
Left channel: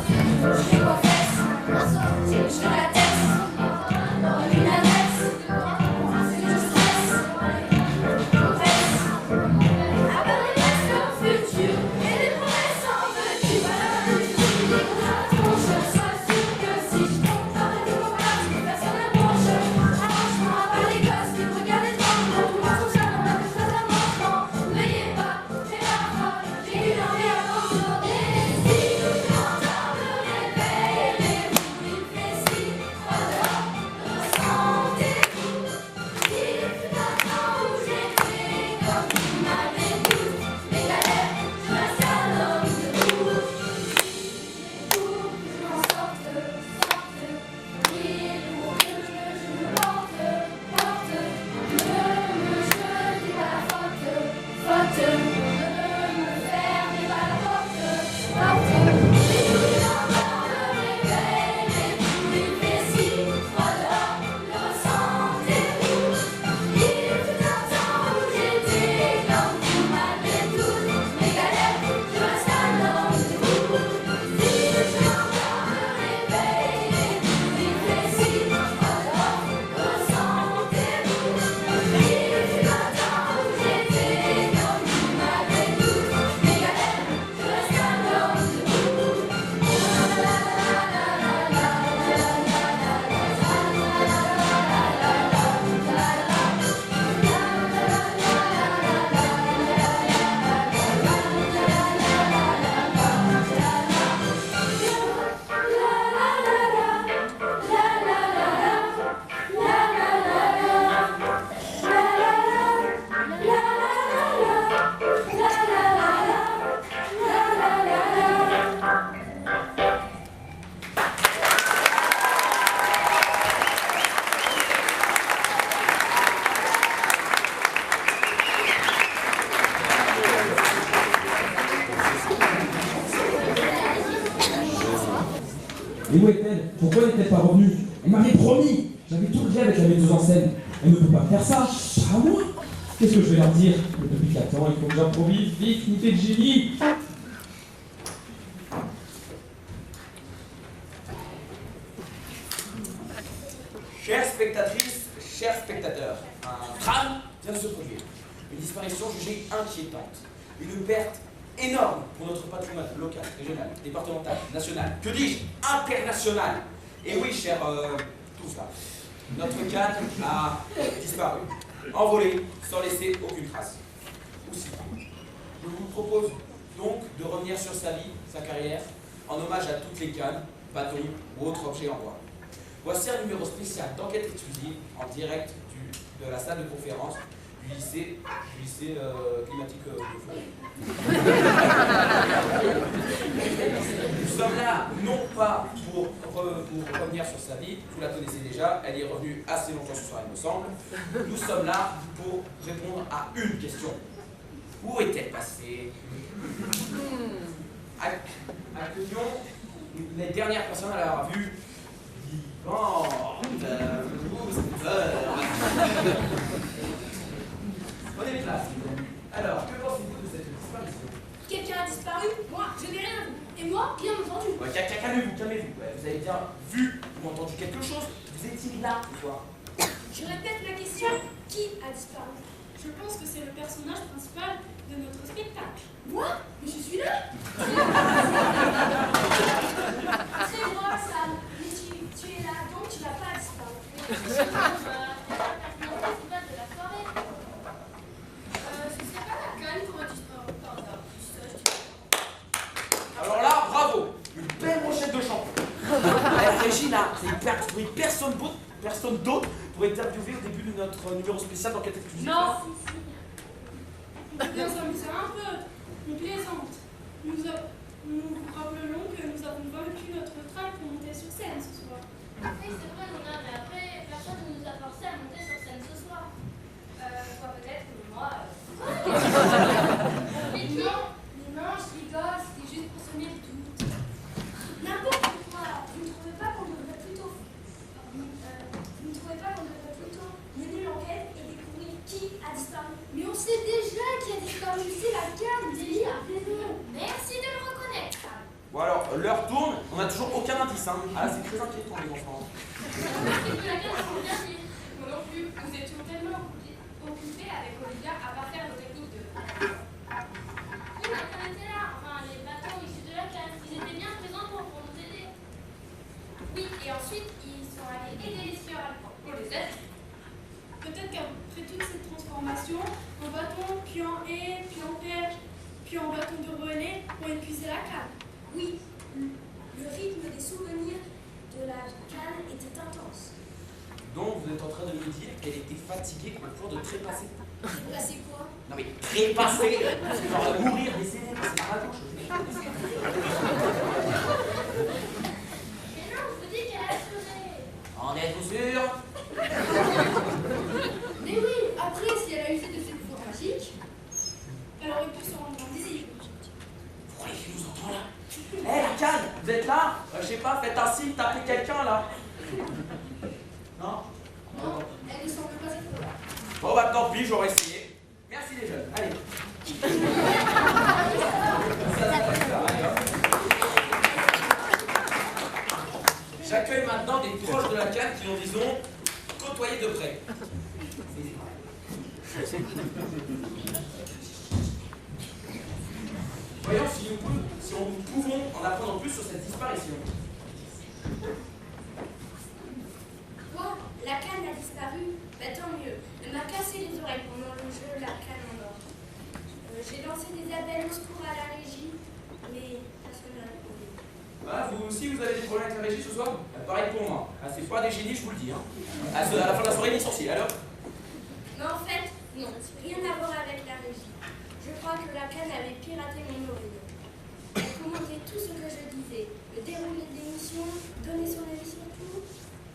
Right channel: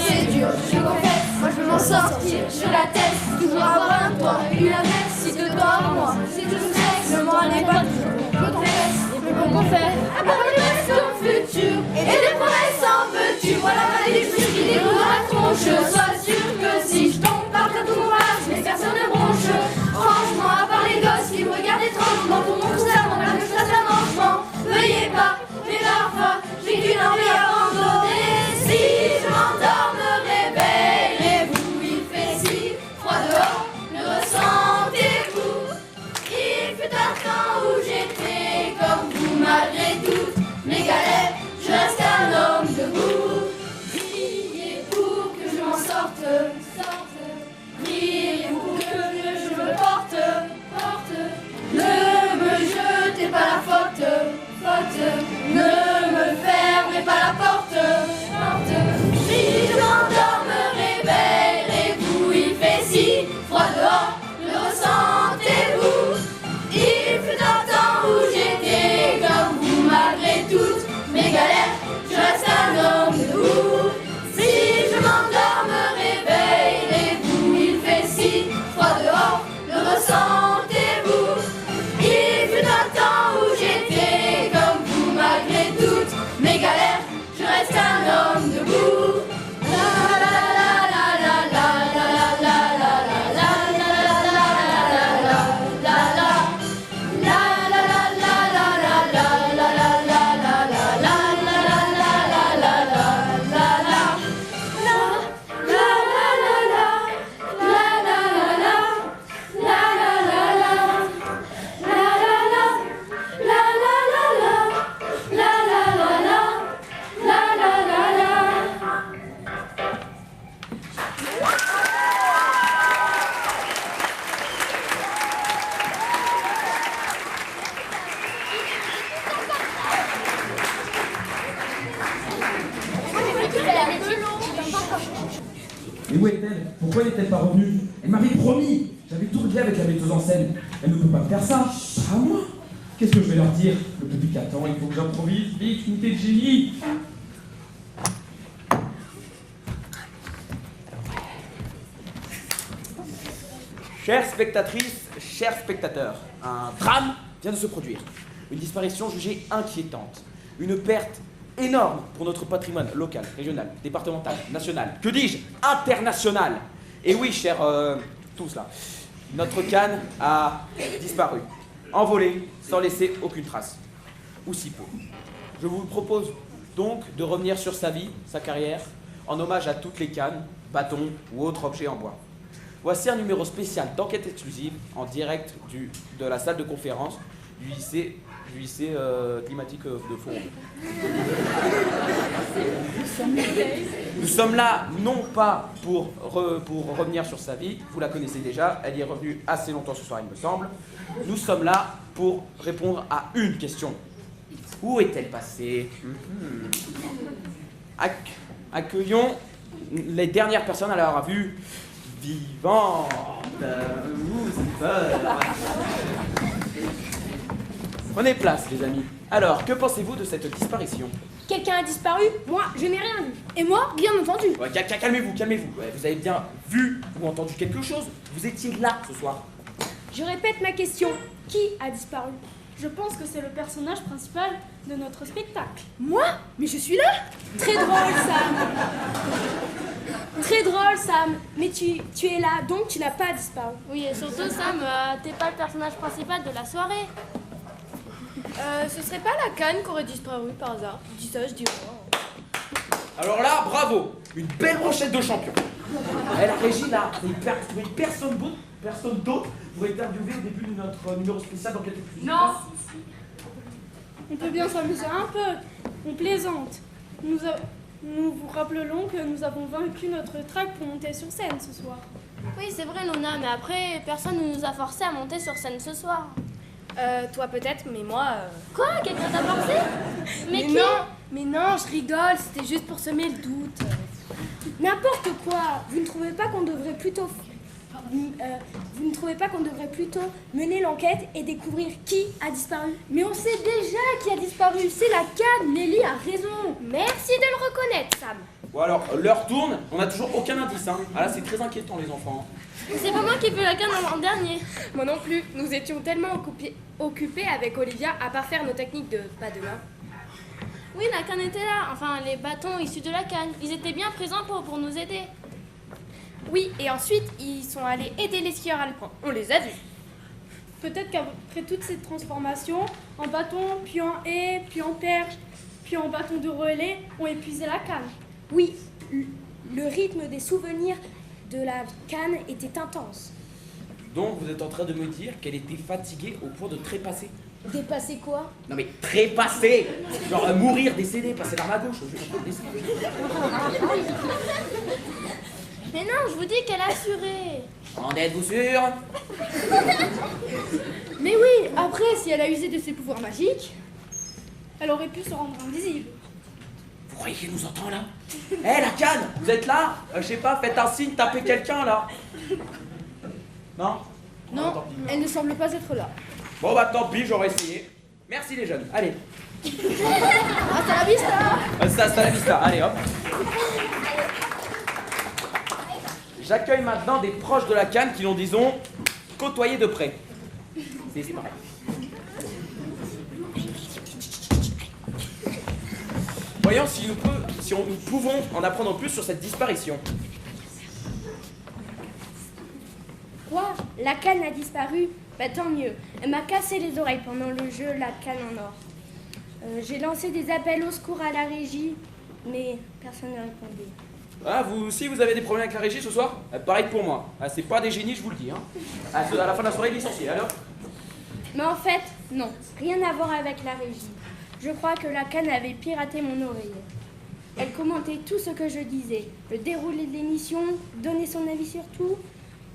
c'est dur, je confesse, moi je veux m'en sortir, je la teste, toujours avoir un toit, une adresse, si de toi à moi, c'est tout stress, le moral n'est pas toujours, je confesse, comment faire, abandonner son futur, et des promesses en veux-tu, voilà ma décision, qui déroule dans la tronche, sois sûr que si je tombe par ta courage, mais personne ne bronche, franchement, à part les gosses qui me regardent étrangement, pour mon cerveau, voilà que je trace un enfant, veuillez pas, mais parfois, j'ai qu'une envie abandonnée. Si je m'endors, me réveille, et vous, il fait si froid dehors, le ressentez-vous? Il fut un temps où j'étais comme vous, malgré toutes mes galères, je reste un homme debout. Priez pour que je m'en sorte, priez pour que mieux je me porte. Ne me jetez pas la faute, ne me fermez pas la porte. Si je m'endors, me réveille, et vous, il fait si froid dehors, le ressentez-vous? Il fut un temps où j'étais comme vous, malgré toutes mes galères, je reste un homme debout. Si je m'endors, me réveille, et vous, il fait si froid dehors, le ressentez-vous? Il fut un temps où j'étais comme vous, malgré toutes mes galères, je reste un homme debout. Et où est-elle? Pourquoi n'est-elle pas revenue? Elle m'avait promis. J'avais tout réglé avec la metteuse en scène. Elle ne peut pas faire ça. Pas à moi. Qu'est-ce que je vais leur dire? Le public attend, il faut que j'improvise. Vite, unité de génie. Chères spectatrices, chers spectateurs, un drame vient de se produire. Une disparition jugée inquiétante. Une perte énorme pour notre patrimoine local, régional, départemental, national, que dis-je, international. Et oui, chers tous là, notre canne a disparu, envolé, sans laisser aucune trace. Ou si peu. Je vous propose donc de revenir sur sa vie, sa carrière, en hommage à toutes les cannes, bâtons ou autres objets en bois. Voici un numéro spécial d'enquête exclusive en direct de la salle de conférence du lycée climatique de Foron. sommes là, non pas pour revenir sur sa vie, vous la connaissez déjà, elle y est revenue assez longtemps ce soir, il me semble. Nous sommes là pour répondre à une question. Où est-elle passée? Accueillons les dernières personnes à l'avoir vue vivante. Prenez place, les amis. Alors, que pensez-vous de cette disparition? Quelqu'un a disparu? Moi, je n'ai rien vu. Et moi, bien entendu. Calmez-vous, calmez-vous. Ouais, vous avez bien vu ou entendu quelque chose? Vous étiez là ce soir. Je répète ma question. Qui a disparu? Je pense que c'est le personnage principal de notre spectacle. Moi? Mais je suis là. Très drôle, Sam. Très drôle, Sam. Mais tu es là, donc tu n'as pas disparu. Oui, et surtout, Sam, t'es pas le personnage principal de la soirée. Ce serait pas la canne qui aurait disparu par hasard. Je dis ça, je dis rien. Alors là, bravo. Une belle brochette de champion. La régie, là, vous ne personne d'autre pour interviewer le début de notre numéro spécial dans quelques minutes. Non. On peut bien s'amuser un peu. On plaisante. Nous vous rappelons que nous avons vaincu notre trac pour monter sur scène ce soir. Oui, c'est vrai, Luna, mais après, personne ne nous a forcé à monter sur scène ce soir. Toi peut-être, mais moi... Quoi? Qu'est-ce que tu as pensé? Mais non, mais non, je rigole, c'était juste pour semer le doute. N'importe quoi. Vous ne trouvez pas qu'on devrait plutôt... vous ne trouvez pas qu'on devrait plutôt mener l'enquête et découvrir qui a disparu? Mais on sait déjà qui a disparu, c'est la canne. Nelly a raison. Merci de le reconnaître, Sam. Bon alors, l'heure tourne, on n'a toujours aucun indice. Hein. Ah là, c'est très inquiétant, les enfants. C'est pas moi qui veux la canne en dernier. Moi non plus. Nous étions tellement occupés avec Olivia à parfaire nos techniques de padelin. Oui, la canne était là. Enfin, les bâtons issus de la canne. Ils étaient bien présents pour nous aider. Oui, et ensuite, ils sont allés aider les skieurs alpins. On les a vus. Peut-être qu'après toutes ces transformations, en bâton, puis en haie, puis en perche, puis en bâton de relais, ont épuisé la canne. Oui, le rythme des souvenirs de la canne était intense. Donc, vous êtes en train de me dire qu'elle était fatiguée au point de trépasser? Dépasser quoi? Non mais trépasser! Genre mourir, décéder, passer par la gauche. Mais non, je vous dis qu'elle a assuré. En êtes-vous sûr? Mais oui, après, si elle a usé de ses pouvoirs magiques, elle aurait pu se rendre invisible. Vous croyez qu'elle nous entend là? Hé la canne, vous êtes là? Je sais pas, faites un signe, tapez quelqu'un là. Non? Non, elle ne semble pas être là. Bon bah tant pis, j'aurais essayé. Merci les jeunes, allez. Hasta la vista. Hasta la vista, allez hop. J'accueille maintenant des proches de la canne qui l'ont, disons, côtoyé de près. C'est pareil. Voyons si nous pouvons en apprendre plus sur cette disparition. Quoi? La canne a disparu? Bah tant mieux. Elle m'a cassé les oreilles pendant le jeu La canne en or. J'ai lancé des appels au secours à la régie, mais personne n'a répondu. Ah, vous aussi, vous avez des problèmes avec la régie ce soir? Pareil que pour moi. Ah, c'est pas des génies, je vous le dis. Hein. À la fin de la soirée, licencié, alors? Mais en fait, non. Rien à voir avec la régie. Je crois que la canne avait piraté mon oreille. Elle commentait tout ce que je disais, le déroulé de l'émission, donner son avis sur tout.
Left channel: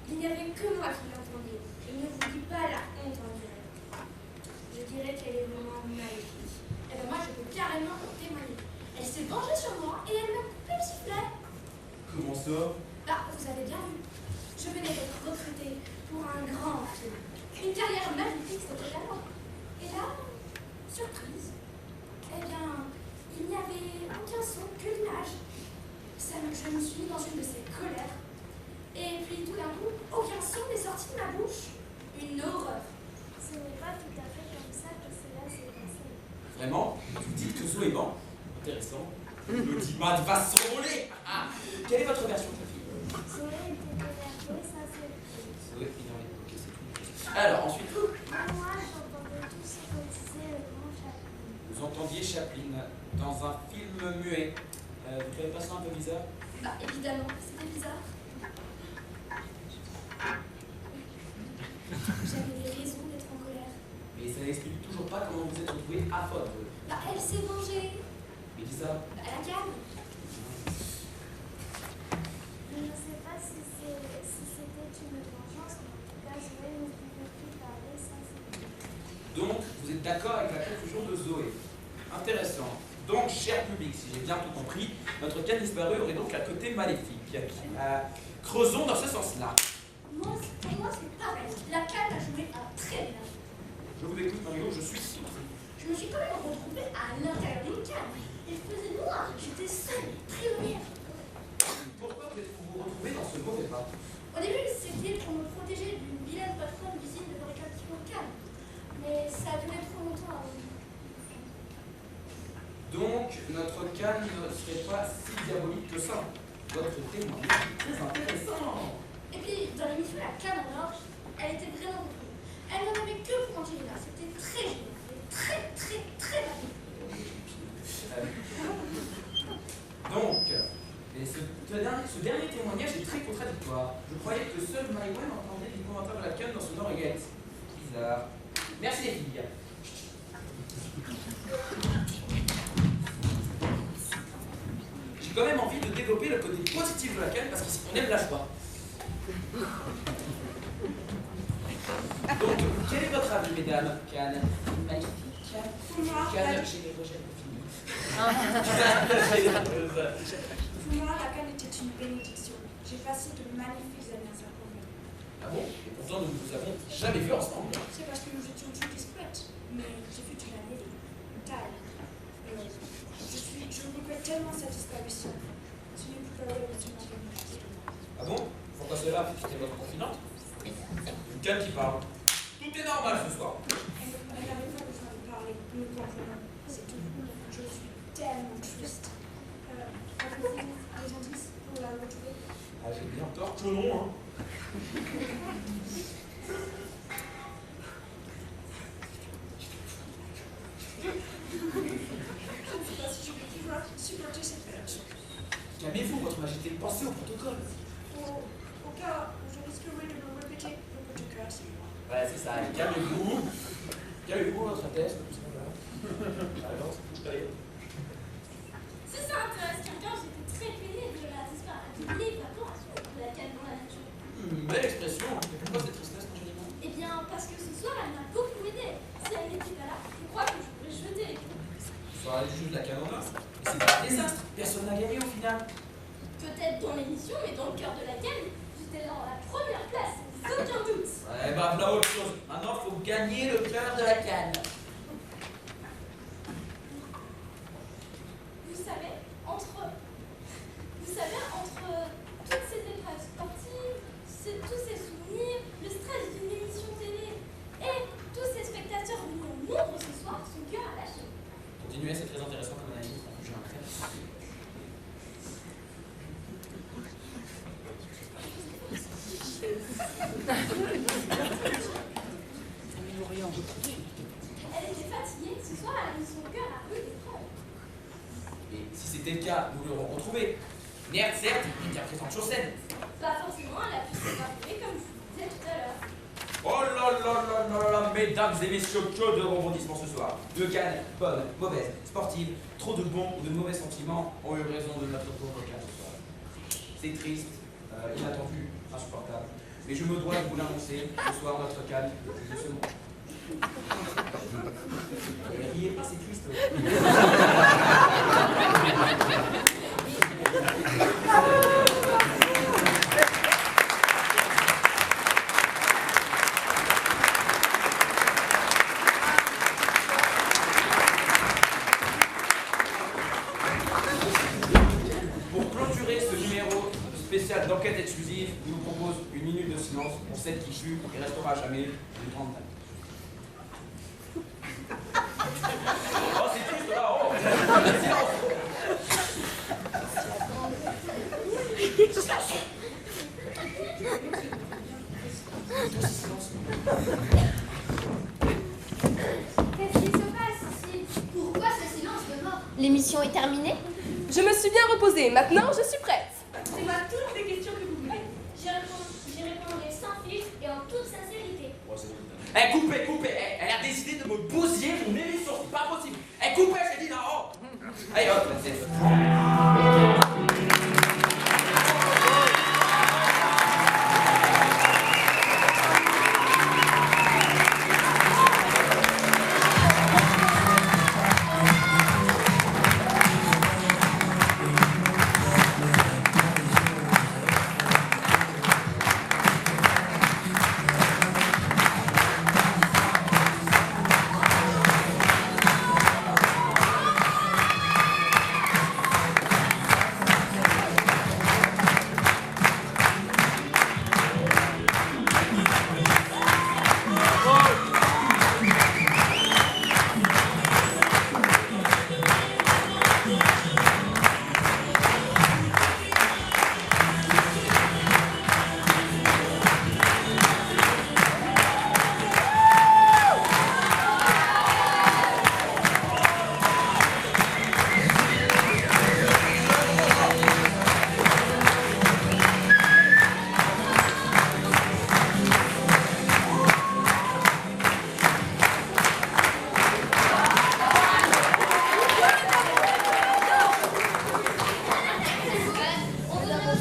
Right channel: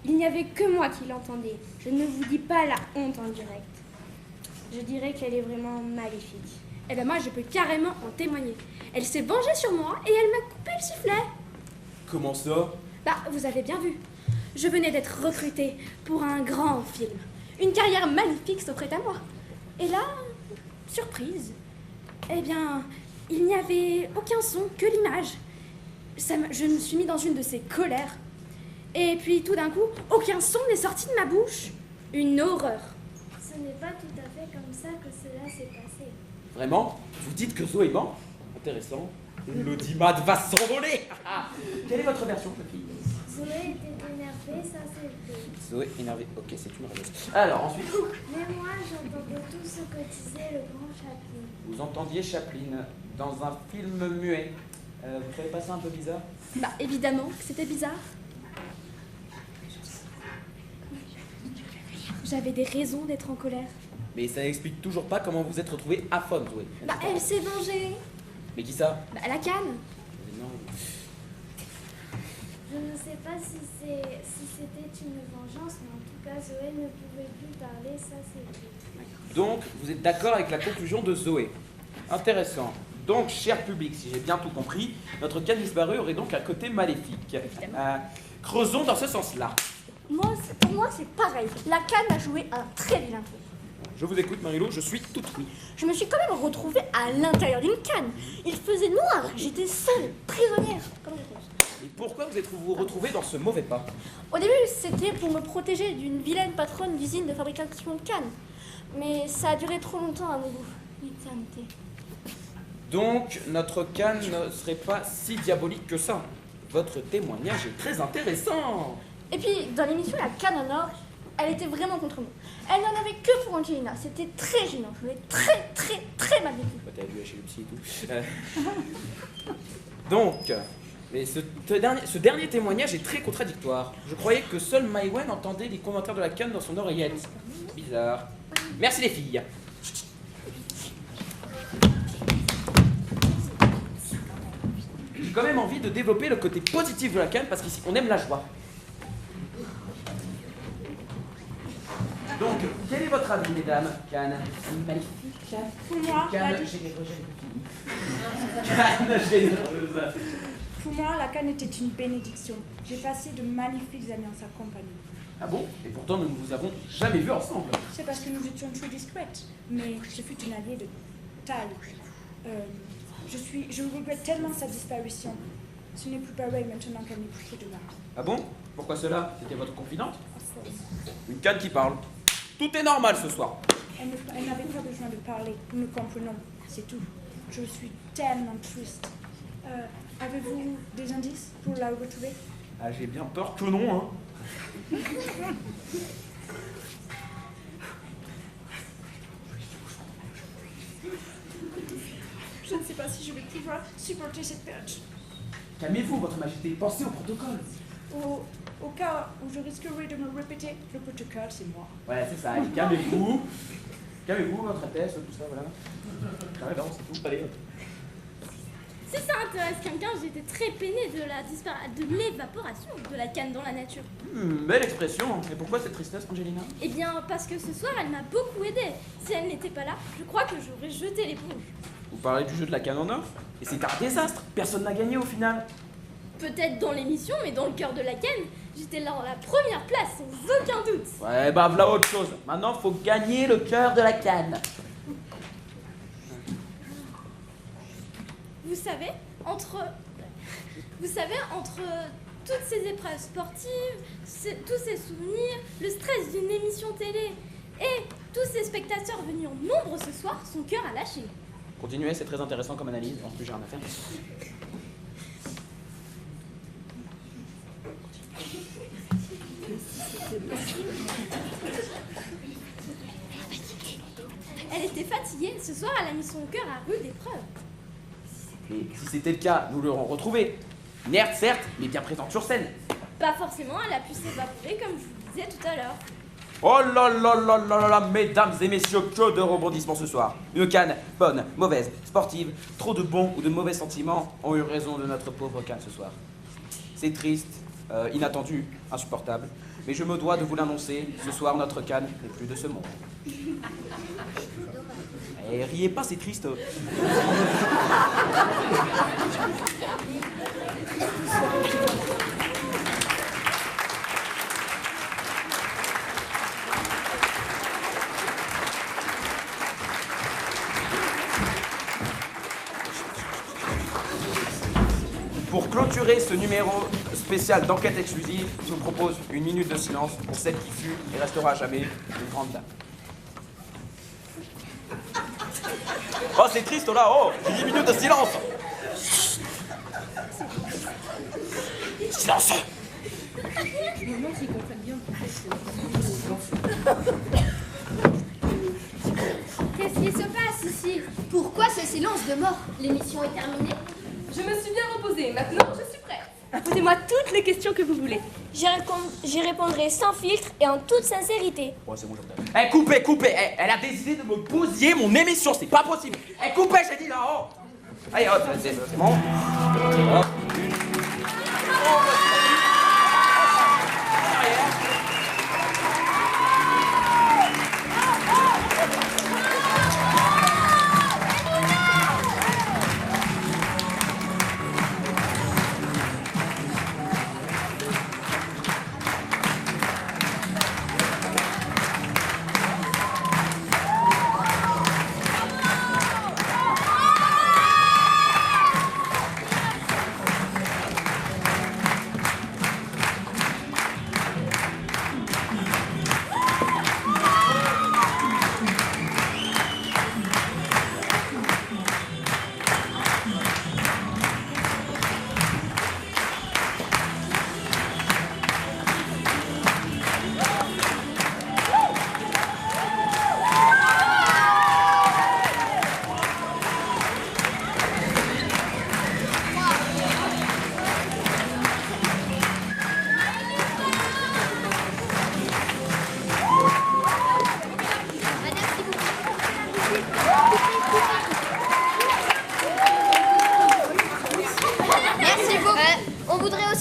Il n'y avait que moi qui l'entendais. Je ne vous dis pas la honte en direct. Je dirais qu'elle est vraiment maléfique. Eh ben moi, je peux carrément en témoigner. Elle s'est vengée sur moi et elle m'a coupé le sifflet. Comment ça? Bah, vous avez bien vu. Je venais d'être recrutée pour un grand film. Une carrière magnifique s'offrait à moi. Et là, surprise. Eh bien, il n'y avait aucun son que l'image. Je me suis mis dans une de ces colères. Et puis, tout d'un coup, aucun son n'est sorti de ma bouche. Une horreur. Ce n'est pas tout à fait comme ça que cela s'est passé. Vraiment? Vous dites que Zoé ment? Intéressant. L'audimat va s'envoler. Quelle est votre version, ma fille? Zoé était énervée, ça c'est vrai. Zoé énervée. Ok, c'est une mauvaise. Alors, ensuite. Mais moi j'entendais tout ce que disait le grand Chaplin. Vous entendiez Chaplin dans un film muet. Vous trouvez pas ça un peu bizarre? Bah, évidemment, c'était bizarre. J'avais des raisons d'être en colère. Mais ça n'explique toujours pas comment vous êtes retrouvée aphone, Zoé. Bah, elle s'est vengée. Mais qui ça? Bah, la canne. Non. sais pas si c'était une vengeance, mais en tout cas, Zoé ne pouvait plus parler, ça c'est vrai. Donc, vous êtes d'accord avec la conclusion de Zoé. Intéressant. Donc, cher public, si j'ai bien tout compris, notre canne disparue aurait donc un côté maléfique. Creusons dans ce sens-là. Pour moi, c'est pareil. La canne a joué un très vilain. Je vous écoute, Marie-Lou, je suis toute oui. Je me suis quand même retrouvée à l'intérieur d'une canne. Il faisait noir, j'étais seule, prisonnière. Et pourquoi vous êtes-vous retrouvés dans ce mauvais pas? Au début, c'était pour me protéger d'une vilaine patronne d'usine de fabrication de cannes. Mais ça a duré trop longtemps à mon goût. L'éternité. Donc, notre canne ne serait pas si diabolique que ça. Votre témoignage est très intéressant. Et puis, dans l'émission La Canne en or, elle était vraiment contre nous. Elle n'en avait que pour Angelina. C'était très gênant, mais très, très, très magnifique. Donc, mais ce dernier témoignage est très contradictoire. Je croyais que seul Maïwen entendait les commentaires de la canne dans son oreillette. Bizarre. Merci les filles. J'ai quand même envie de développer le côté positif de la canne parce qu'ici on aime la joie. Donc, quel est votre avis, mesdames? Canne, magnifique. Pour moi, Canne, pour moi, la canne était une bénédiction. J'ai passé de magnifiques années en sa compagnie. Ah bon? Et pourtant, nous ne nous avons jamais vus ensemble. C'est parce que nous étions trop discrètes. Mais ce fut une alliée de taille. Je regrette tellement sa disparition. Ce n'est plus pareil maintenant qu'elle n'est plus de moi. Ah bon? Pourquoi cela? C'était votre confidente? Une canne qui parle. Tout est normal ce soir. Elle n'avait pas besoin de parler. Nous comprenons. C'est tout. Je suis tellement triste. Avez-vous des indices pour la retrouver? Ah, j'ai bien peur que non, hein. Je ne sais pas si je vais pouvoir supporter cette perte. Calmez-vous, votre majesté. Pensez au protocole. Au cas où je risquerais de me répéter, le protocole, c'est moi. Ouais, c'est ça. Calmez-vous. Calmez-vous, votre Altesse, tout ça, voilà. Ah, non, c'est tout. Allez. Si ça intéresse quelqu'un, j'étais très peinée de l'évaporation de la canne dans la nature. Belle expression. Mais pourquoi cette tristesse, Angelina? Eh bien, parce que ce soir, elle m'a beaucoup aidée. Si elle n'était pas là, je crois que j'aurais jeté l'éponge. Vous parlez du jeu de la canne en or? Et c'est un désastre. Personne n'a gagné au final. Peut-être dans l'émission, mais dans le cœur de la canne, j'étais là en la première place, sans aucun doute. Ouais, bah voilà autre chose. Maintenant, faut gagner le cœur de la canne. Vous savez, entre toutes ces épreuves sportives, tous ces souvenirs, le stress d'une émission télé et tous ces spectateurs venus en nombre ce soir, son cœur a lâché. Continuez, c'est très intéressant comme analyse. En plus, j'ai un matin. Elle était fatiguée, ce soir elle a mis son cœur à rude épreuve. Mais si c'était le cas, nous l'aurons retrouvé. Inerte, certes, mais bien présente sur scène. Pas forcément, elle a pu s'évaporer comme je vous disais tout à l'heure. Oh là là là là là, mesdames et messieurs, que de rebondissements ce soir. Une canne, bonne, mauvaise, sportive, trop de bons ou de mauvais sentiments ont eu raison de notre pauvre canne ce soir. C'est triste, inattendu, insupportable, mais je me dois de vous l'annoncer, ce soir notre canne n'est plus de ce monde. Et riez pas, c'est triste. Pour clôturer ce numéro spécial d'enquête exclusive, je vous propose une minute de silence pour celle qui fut et restera à jamais une grande dame. Oh, c'est triste là, oh! Une minute de silence! Silence! Qu'est-ce qui se passe ici? Pourquoi ce silence de mort? L'émission est terminée? Je me suis bien reposée, maintenant je suis prête. Posez-moi toutes les questions que vous voulez. J'y répondrai sans filtre et en toute sincérité. Oh, c'est bon, je coupez, coupez! Elle a décidé de me bousiller mon émission, c'est pas possible! Coupez, j'ai dit là, oh! Allez, hop, c'est bon.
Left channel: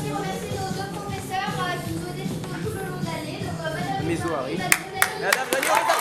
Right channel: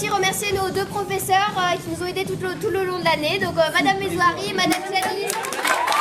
aussi remercier nos deux professeurs qui nous ont aidés tout le long de l'année. Donc Madame Mézoari et Madame Jani.